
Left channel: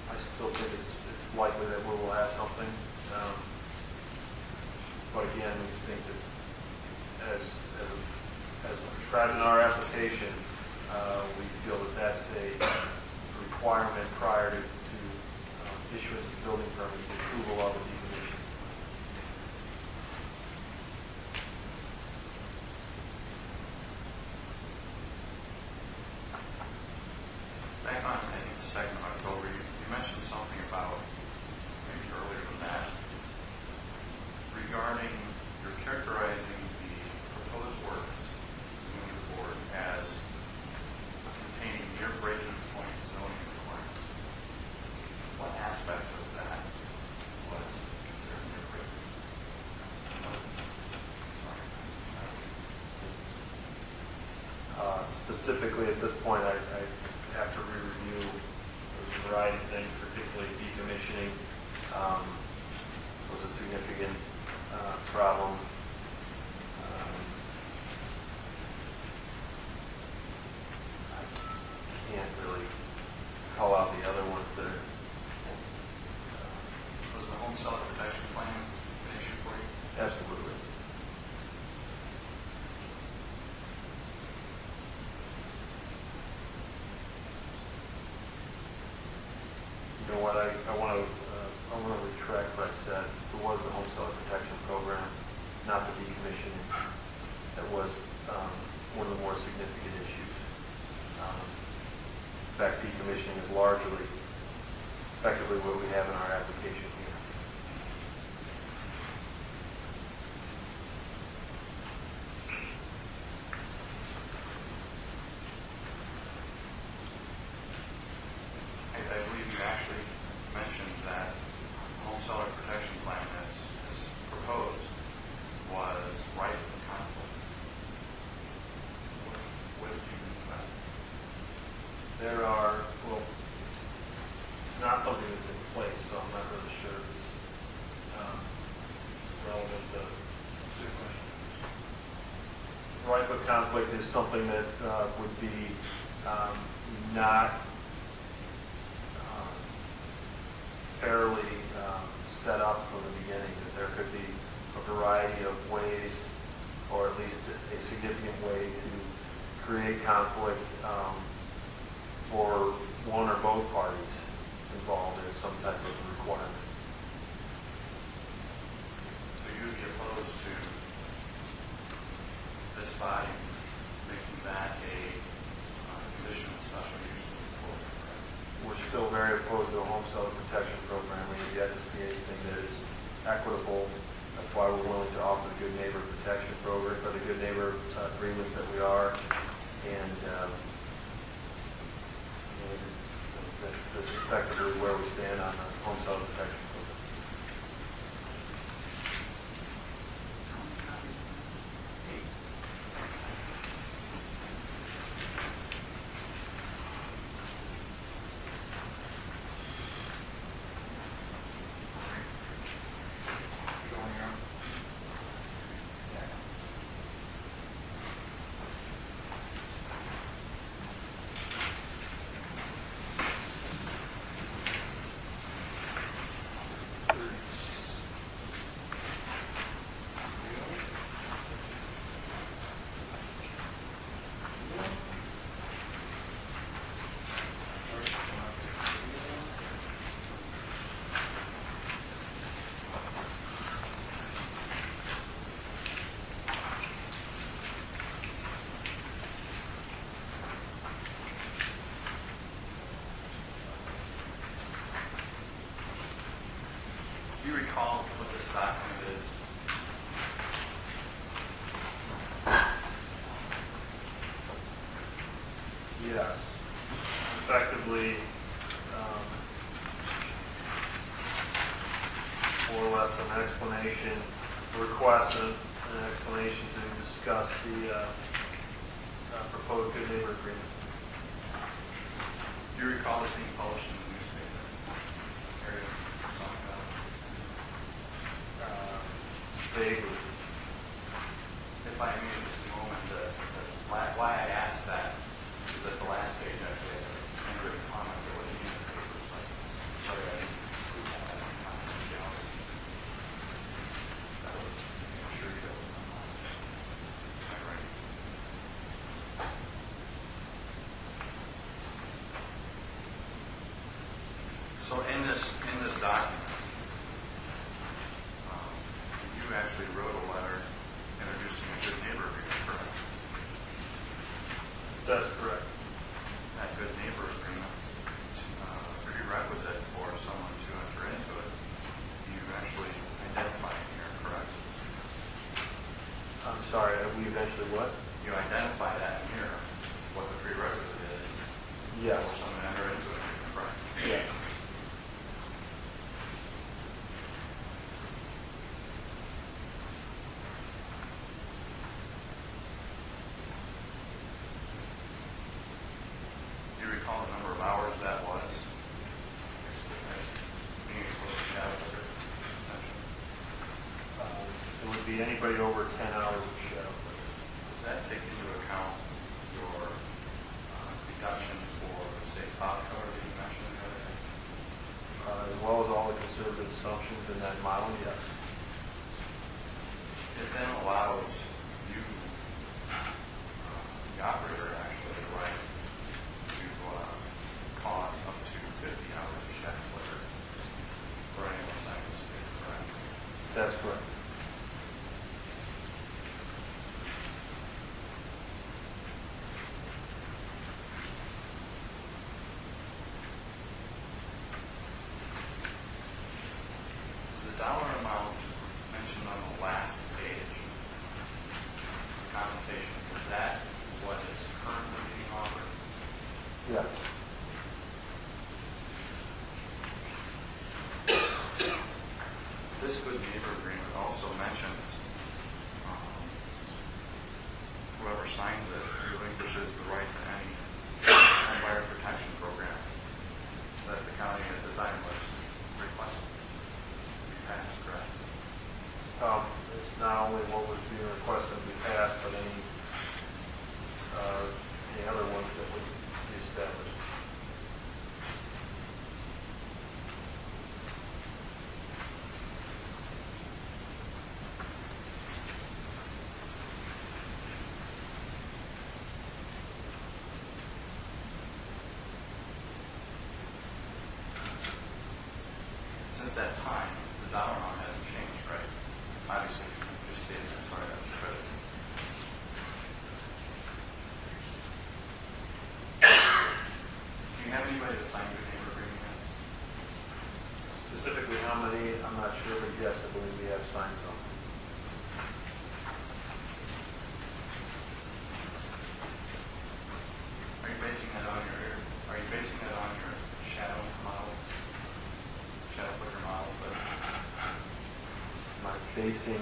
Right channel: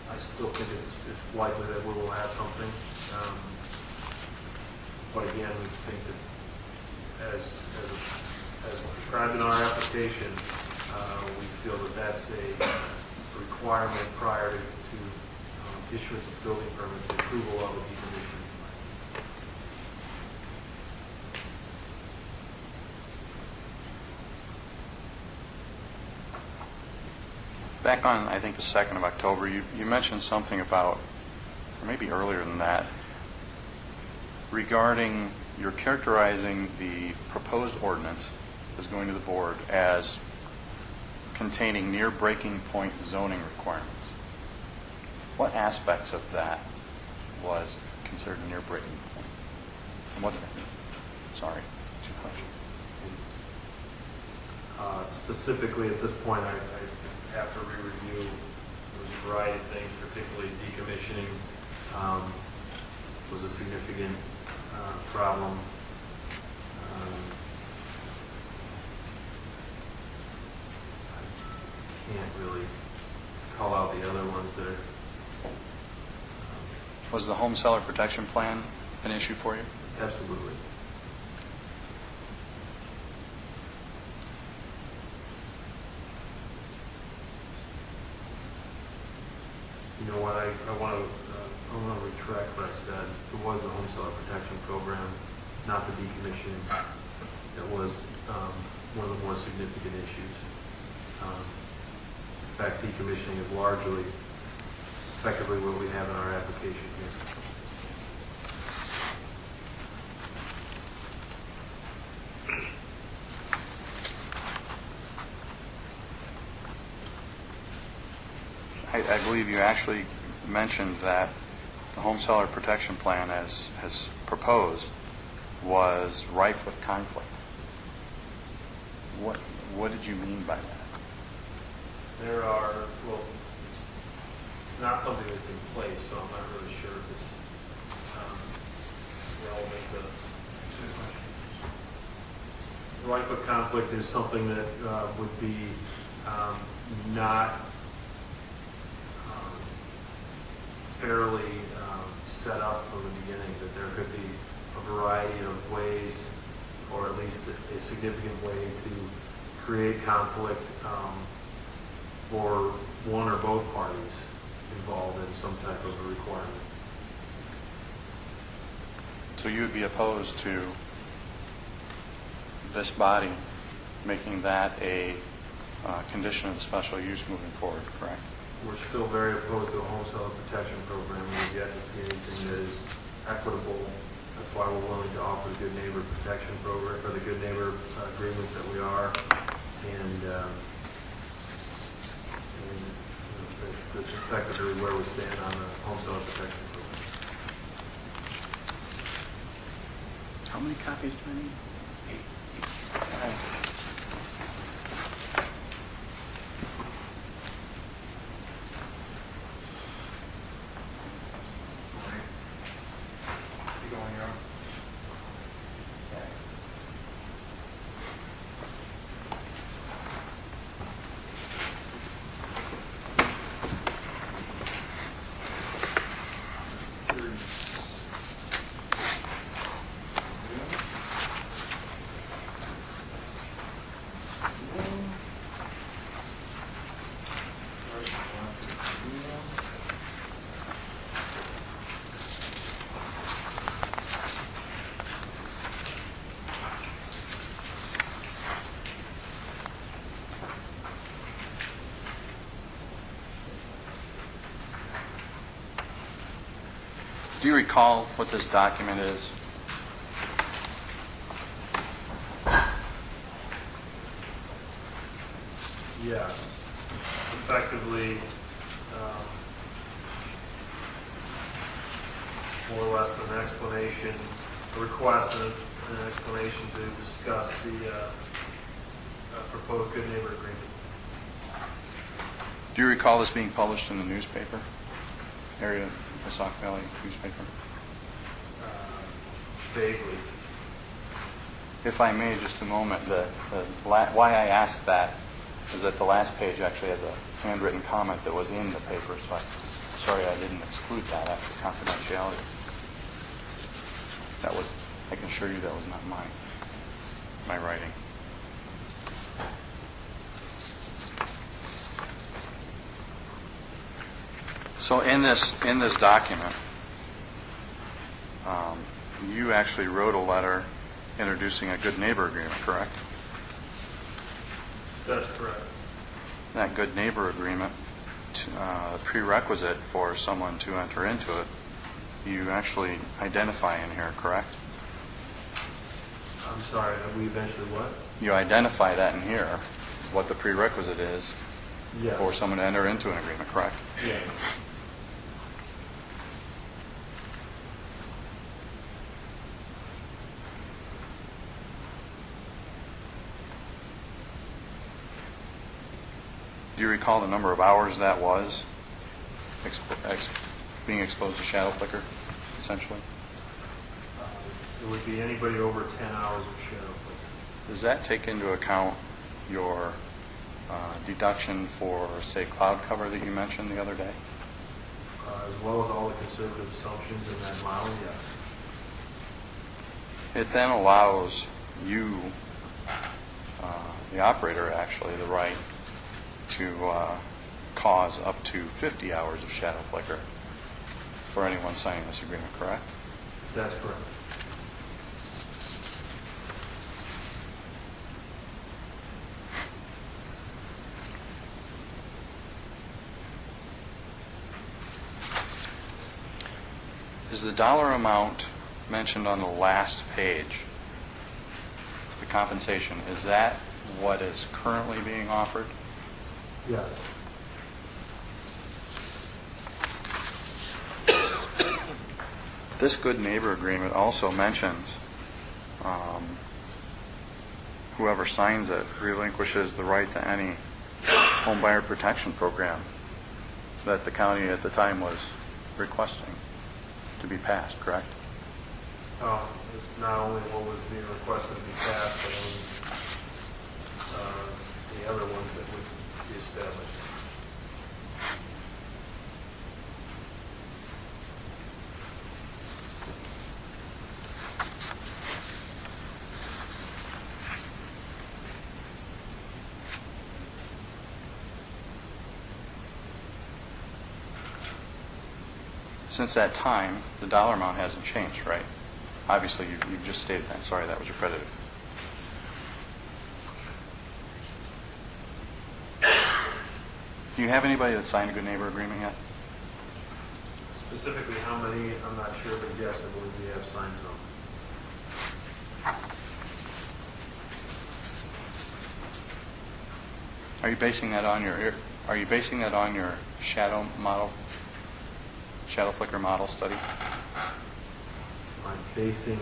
I still think it's likely that we will have something. But again, we think that as prescribed in our application, we feel that that's a requirement prior to issuance of building permits, the approval of a decommissioning plan. Back on, I think, the 2nd of October, you mentioned something about, or maybe earlier than that, regarding you're characterizing the proposed ordinance as going to the board as containing near breaking point zoning requirements. What aspects of that was considered a near breaking point? And what, sorry. Specifically, at this point, after we review, there's a variety of things, particularly decommissioning was a significant problem. I can't really call out the other ones that are. Was the home seller protection plan an issue for you? Absolutely. You know what? I want to retract what I said. It was the home seller protection program, not the decommissioning. That was one of the more significant issues. In fact, decommissioning is largely, effectively, what we have in our application here. I believe you actually mentioned that the home seller protection plan as proposed was rife with conflict. What did you mean by that? There are, well, it's not something that's in place, so I'm not really sure if it's relevant to answer the question. Rife with conflict is something that would be not fairly set up from the beginning, that there could be a variety of ways, or at least a significant way to create conflict for one or both parties involved in some type of a requirement. So you would be opposed to this body making that a condition of special use moving forward, correct? We're still very opposed to a home seller protection program. We've yet to see anything that is equitable. That's why we're willing to offer the good neighbor protection program, or the good neighbor agreements that we are. And that's effectively where we stand on the home seller protection program. How many copies do you need? 8. Do you recall what this document is? Yes. Effectively, more or less an explanation, a request and an explanation to discuss the proposed good neighbor agreement. Do you recall this being published in the newspaper? Area Sauk Valley newspaper? Vaguely. If I may, just a moment, why I asked that is that the last page actually has a handwritten comment that was in the paper, so I'm sorry I didn't exclude that after confidentiality. That was, I can assure you that was not my writing. So in this document, you actually wrote a letter introducing a good neighbor agreement, correct? That's correct. That good neighbor agreement, prerequisite for someone to enter into it, you actually identify in here, correct? I'm sorry, we eventually what? You identify that in here, what the prerequisite is Yes. for someone to enter into an agreement, correct? Yes. Do you recall the number of hours that was being exposed to shadow flicker, essentially? It would be anybody over 10 hours of shadow flicker. Does that take into account your deduction for, say, cloud cover that you mentioned the other day? As well as all the conservative assumptions in that model, yes. It then allows you, the operator actually, the right to cause up to 50 hours of shadow flicker for anyone signing this agreement, correct? That's correct. Is the dollar amount mentioned on the last page, the compensation, is that what is currently being offered? Yes. This good neighbor agreement also mentions whoever signs it relinquishes the right to any home buyer protection program that the county at the time was requesting to be passed, correct? It's not only what was being requested to be passed, but the other ones that would be established. Since that time, the dollar amount hasn't changed, right? Obviously, you just stated that. Sorry, that was accredited. Do you have anybody that signed a good neighbor agreement yet? Specifically how many, I'm not sure, but yes, I believe we have signed some. Are you basing that on your shadow model, shadow flicker model study? Am I basing,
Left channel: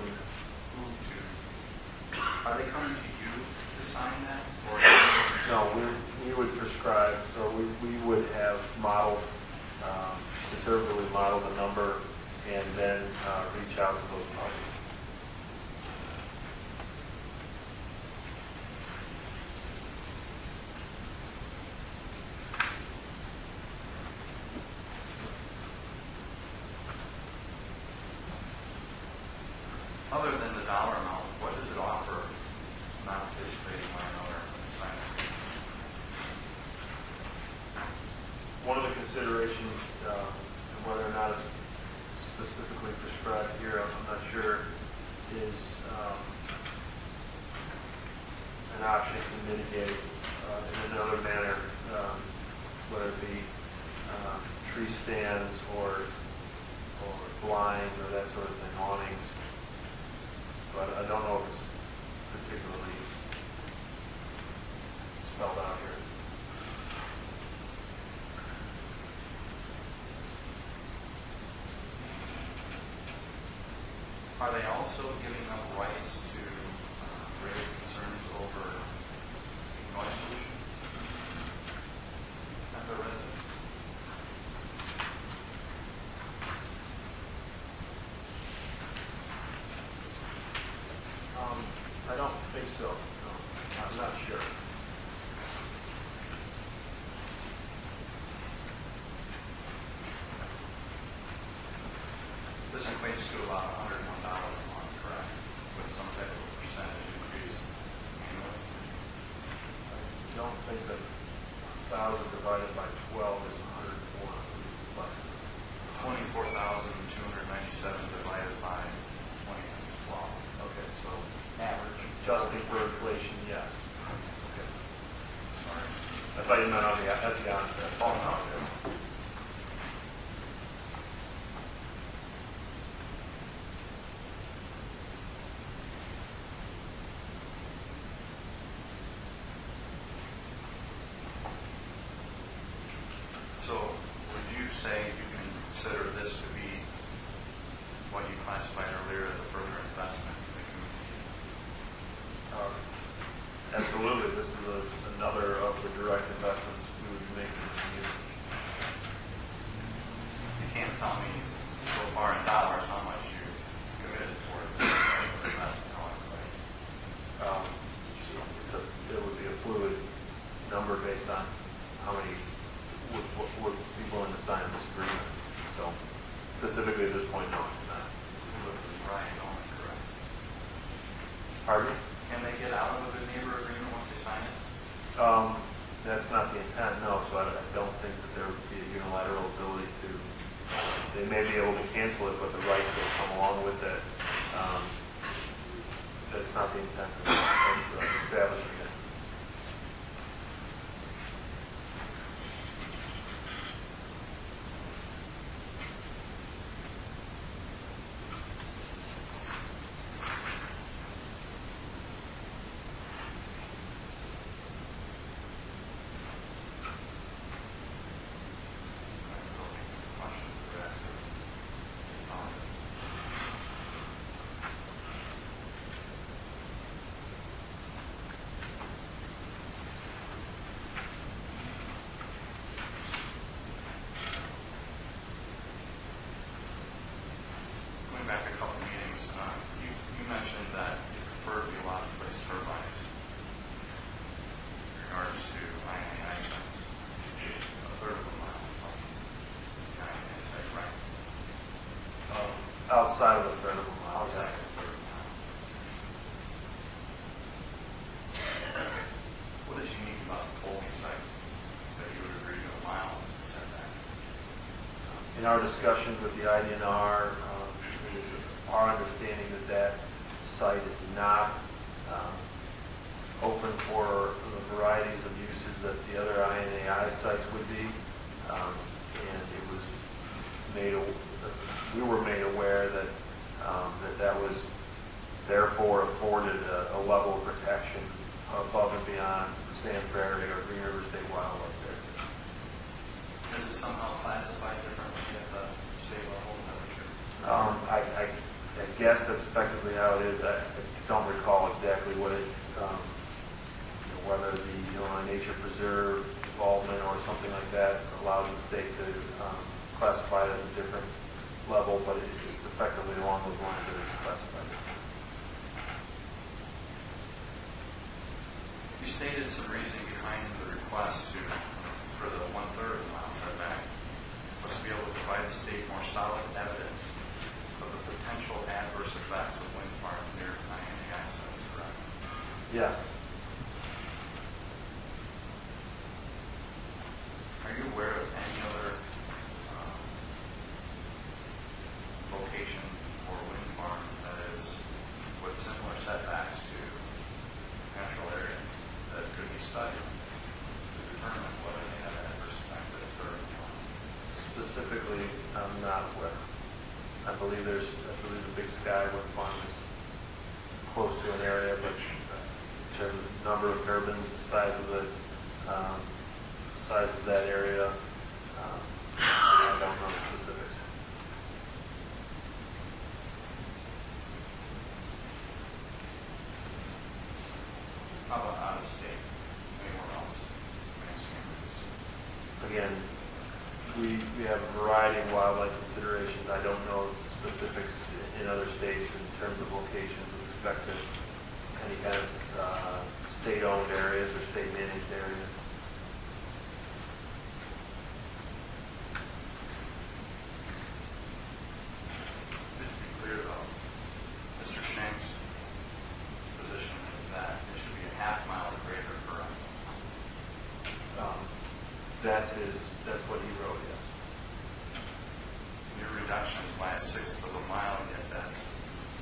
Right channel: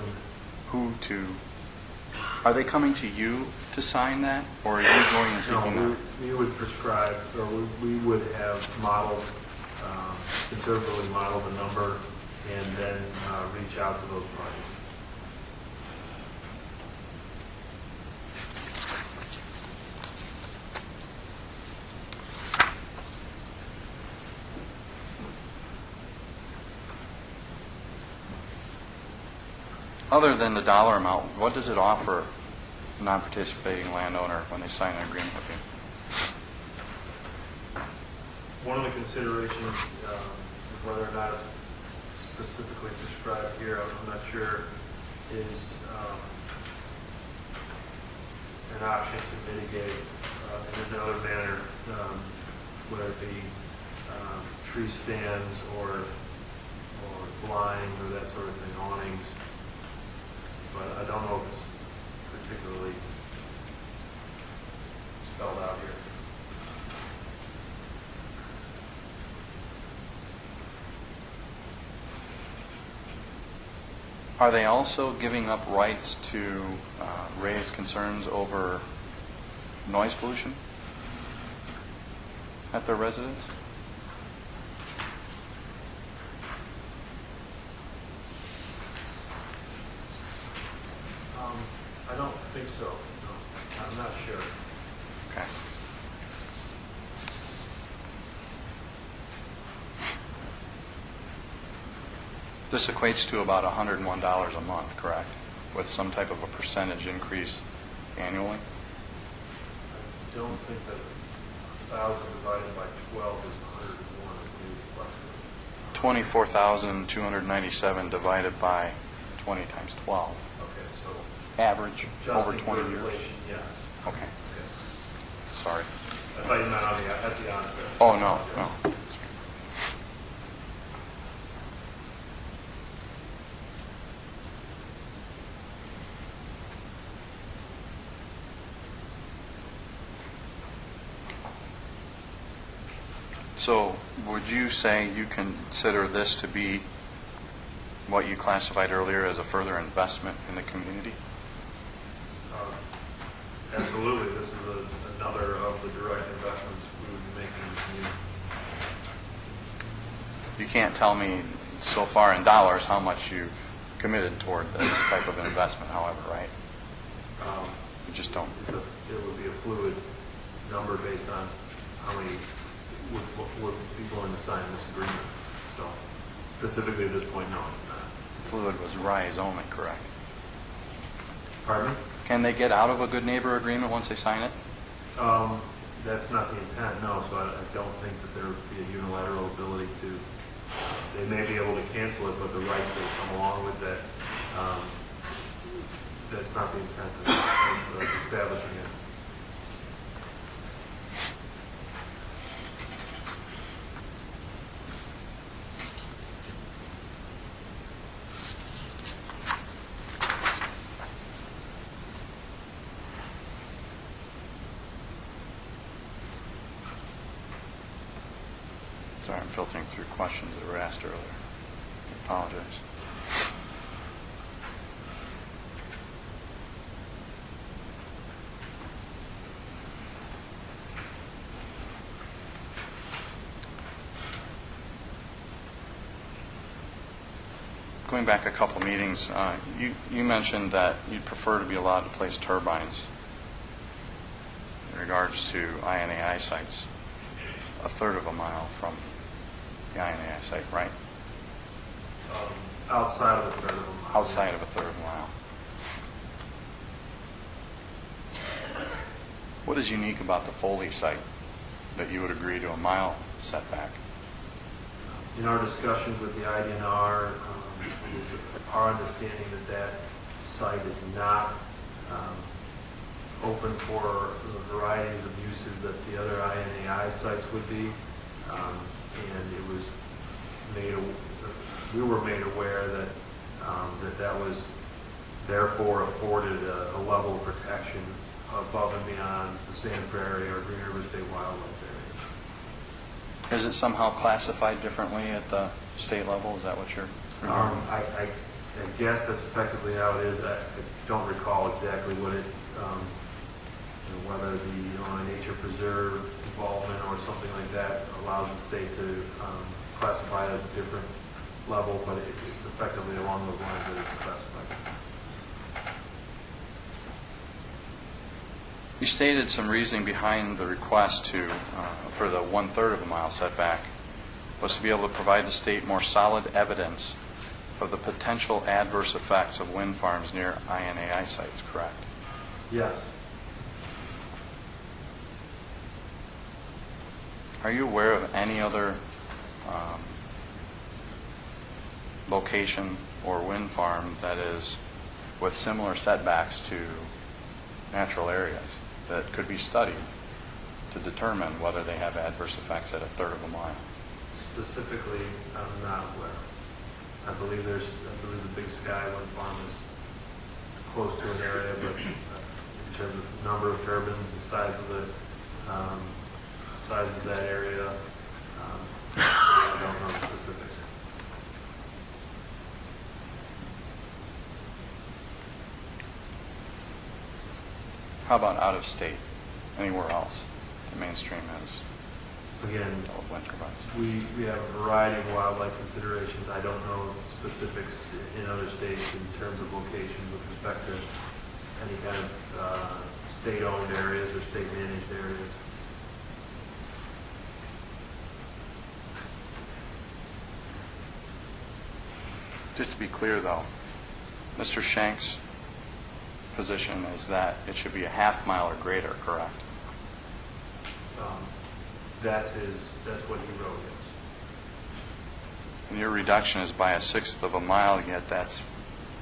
Are they coming to you to sign that, or are you going to sign no, we would prescribe, or we would have modeled, conservatively modeled the number, and then reach out to those parties. Other than the dollar amount, what does it offer a non-participating landowner when they sign an agreement with you? One of the considerations, whether or not it's specifically described here, I'm not sure, is an option to mitigate in another manner, whether it be tree stands or blinds or that sort of thing, awnings. But I don't know if it's particularly spelled out here. Are they also giving up rights to raise concerns over noise pollution at their residence? I don't think so. No, I'm not sure. Okay. This equates to about $101 a month, correct? With some type of a percentage increase annually? I don't think that 1,000 divided by 12 is 101. I believe it's less than. 24,297 divided by 20 times 12. Okay, so Average over adjusting 20 for years. inflation, yes. Okay. Okay. Sorry. I thought you meant at the onset. Oh, no, no. So would you say you consider this to be what you classified earlier as a further investment in the community? Absolutely. This is another of the direct investments we would be making in the community. You can't tell me so far in dollars how much you committed toward this type of investment, however, right? You just don't. It would be a fluid number based on how many would be willing to sign this agreement. So specifically at this point, no, it's not. Fluid was rise only, correct? Pardon me? Can they get out of a good neighbor agreement once they sign it? That's not the intent, no. So I don't think that there would be a unilateral ability to. They may be able to cancel it, but the rights that come along with that, that's not the intent of establishing it. Sorry, I'm filtering through questions that were asked earlier. I apologize. Going back a couple meetings, you mentioned that you'd prefer to be allowed to place turbines in regards to INAI sites, a third of a mile from the INAI site, right? Outside of a third of a mile. Outside of a third of a mile. What is unique about the Foley site that you would agree to a mile setback? In our discussions with the IDNR, it is our understanding that that site is not open for the varieties of uses that the other INAI sites would be. And it was we were made aware that that was therefore afforded a level of protection above and beyond the Sand Prairie or Green River State Wildlife Area. Is it somehow classified differently at the state level? Is that what you're... I guess that's effectively how it is. I don't recall exactly what it, whether the Illinois Nature Preserve involvement or something like that allows the state to classify it as a different level, but it's effectively along those lines that it's classified. You stated some reasoning behind the request to, for the 1/3 of a mile setback, was to be able to provide the state more solid evidence of the potential adverse effects of wind farms near INAI sites, correct? Yes. Are you aware of any other location or wind farm that is with similar setbacks to natural areas that could be studied to determine whether they have adverse effects at a third of a mile? Specifically, I'm not aware. I believe the Big Sky wind farm is close to an area, but in terms of number of turbines, the size of that area, I don't know the specifics. How about out of state? Anywhere else? The mainstream has Again, wind turbines. we have a variety of wildlife considerations. I don't know specifics in other states in terms of locations with respect to any kind of state-owned areas or state-managed areas. Just to be clear, though, Mr. Shank's position is that it should be a half mile or greater, correct? That's what he wrote, yes. And your reduction is by 1/6 of a mile, yet that's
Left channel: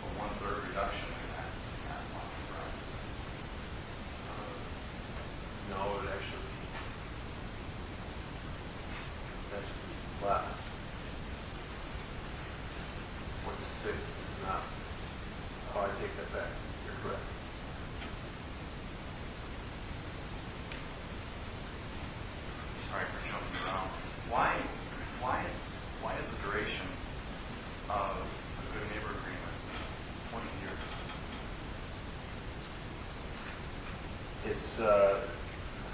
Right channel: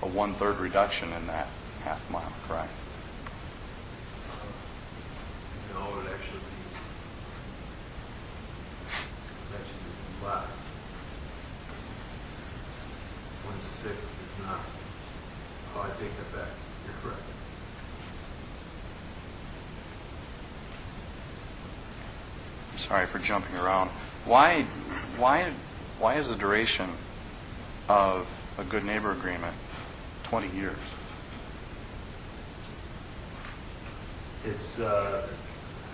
a 1/3 reduction in that half mile, correct? No, it would actually be less. 1/6 is not. Oh, I take that back. You're correct. Sorry for jumping around. Why is the duration of a good neighbor agreement 20 years? It's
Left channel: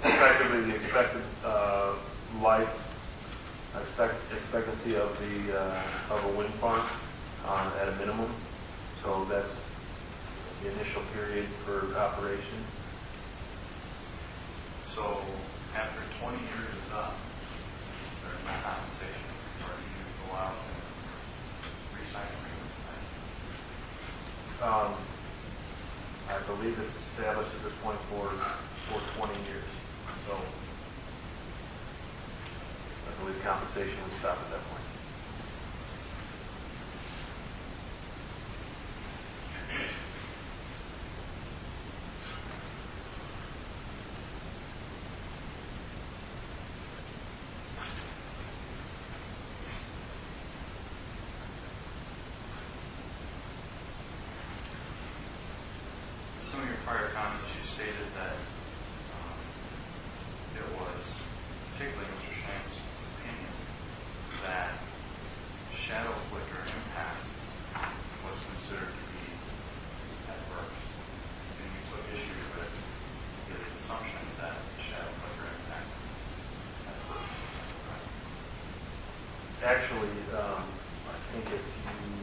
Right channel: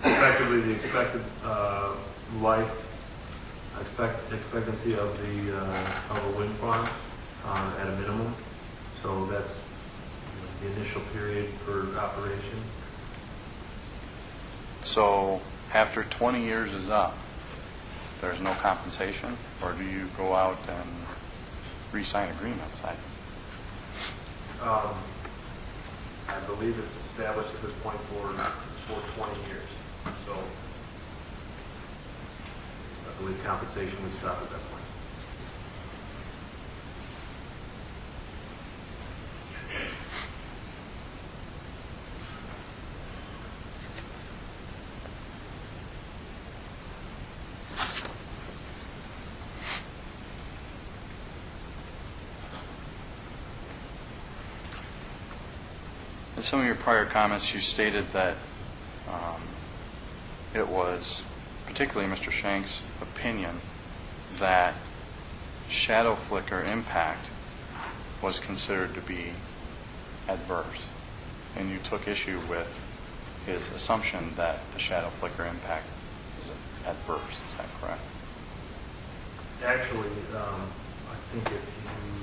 effectively the expected life expectancy of a wind farm at a minimum. So that's the initial period for operation. So after 20 years is up, there's no compensation, or do you go out and re-sign agreements? I believe it's established at this point for 20 years. So I believe compensation would stop at that point. In some of your prior comments, you stated that it was, particularly Mr. Shank's opinion, that shadow flicker impact was considered to be adverse. And you took issue with his assumption that the shadow flicker impact is adverse. Is that correct? Actually, I think if you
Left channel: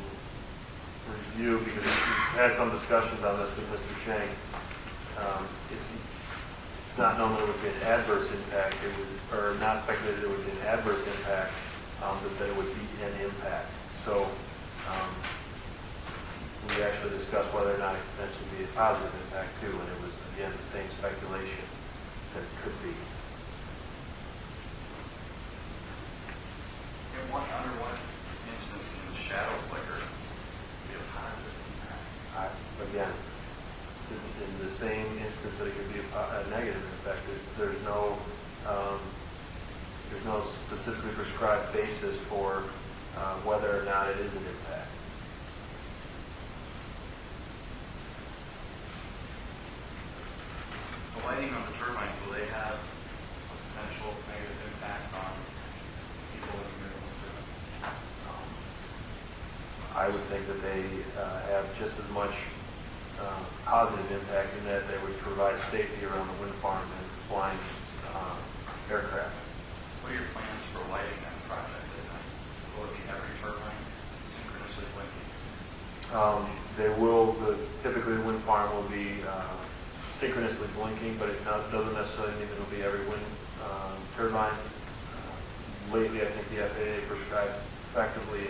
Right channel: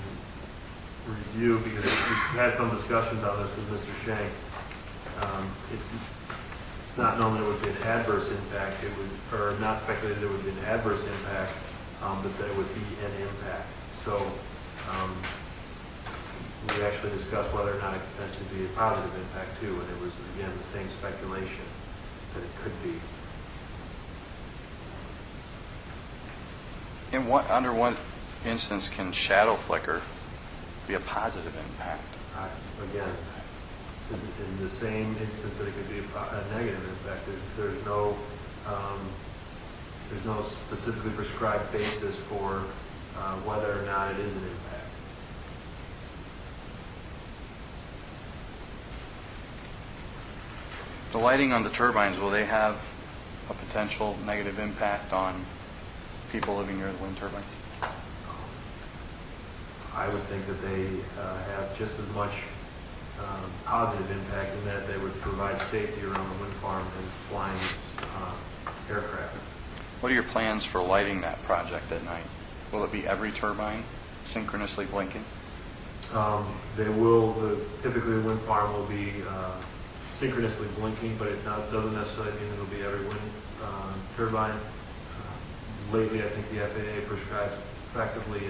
review, because we've had some discussions on this with Mr. Shank, it's not known that it would be an adverse impact. It would, or not speculated it would be an adverse impact, but that it would be an impact. So we actually discussed whether or not it could potentially be a positive impact too, and it was again the same speculation that it could be. Under what instance can shadow flicker be a positive impact? Again, in the same instance that it could be a negative impact, there's no specifically prescribed basis for whether or not it is an impact. The lighting on the turbines, will they have a potential negative impact on people living near the wind turbines? I would think that they have just as much positive impact in that they would provide safety around the wind farm and flying aircraft. What are your plans for lighting that project at night? Will it be every turbine synchronously blinking? They will. Typically, the wind farm will be synchronously blinking, but it doesn't necessarily mean it'll be every wind turbine. Lately, I think the FAA prescribes effectively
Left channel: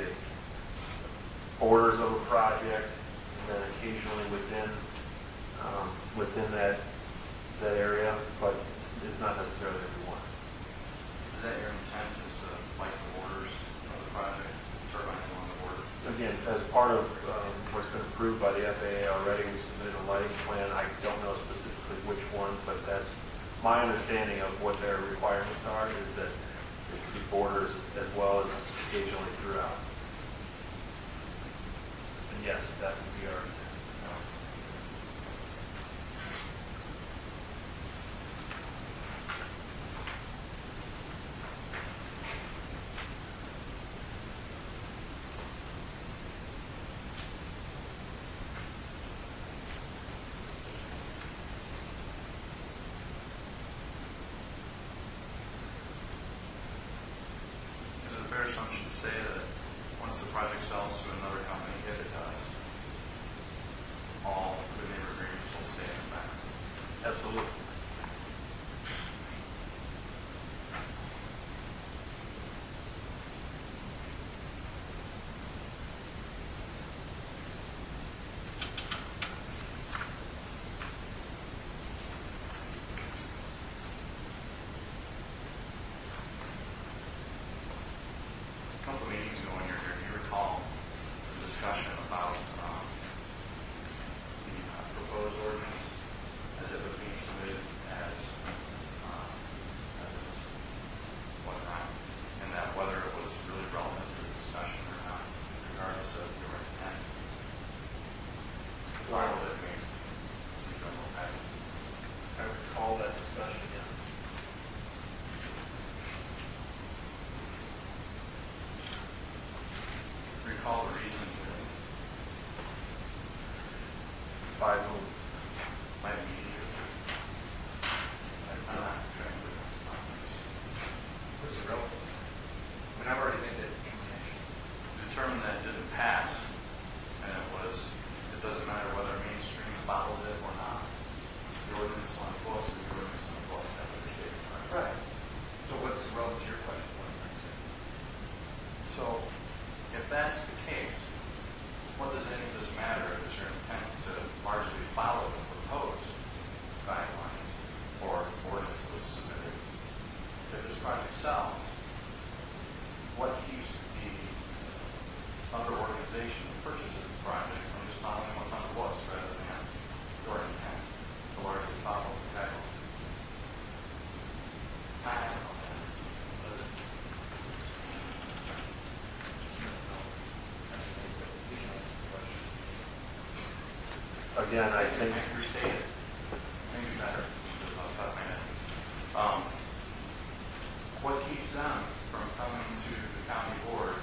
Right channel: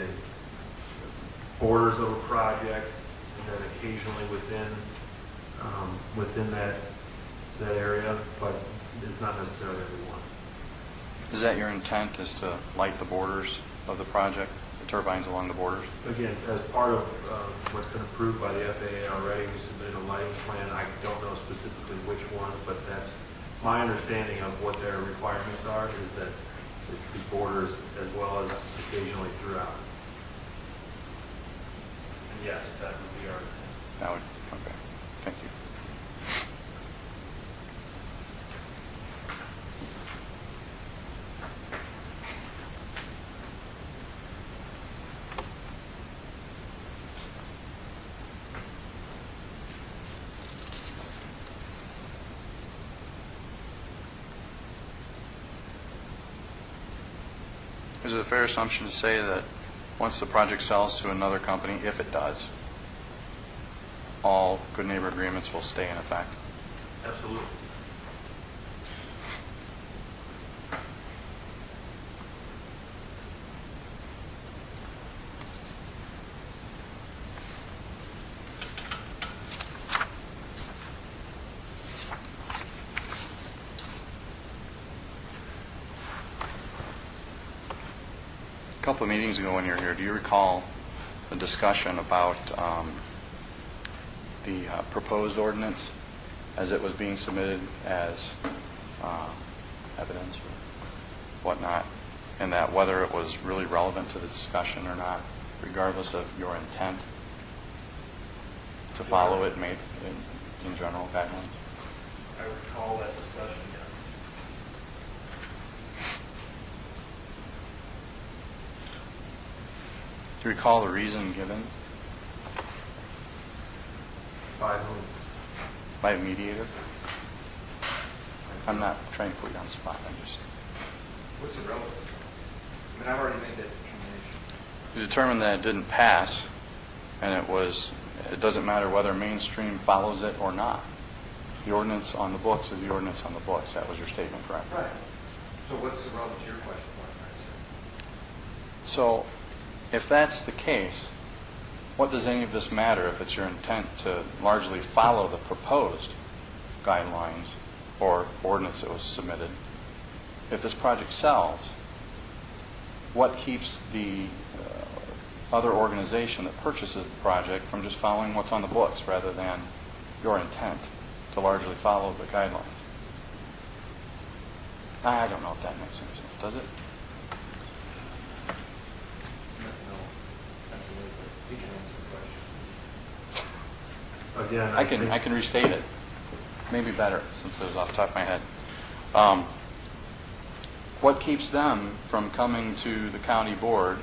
borders of a project, and then occasionally within that area, but it's not necessarily every one. Is that your intent, is to light the borders of the project, the turbines along the borders? Again, as part of what's been approved by the FAA already, we submitted a lighting plan. I don't know specifically which ones, but that's my understanding of what their requirements are, is that it's the borders as well as occasionally throughout. And yes, that would be our intent. That would, okay. Thank you. Is it a fair assumption to say that once the project sells to another company, if it does, all good neighbor agreements will stay in effect? Absolutely. A couple of meetings ago when you were here, do you recall a discussion about the proposed ordinance as it was being submitted as evidence or whatnot, and that whether it was really relevant to the discussion or not, regardless of your intent to follow it made in general guidelines? I recall that discussion, yes. Do you recall the reason given By whom? by a mediator? I'm not trying to put you on the spot. I'm just... What's the relevance? I mean, I've already made that determination. We determined that it didn't pass, and it doesn't matter whether mainstream follows it or not. The ordinance on the books is the ordinance on the books. That was your statement, correct? Right. So what's the relevance to your question, what I'm trying to say? So, if that's the case, what does any of this matter if it's your intent to largely follow the proposed guidelines or ordinance that was submitted? If this project sells, what keeps the other organization that purchases the project from just following what's on the books rather than your intent to largely follow the guidelines? I don't know if that makes any sense, does it? No, that's me, but he can answer the question. Again, I can restate it. Maybe better, since it was off the top of my head. What keeps them from coming to the county board,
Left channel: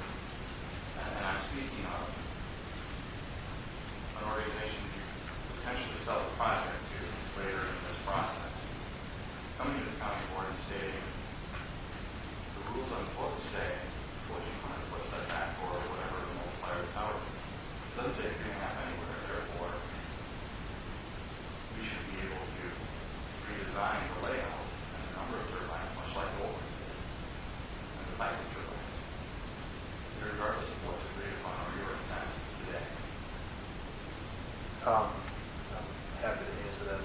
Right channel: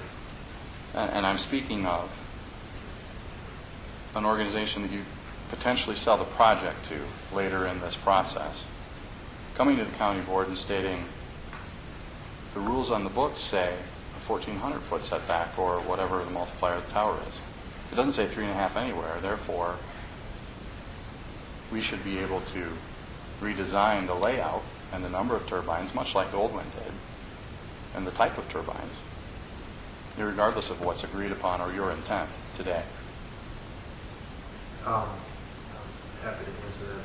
and I'm speaking of an organization that you potentially sell the project to later in this process, coming to the county board and stating the rules on the books say 1,400-foot setback or whatever the multiplier of the tower is. It doesn't say 3.5 anywhere, therefore we should be able to redesign the layout and the number of turbines, much like the old one did, and the type of turbines, regardless of what's agreed upon or your intent today. I'm happy to answer that.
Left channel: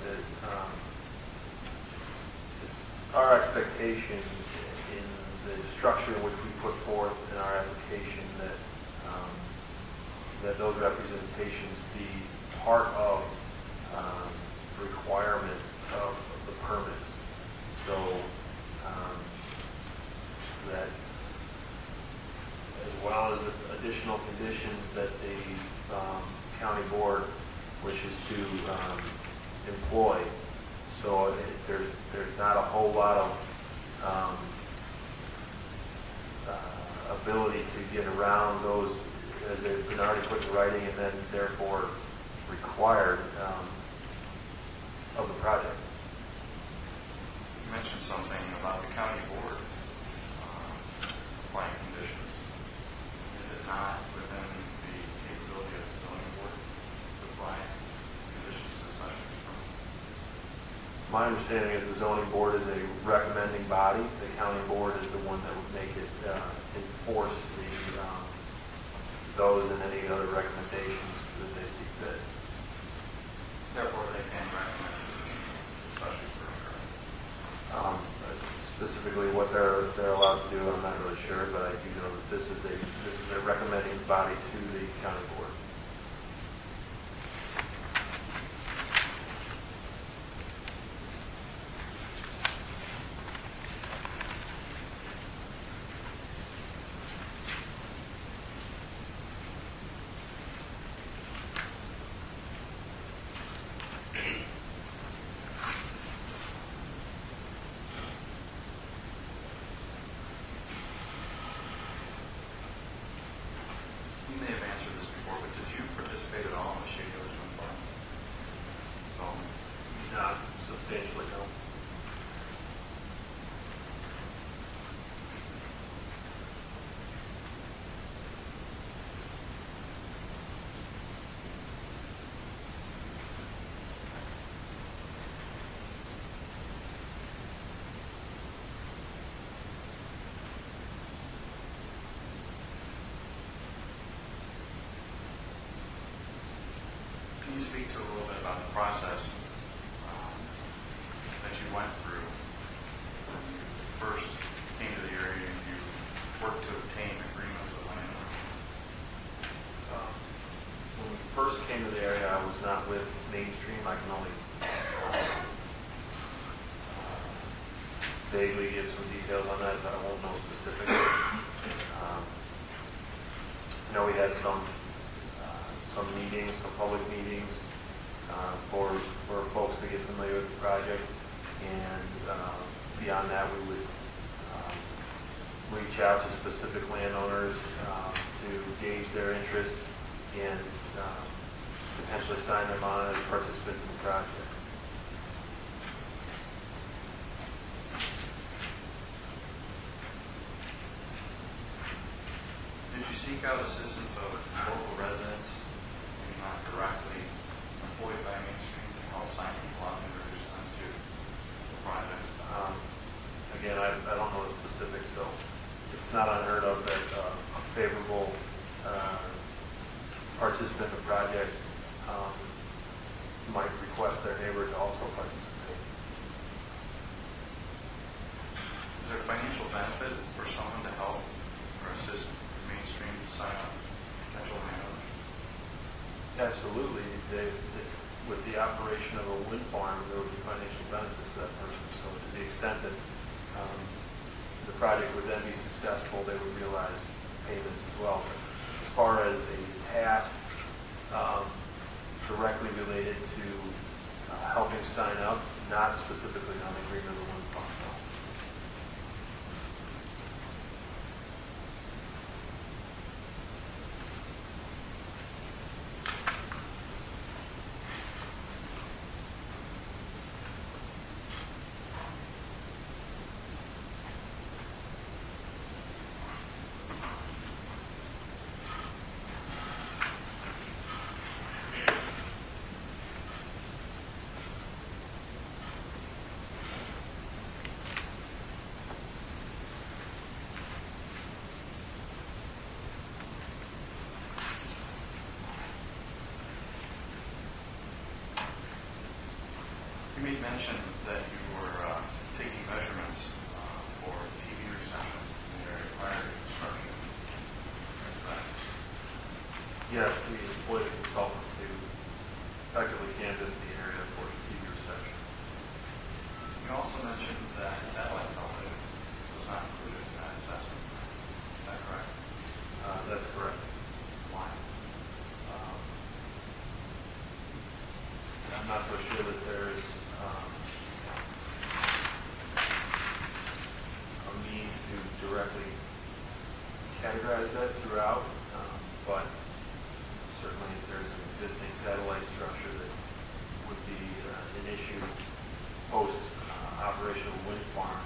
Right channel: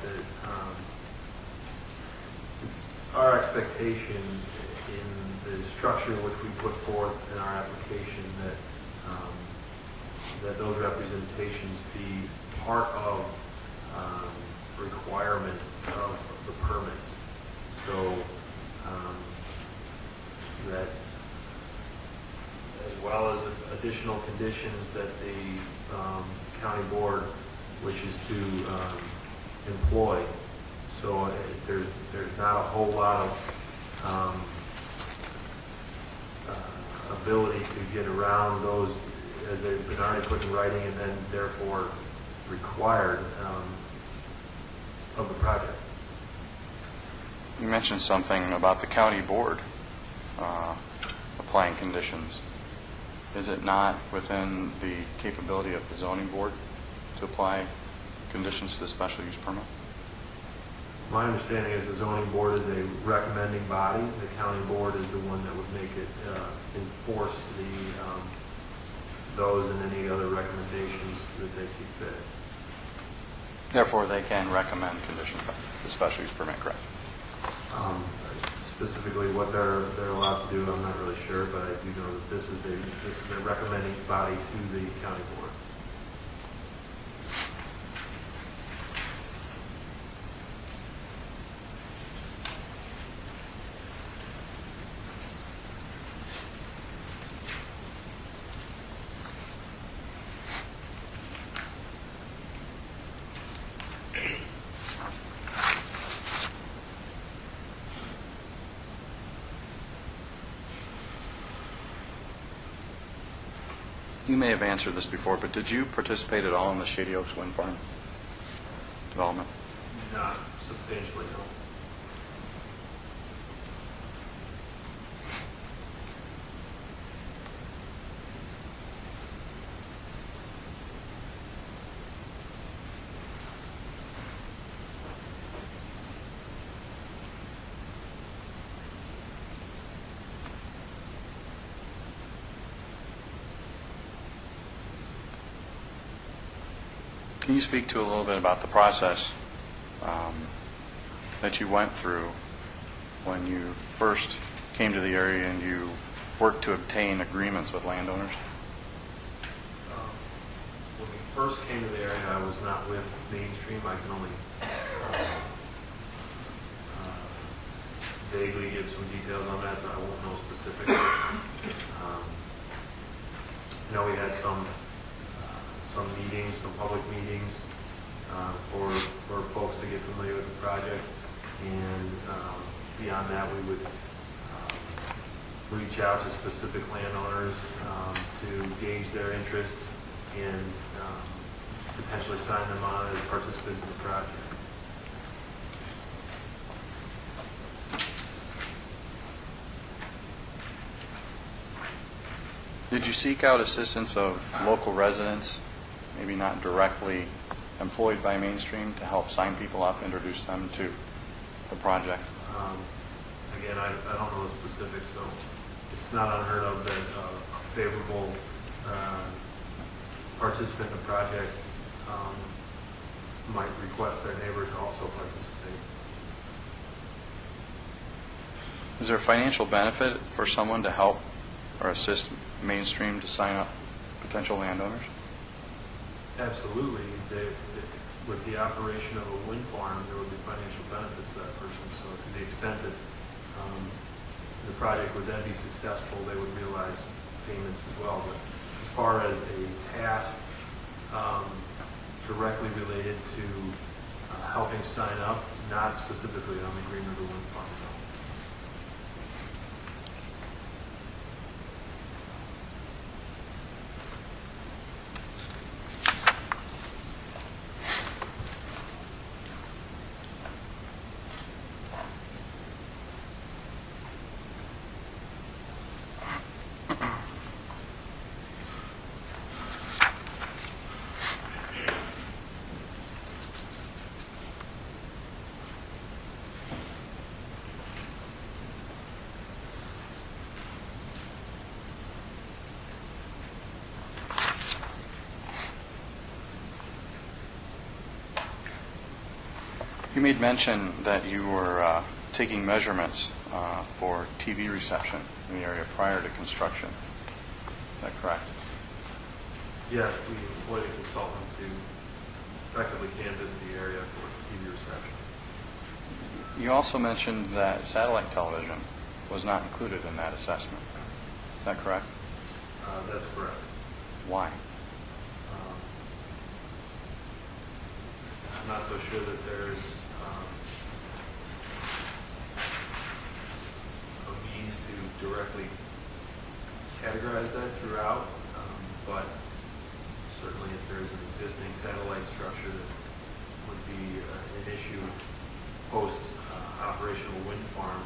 It's our expectation in the structure in which we put forth in our application that that those representations be part of requirement of the permits. So that, as well as additional conditions that the county board wishes to employ. So there's not a whole lot of ability to get around those as they've been already put in writing and then therefore required of the project. You mentioned something about the county board applying conditions. Is it not within the capability of the zoning board to apply conditions to the special use permit? My understanding is the zoning board is a recommending body. The county board is the one that would make it enforce those and any other recommendations that they see fit. Therefore, they can recommend conditions to the special use permit, correct? Specifically what they're allowed to do, I'm not really sure, but I do know that this is a recommending body to the county board. You may have answered this before, but did you participate at all in the Shady Oaks wind farm development? Not substantially, no. Can you speak to a little bit about the process that you went through when you first came to the area and you worked to obtain agreements with landowners? When we first came to the area, I was not with Mainstream. I can only vaguely give some details on that, so I won't know specifically. We had some meetings, some public meetings for folks to get familiar with the project, and beyond that, we would reach out to specific landowners to gauge their interest and potentially sign them on as participants in the project. Did you seek out assistance of local residents, maybe not directly employed by Mainstream, to help sign people up, introduce them to the project? Again, I don't know the specifics, so it's not unheard of that a favorable participant in the project might request their neighbor to also participate. Is there a financial benefit for someone to help or assist Mainstream to sign up potential landowners? Absolutely. With the operation of a wind farm, there would be financial benefits to that person. So to the extent that the project would then be successful, they would realize payments as well. But as far as a task directly related to helping sign up, not specifically on the Green River Wind Farm, no. You made mention that you were taking measurements for TV reception in the area prior to construction. Is that correct? Yes, we employed a consultant to effectively canvass the area for TV reception. You also mentioned that satellite television was not included in that assessment. Is that correct? That's correct. Why? I'm not so sure that there's a means to directly categorize that throughout, but certainly if there's an existing satellite structure that would be an issue post operation of a wind farm,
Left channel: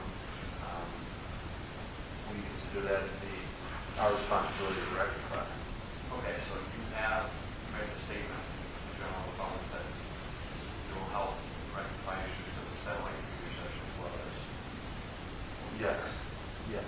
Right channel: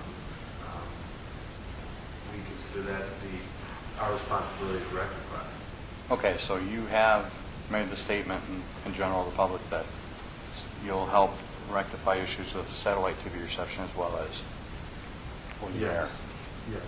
we consider that to be our responsibility to rectify. Okay, so you have made the statement in general to the public that you'll help rectify issues with satellite TV reception as well as will be there. Yes.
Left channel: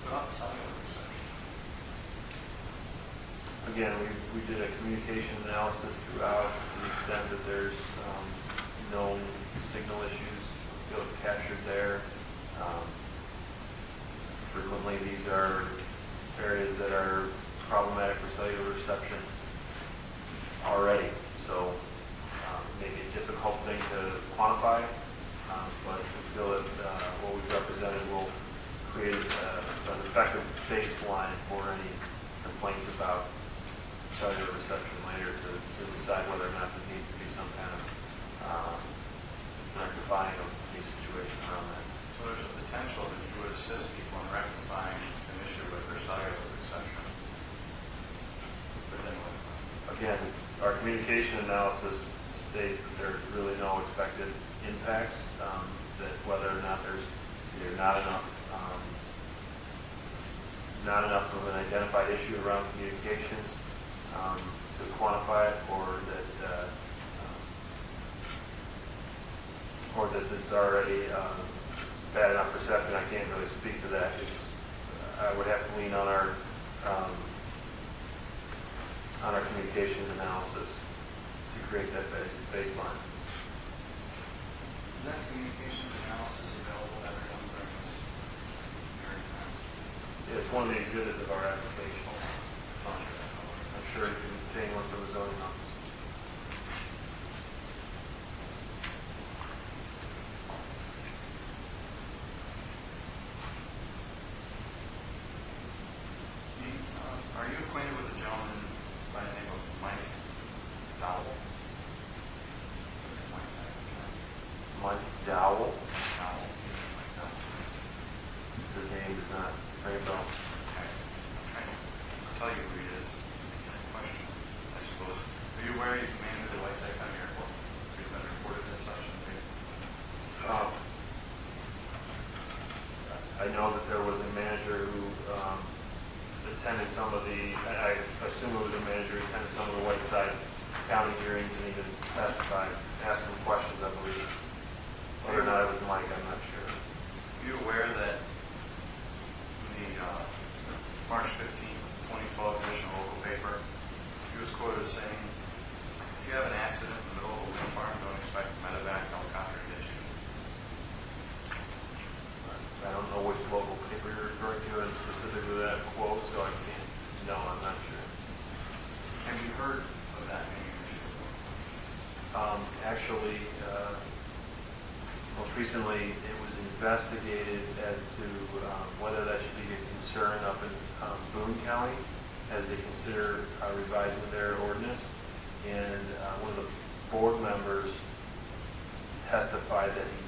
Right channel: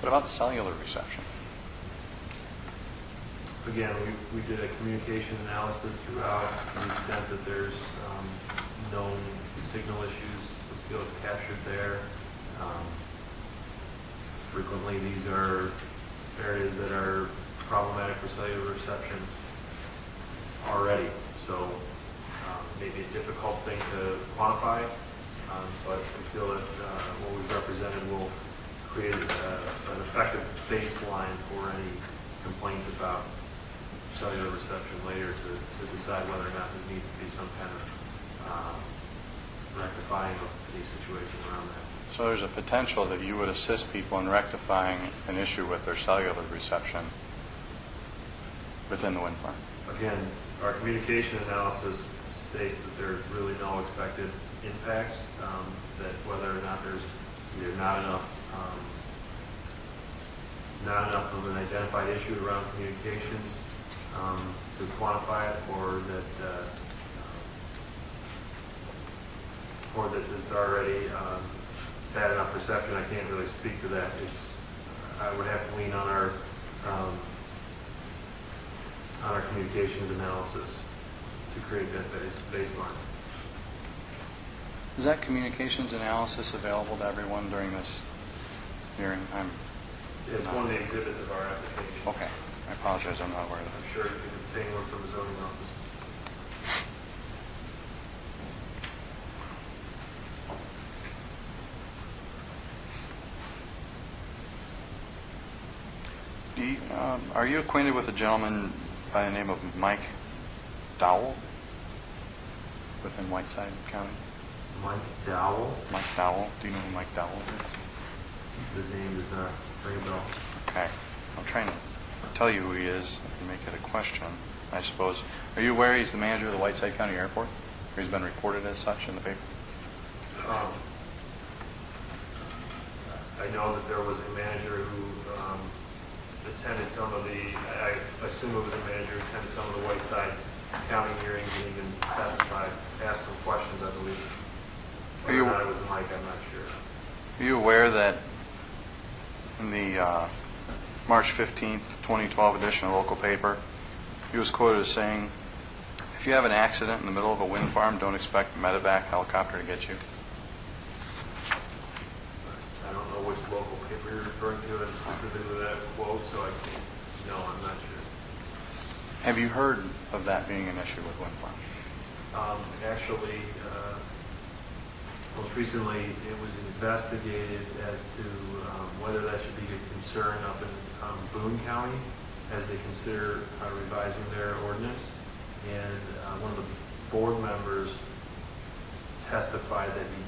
What about the cellular reception? Again, we did a communication analysis throughout to the extent that there's known signal issues. Let's feel it's captured there. Frequently, these are areas that are problematic for cellular reception already. So maybe a difficult thing to quantify, but we feel that what we've represented will create an effective baseline for any complaints about cellular reception later to decide whether or not there needs to be some kind of rectifying of the situation around that. So there's a potential that you would assist people in rectifying an issue with their cellular reception within the wind farm. Again, our communication analysis states that there's really no expected impacts, that whether or not there's either not enough not enough of an identified issue around communications to quantify it, or that it's already bad enough perception. I can't really speak to that. I would have to lean on our communications analysis to create that baseline. Is that communications analysis available to everyone during this hearing? It's one of the exhibits of our application. Okay. I apologize, I'm not aware of that. I'm sure you can obtain one from the zoning office. Are you acquainted with a gentleman by the name of Mike Dowell within Whiteside County? Mike Dowell? Mike Dowell. Do you know who Mike Dowell is? The name is not ring a bell. Okay. I'm trying to tell you who he is and make it a question, I suppose. Are you aware he's the manager of the Whiteside County Airport? Or he's been reported as such in the paper? I know that there was a manager who attended some of the, I assume it was a manager who attended some of the Whiteside County hearings and even testified, asked some questions, I believe. Whether or not it was Mike, I'm not sure. Are you aware that in the March 15th, 2012 edition of local paper, he was quoted as saying, "If you have an accident in the middle of a wind farm, don't expect a medevac helicopter to get you." I don't know which local paper you're referring to and specifically that quote, so I can't, no, I'm not sure. Have you heard of that being an issue with wind farms? Actually, most recently, it was investigated as to whether that should be a concern up in Boone County as they consider revising their ordinance. And one of the board members testified that he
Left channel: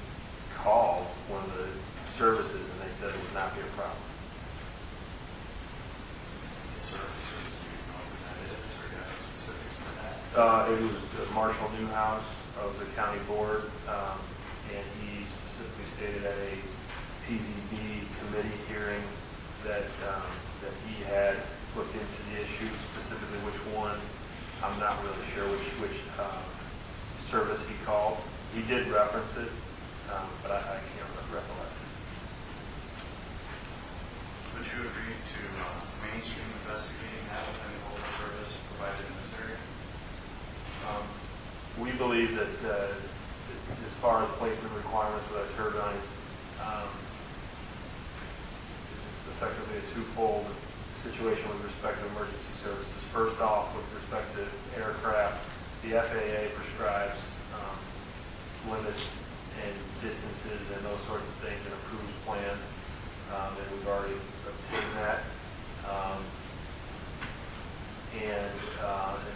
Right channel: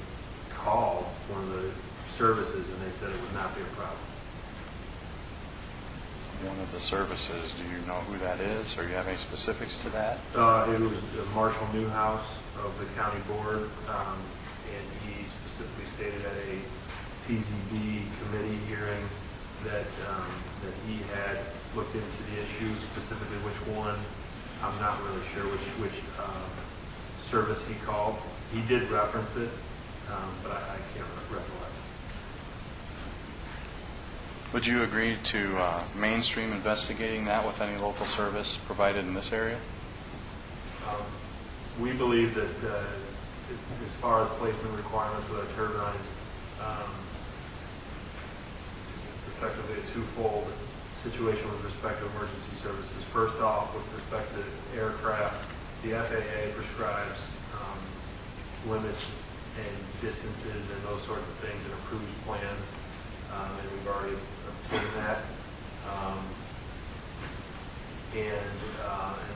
called one of the services and they said it would not be a problem. One of the services, do you know who that is, or do you have any specifics to that? It was Marshall Newhouse of the county board, and he specifically stated at a PZB committee hearing that he had looked into the issue, specifically which one. I'm not really sure which service he called. He did reference it, but I can't recollect. Would you agree to mainstream investigating that with any local service provided in this area? We believe that as far as placement requirements with our turbines, it's effectively a twofold situation with respect to emergency services. First off, with respect to aircraft, the FAA prescribes limits and distances and those sorts of things and approves plans, and we've already obtained that. And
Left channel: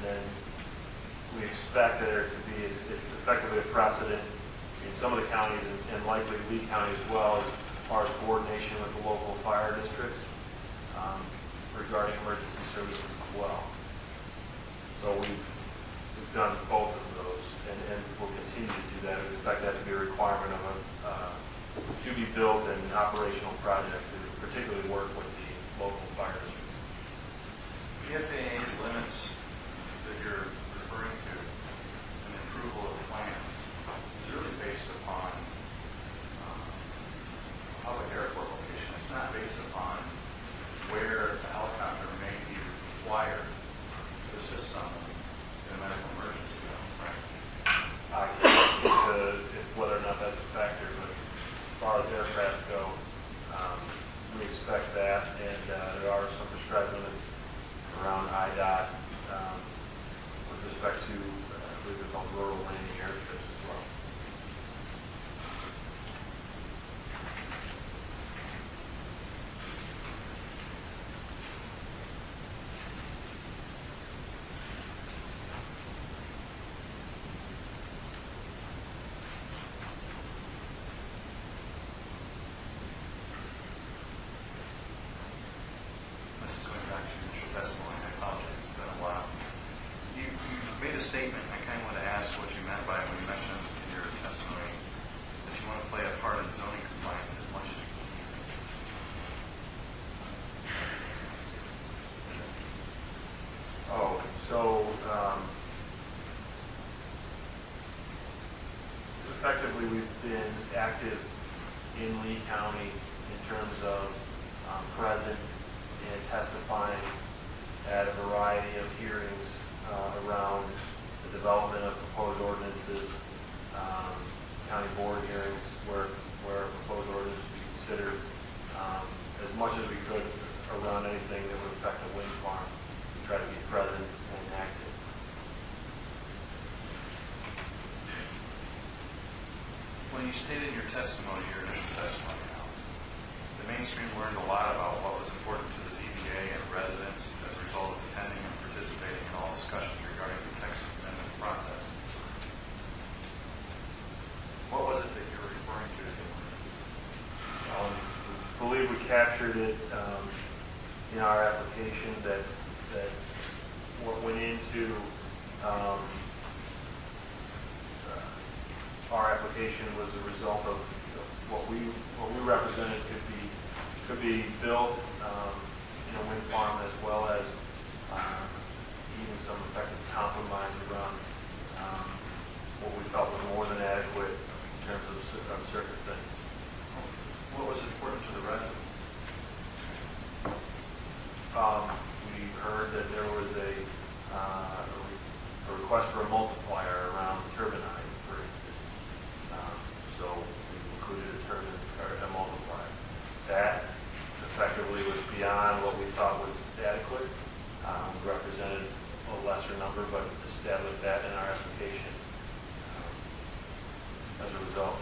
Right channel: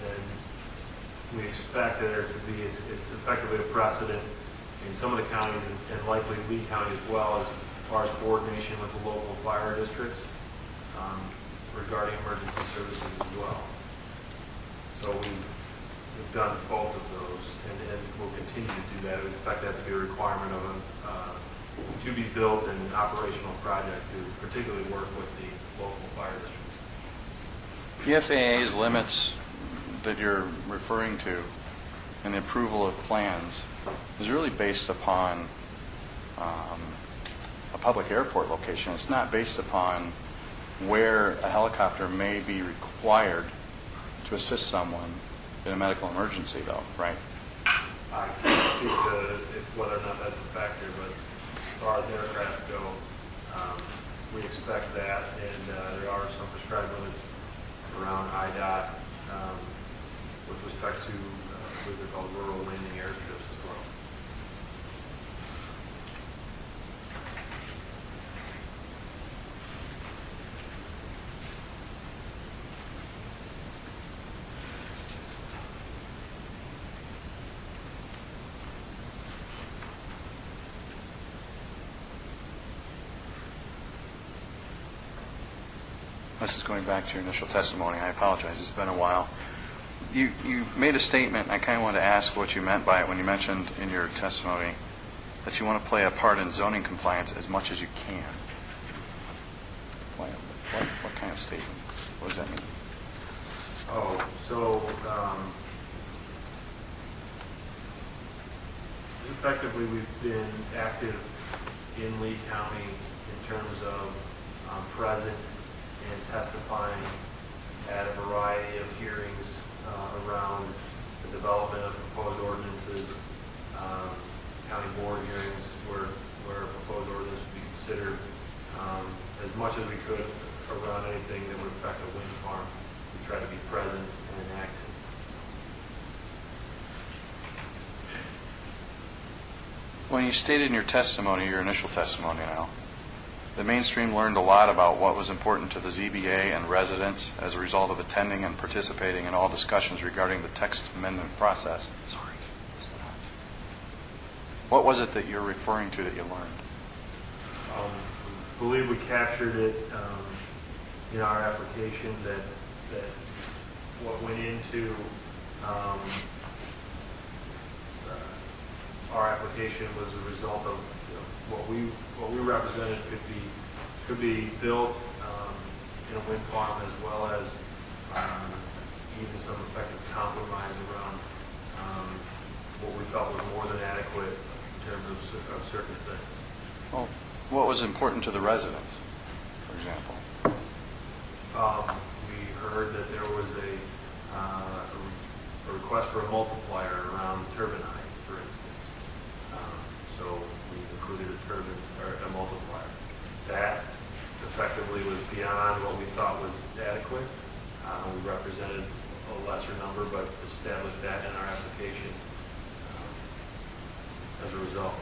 then we expect that there to be, it's effectively a precedent in some of the counties and likely Lee County as well, as far as coordination with the local fire districts regarding emergency services as well. So we've done both of those and we'll continue to do that. We expect that to be a requirement of a to-be-built and operational project to particularly work with the local fire districts. The FAA's limits that you're referring to and the approval of plans is really based upon a public airport location. It's not based upon where a helicopter may be required to assist someone in a medical emergency, though, right? I can't speak to whether or not that's a factor, but as far as aircraft go, we expect that, and there are some prescribed limits around IDOT with respect to, I believe they're called rural landing airstrips as well. This is going back to your initial testimony. I apologize. It's been a while. You made a statement, and I kind of wanted to ask what you meant by it when you mentioned in your testimony that you want to play a part in zoning compliance as much as you can. What statement? What does that mean? Oh, so effectively, we've been active in Lee County in terms of present and testifying at a variety of hearings around the development of proposed ordinances, county board hearings where proposed ordinance would be considered, as much as we could around anything that would affect a wind farm. We try to be present and active. When you stated in your testimony, your initial testimony now, the mainstream learned a lot about what was important to the ZBA and residents as a result of attending and participating in all discussions regarding the text amendment process. Sorry. What was it that you're referring to that you learned? I believe we captured it in our application that what went into our application was a result of what we represented could be built in a wind farm, as well as even some effective compromise around what we felt was more than adequate in terms of certain things. Well, what was important to the residents, for example? We heard that there was a request for a multiplier around the turbine height, for instance. So we included a turbine or a multiplier. That effectively was beyond what we thought was adequate. We represented a lesser number, but established that in our application as a result.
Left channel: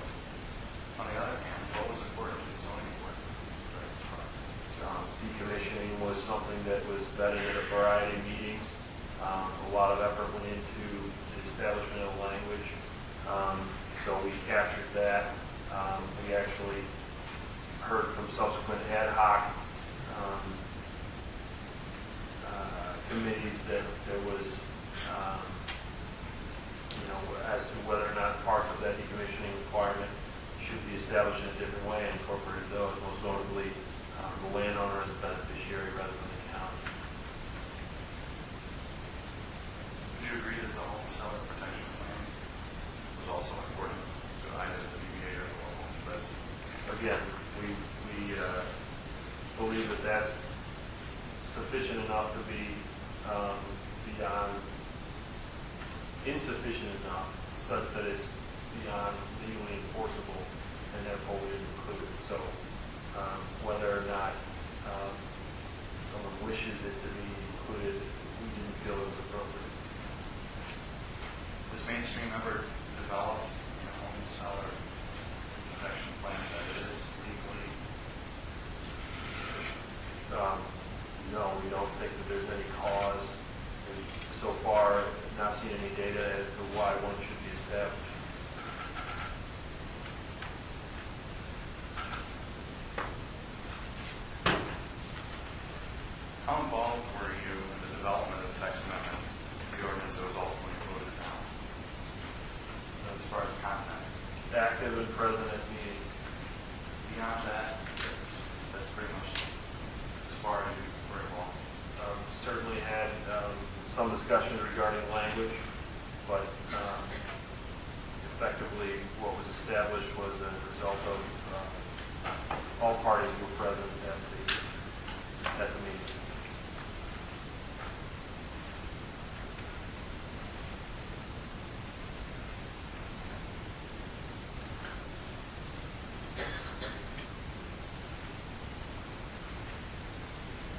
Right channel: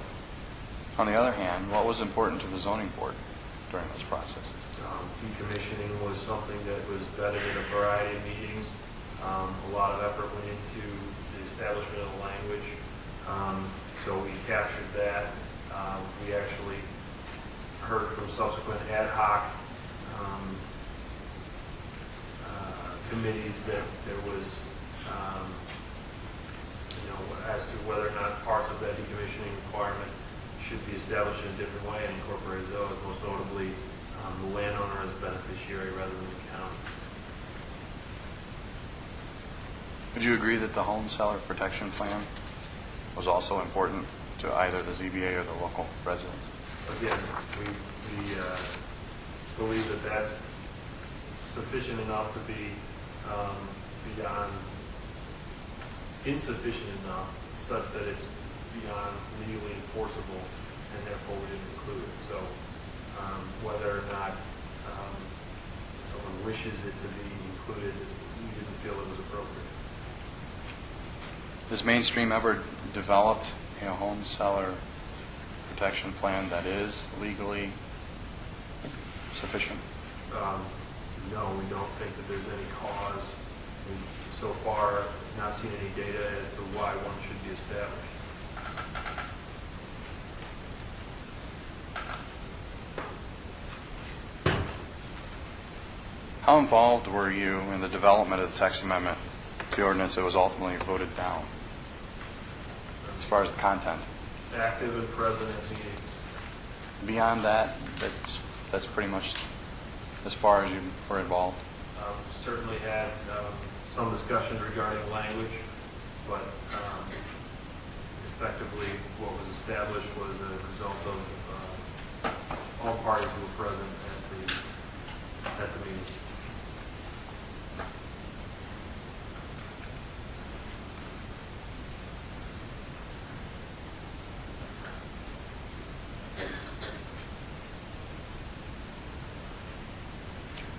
On the other hand, what was important to the zoning board during this process? Decommissioning was something that was vetted at a variety of meetings. A lot of effort went into the establishment of the language. So we captured that. We actually heard from subsequent ad hoc committees that there was, as to whether or not parts of that decommissioning requirement should be established in a different way and incorporated those, most notably the landowner as a beneficiary rather than the county. Would you agree that the home seller protection plan was also important to either the ZBA or the local residents? Again, we believe that that's sufficient enough to be beyond, insufficient enough such that it's beyond legally enforceable, and therefore we didn't include it. So whether or not someone wishes it to be included, we didn't feel it was appropriate. Has Mainstream ever developed a home seller protection plan that is legally sufficient? No, we don't think that there's any cause, and so far not seen any data as to why one should be established. How involved were you in the development of the text amendment to the ordinance that was ultimately voted down, as far as the content? Active and present at meetings. Beyond that, that's pretty much as far as you were involved? Certainly had some discussions regarding language, but effectively what was established was a result of all parties who were present at the meetings.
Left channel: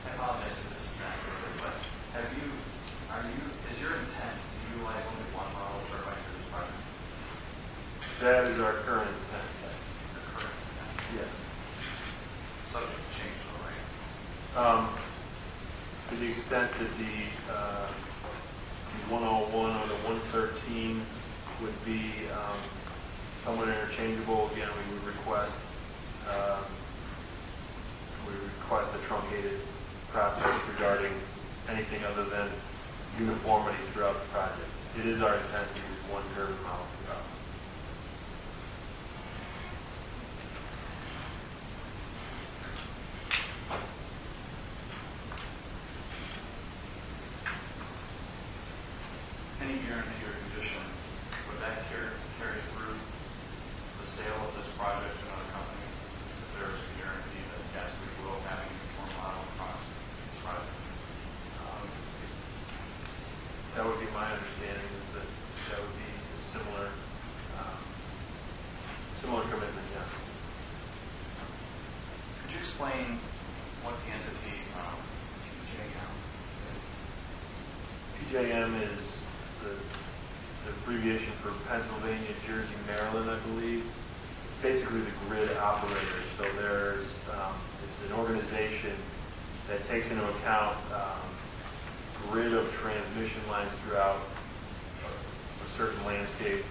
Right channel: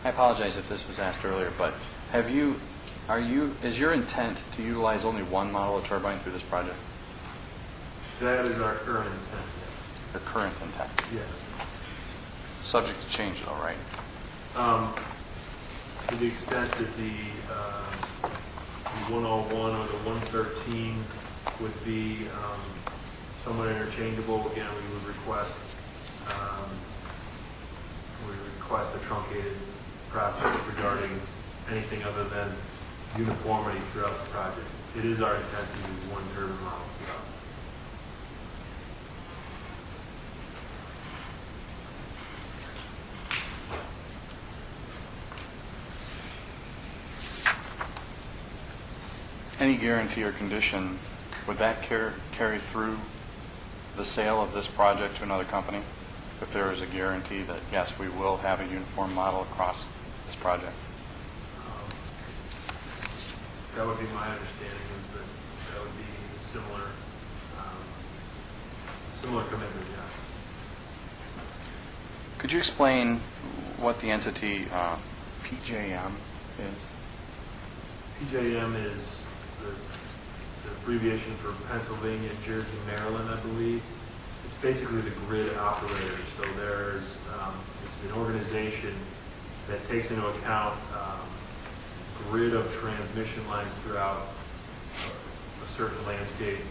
I apologize if this was asked earlier, but is your intent to utilize only one model of turbine through this project? That is our current intent, yes. Your current intent? Yes. Subject to change though, right? To the extent that the 101 or the 113 would be somewhat interchangeable, again, we would request a truncated process regarding anything other than uniformity throughout the project. It is our intent to use one turbine model throughout. any guarantee or condition, would that carry through the sale of this project to another company? If there is a guarantee that, yes, we will have a uniform model across this project? That would be my understanding, is that that would be a similar commitment, yes. Could you explain what the entity PJM is? PJM is it's an abbreviation for Pennsylvania, Jersey, Maryland, I believe. It's basically the grid operator. So it's an organization that takes into account grid of transmission lines throughout a certain landscape.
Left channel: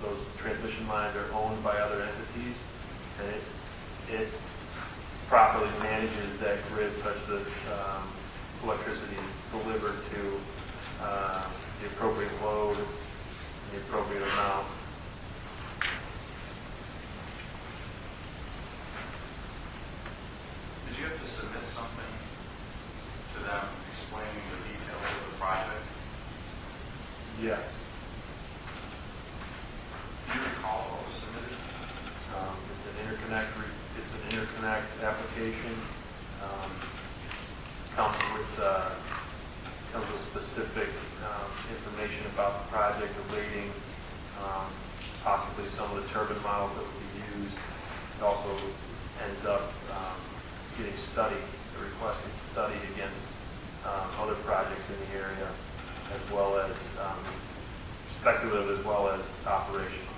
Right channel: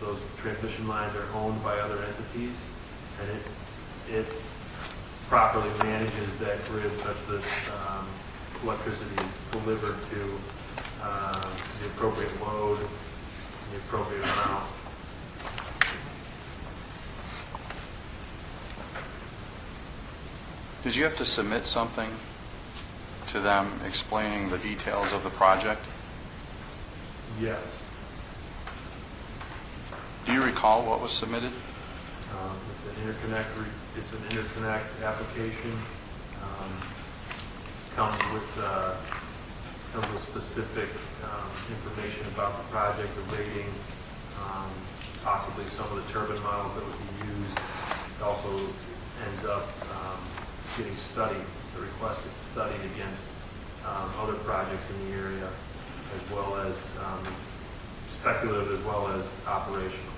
Those transmission lines are owned by other entities, and it properly manages that grid such that electricity is delivered to the appropriate load and the appropriate amount. Did you have to submit something to them explaining the details of the project? Yes. Do you recall what was submitted? It's an interconnect application. Comes with specific information about the project, the rating, possibly some of the turbine models that would be used. It also ends up getting studied. The request gets studied against other projects in the area, as well as speculative as well as operational.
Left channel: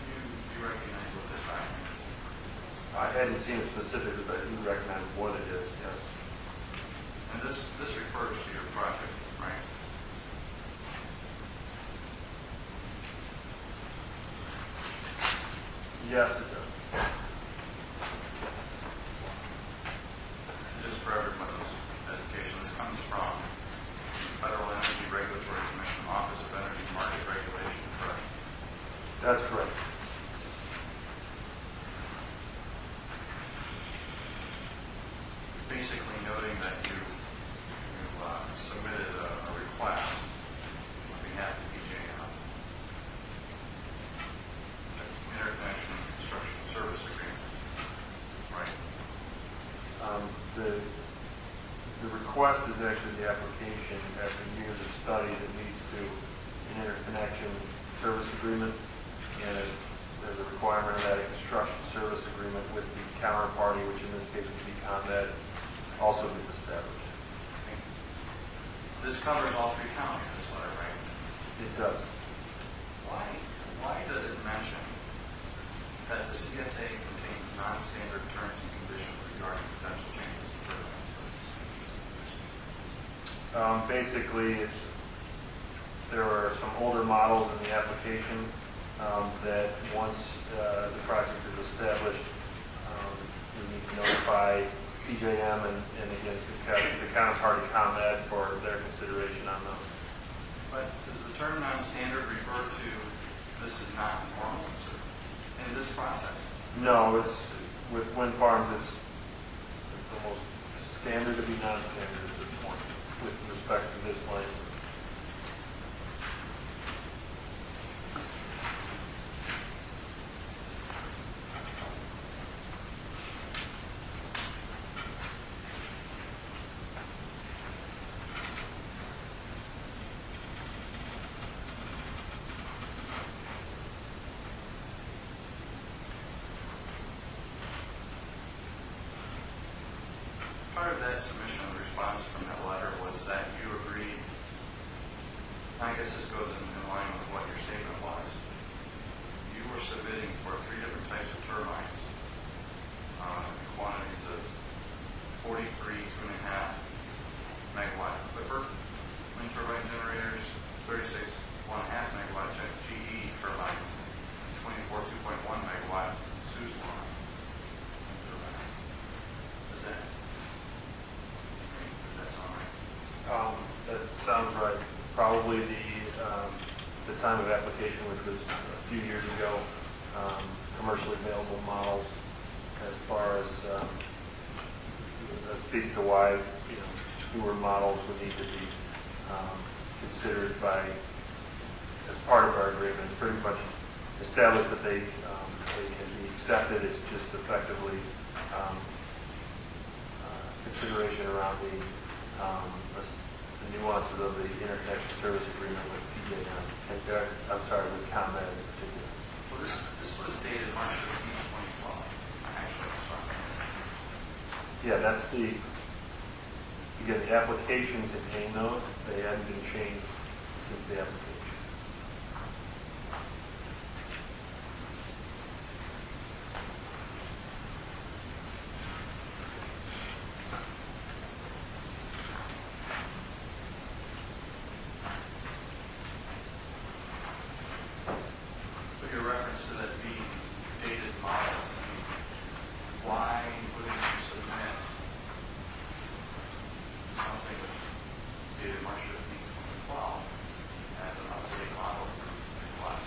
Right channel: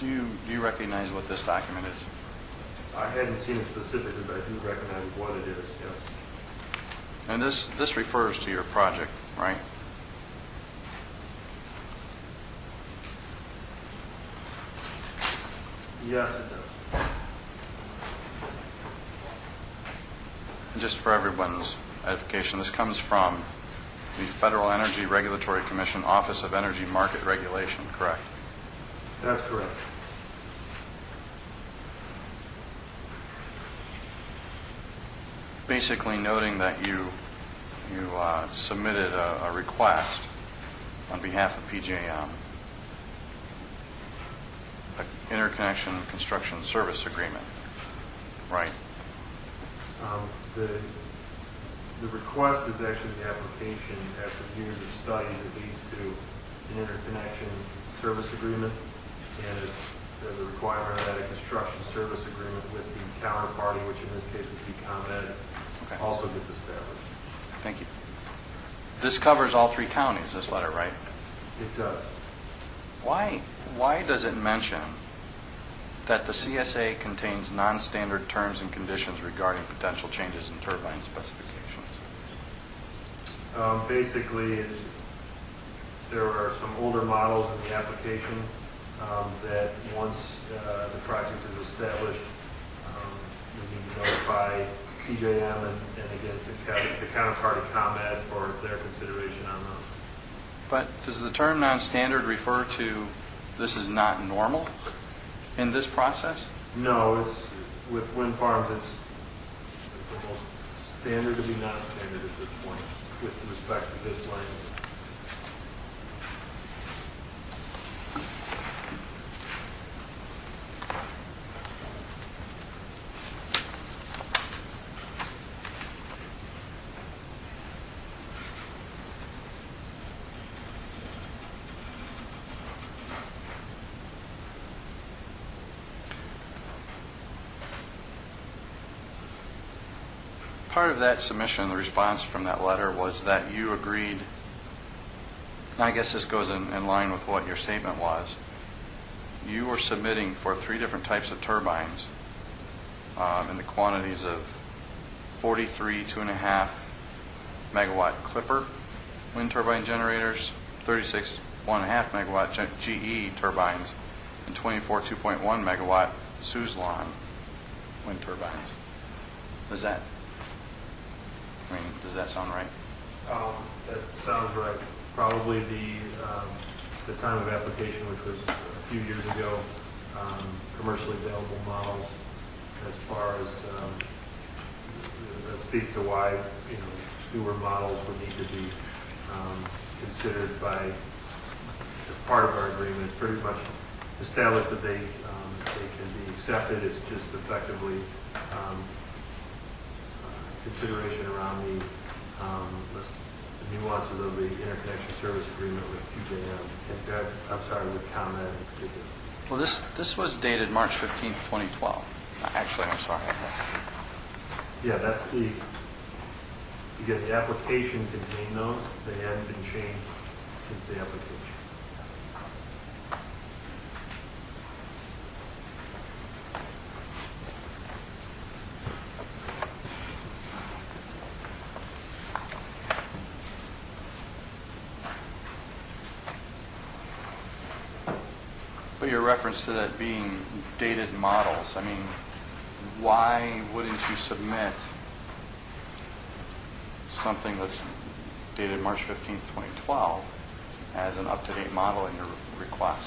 Do you recognize what this document is? I hadn't seen it specifically, but I do recognize what it is, yes. And this refers to your project, right? Yes, it does. And just for everyone's edification, this comes from the Federal Energy Regulatory Commission Office of Energy Market Regulation, correct? That's correct. Basically noting that you submitted a request on behalf of PJM, an interconnection construction service agreement, right? The request is actually the application. After years of studies, it leads to an interconnection service agreement, and as a requirement of that, a construction service agreement with the counterparty, which in this case would be ComEd, also gets established. Thank you. This covers all three counties, this letter, right? It does. Why does it mention that the CSA contains non-standard terms and conditions regarding potential changes in turbine specifications? Basically, there are some older models in the application that once the project is established, we need to notify PJM and again, the counterparty ComEd for their consideration on those. But does the term non-standard refer to this is not normal in this process? No, it's with wind farms. It's almost standard to be non-standard at this point with respect to this language. Part of that submission, the response from that letter, was that you agreed, and I guess this goes in line with what your statement was, you were submitting for 3 different types of turbines in the quantities of 43 2.5 megawatt Clipper wind turbine generators, 36 1.5 megawatt GE turbines, and 24 2.1 megawatt Suzlon wind turbines. Does that sound right? That sounds right. Probably the time of application, which was a few years ago, commercially available models, as far as that speaks to why newer models would need to be considered as part of our agreement. It's pretty much established that they can be accepted. It's just effectively consideration around the nuances of the interconnection service agreement with PJM. With ComEd in particular. Well, this was dated March 15th, 2012. Actually, I'm sorry. Yeah, that's the application contained those. They hadn't been changed since the application. But your reference to that being dated models, I mean, why wouldn't you submit something that's dated March 15th, 2012 as an up-to-date model in your request?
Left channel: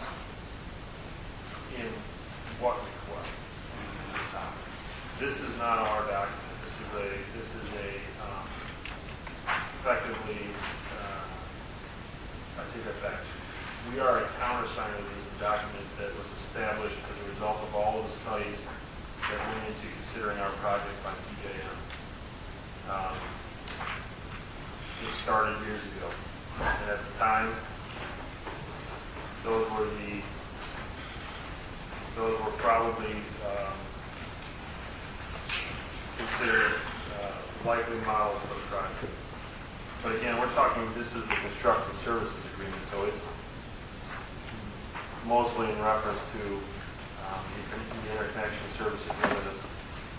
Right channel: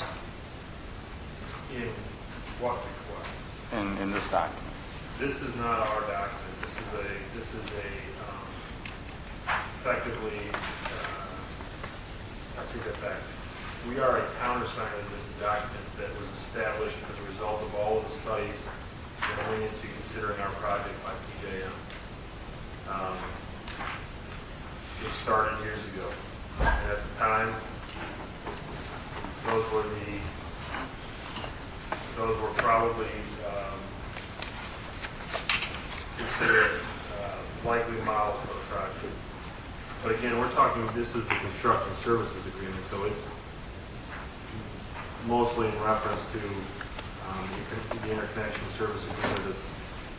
In what request? In this document. This is not our document. This is effectively, I take that back. We are a countersigner of this document that was established as a result of all of the studies that went into considering our project by PJM. It started years ago. And at the time, those were probably considered likely models for the project. But again, we're talking, this is the construction services agreement, so it's mostly in reference to the interconnection service agreement.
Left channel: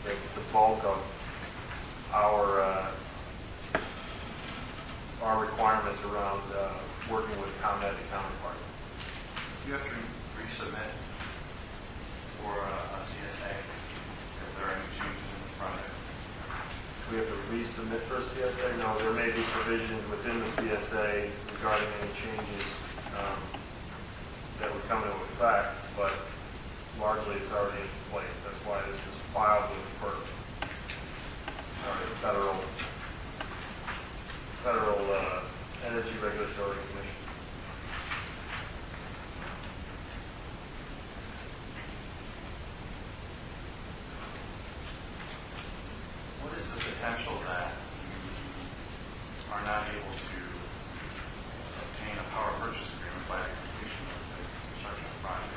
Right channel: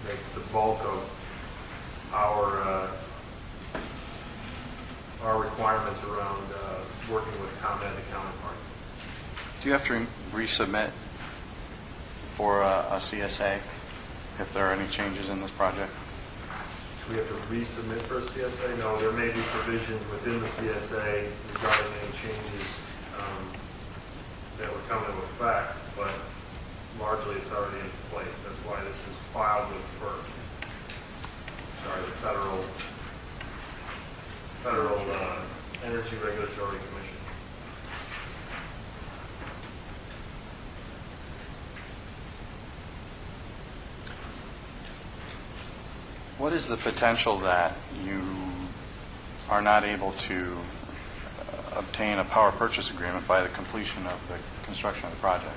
That's the bulk of our requirements around working with ComEd, the counterpart. Do you have to resubmit for a CSA if there are any changes in this project? Do we have to resubmit for a CSA? No, there may be provisions within the CSA regarding any changes that would come into effect, but largely it's already in place. That's why this is filed with FERC, the Federal Energy Regulatory Commission. What is the potential that you are not able to obtain a power purchase agreement by the completion of the construction of the project?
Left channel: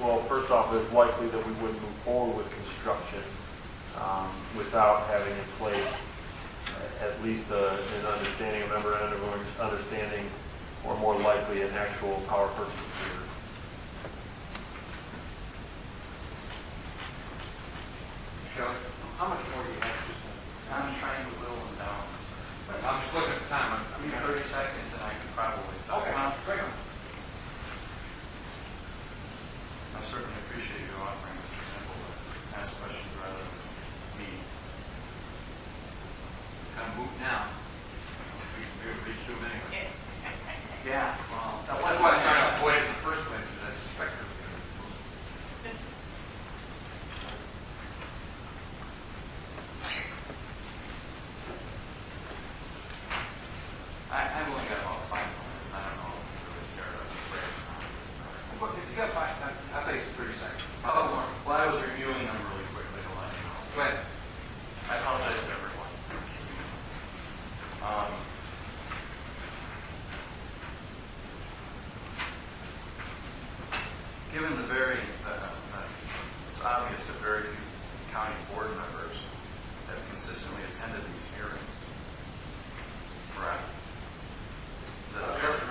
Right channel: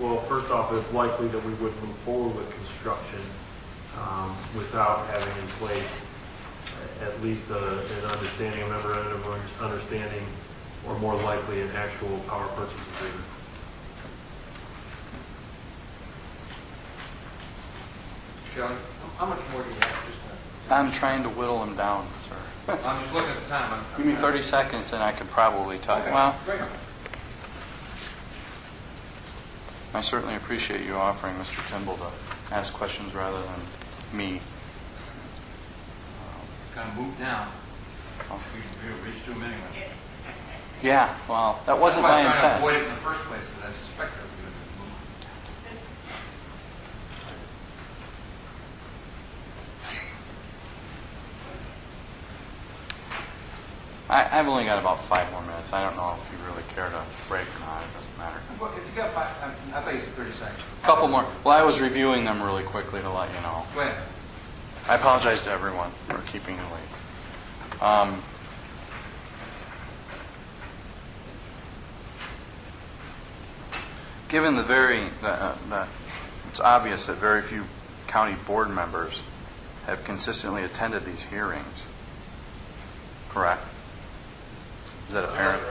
Well, first off, it's likely that we wouldn't move forward with construction without having in place at least an understanding, a memorandum of understanding, or more likely an actual power purchase agreement. Kelly, how much more do you have? I'm trying to whittle them down, sir. I'm just looking at the time. Give me 30 seconds and I could probably tell you. Okay, Well, bring it. I certainly appreciate you offering Mr. Kimball to ask questions rather than me. Kind of moot now. We reached to him anyway. Yeah, well, that That's wasn't why my I'm trying to intent. avoid it in the first place, because I suspected it was going to be moved. I've only got about 5 more minutes. I don't know if you really care to break or not. It doesn't matter. If you got 5, I thought you said 30 seconds. Couple more. Well, I was reviewing them really quickly to let you know. Go ahead. I apologize to everyone for keeping you late. Given it's obvious that very few county board members have consistently attended these hearings, correct? Is that apparent?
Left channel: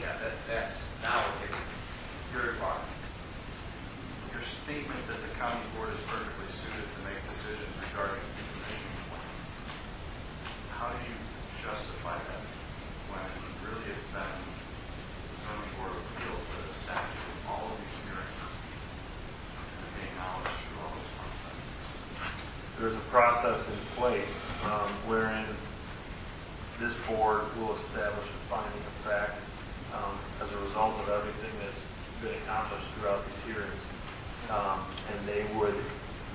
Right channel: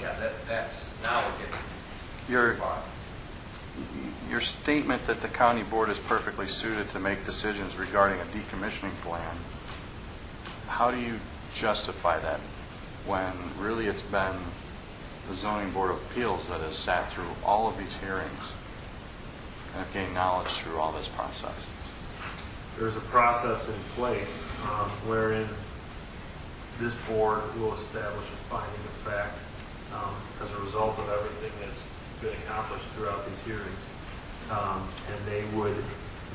Yeah, that's, now we're getting You're, far. your statement that the county board is perfectly suited to make decisions regarding a decommissioning plan, how do you justify that when really it's been the zoning board of appeals that has sat through all of these hearings and have gained knowledge through all this process? There's a process in place wherein this board will establish a finding of fact as a result of everything that's been accomplished throughout these hearings. And they would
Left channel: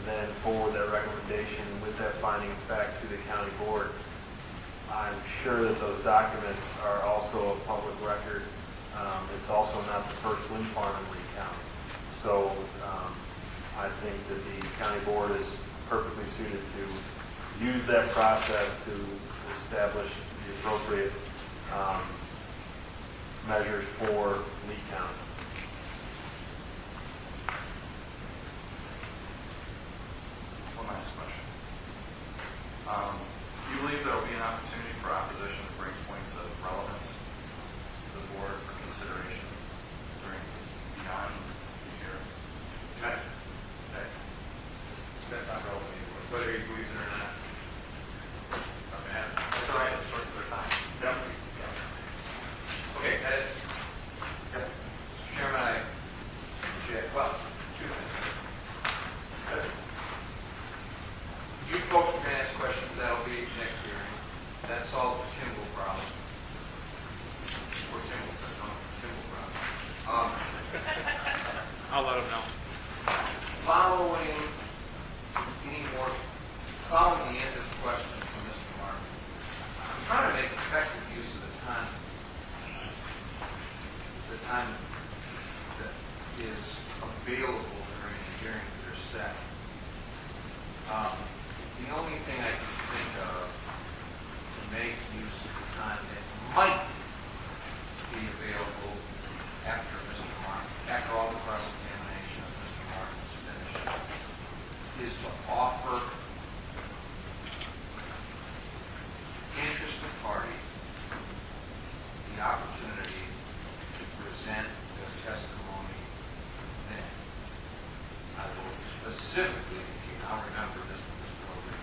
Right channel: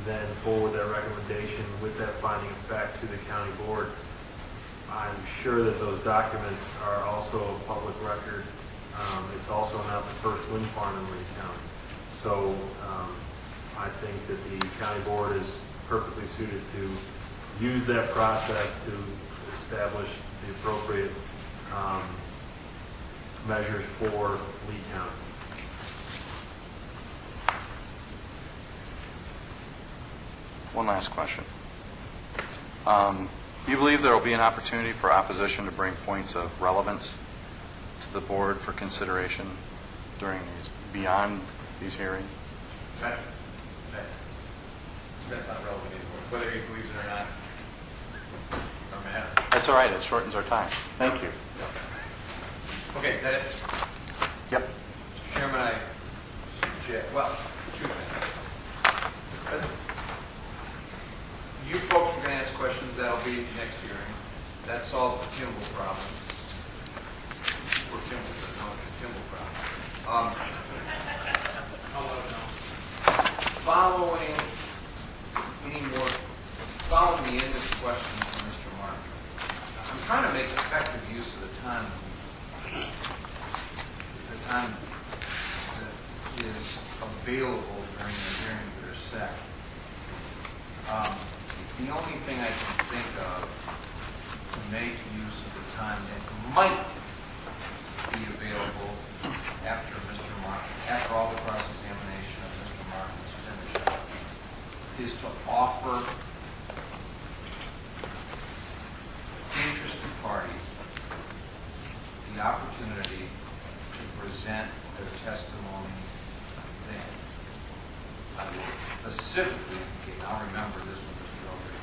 then forward that recommendation with that finding of fact to the county board. I'm sure that those documents are also a public record. It's also not the first wind farm in Lee County. So I think that the county board is perfectly suited to use that process to establish the appropriate measures for Lee County. One last question. Do you believe there will be an opportunity for opposition to bring points of relevance to the board for consideration during beyond these hearings? That's not relevant anymore. Whether he believes it or not, doesn't matter. That's all right. It shortens our time. Thank you. Okay, that it? Yep. Mr. Chairman, I suggest, well, two things. You folks were going to ask questions, that'll be next hearing. That solves the Kimball problem. Or Kimball, but not the Kimball problem. I'll let him know. Following the end of the question from Mr. Martin, I'm trying to make effective use of the time that is available during the hearings that are set. The only thing I can think of to make use of the time that might be available after all the cross-examination of Mr. Martin is finished, is to offer interested parties the opportunity to present their testimony then. I will specifically indicate, I'll remember this one, Mr. Ogre,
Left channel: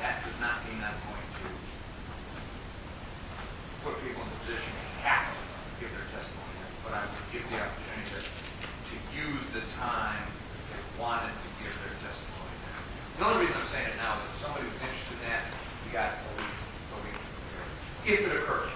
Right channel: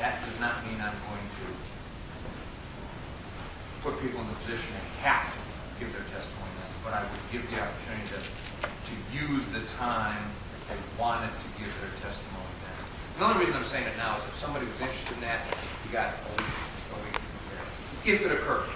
that does not mean I'm going to put people in the position they have to give their testimony then, but I would give the opportunity to use the time if they wanted to give their testimony then. The only reason I'm saying it now is if somebody was interested in that, you got a week to prepare. If it occurs.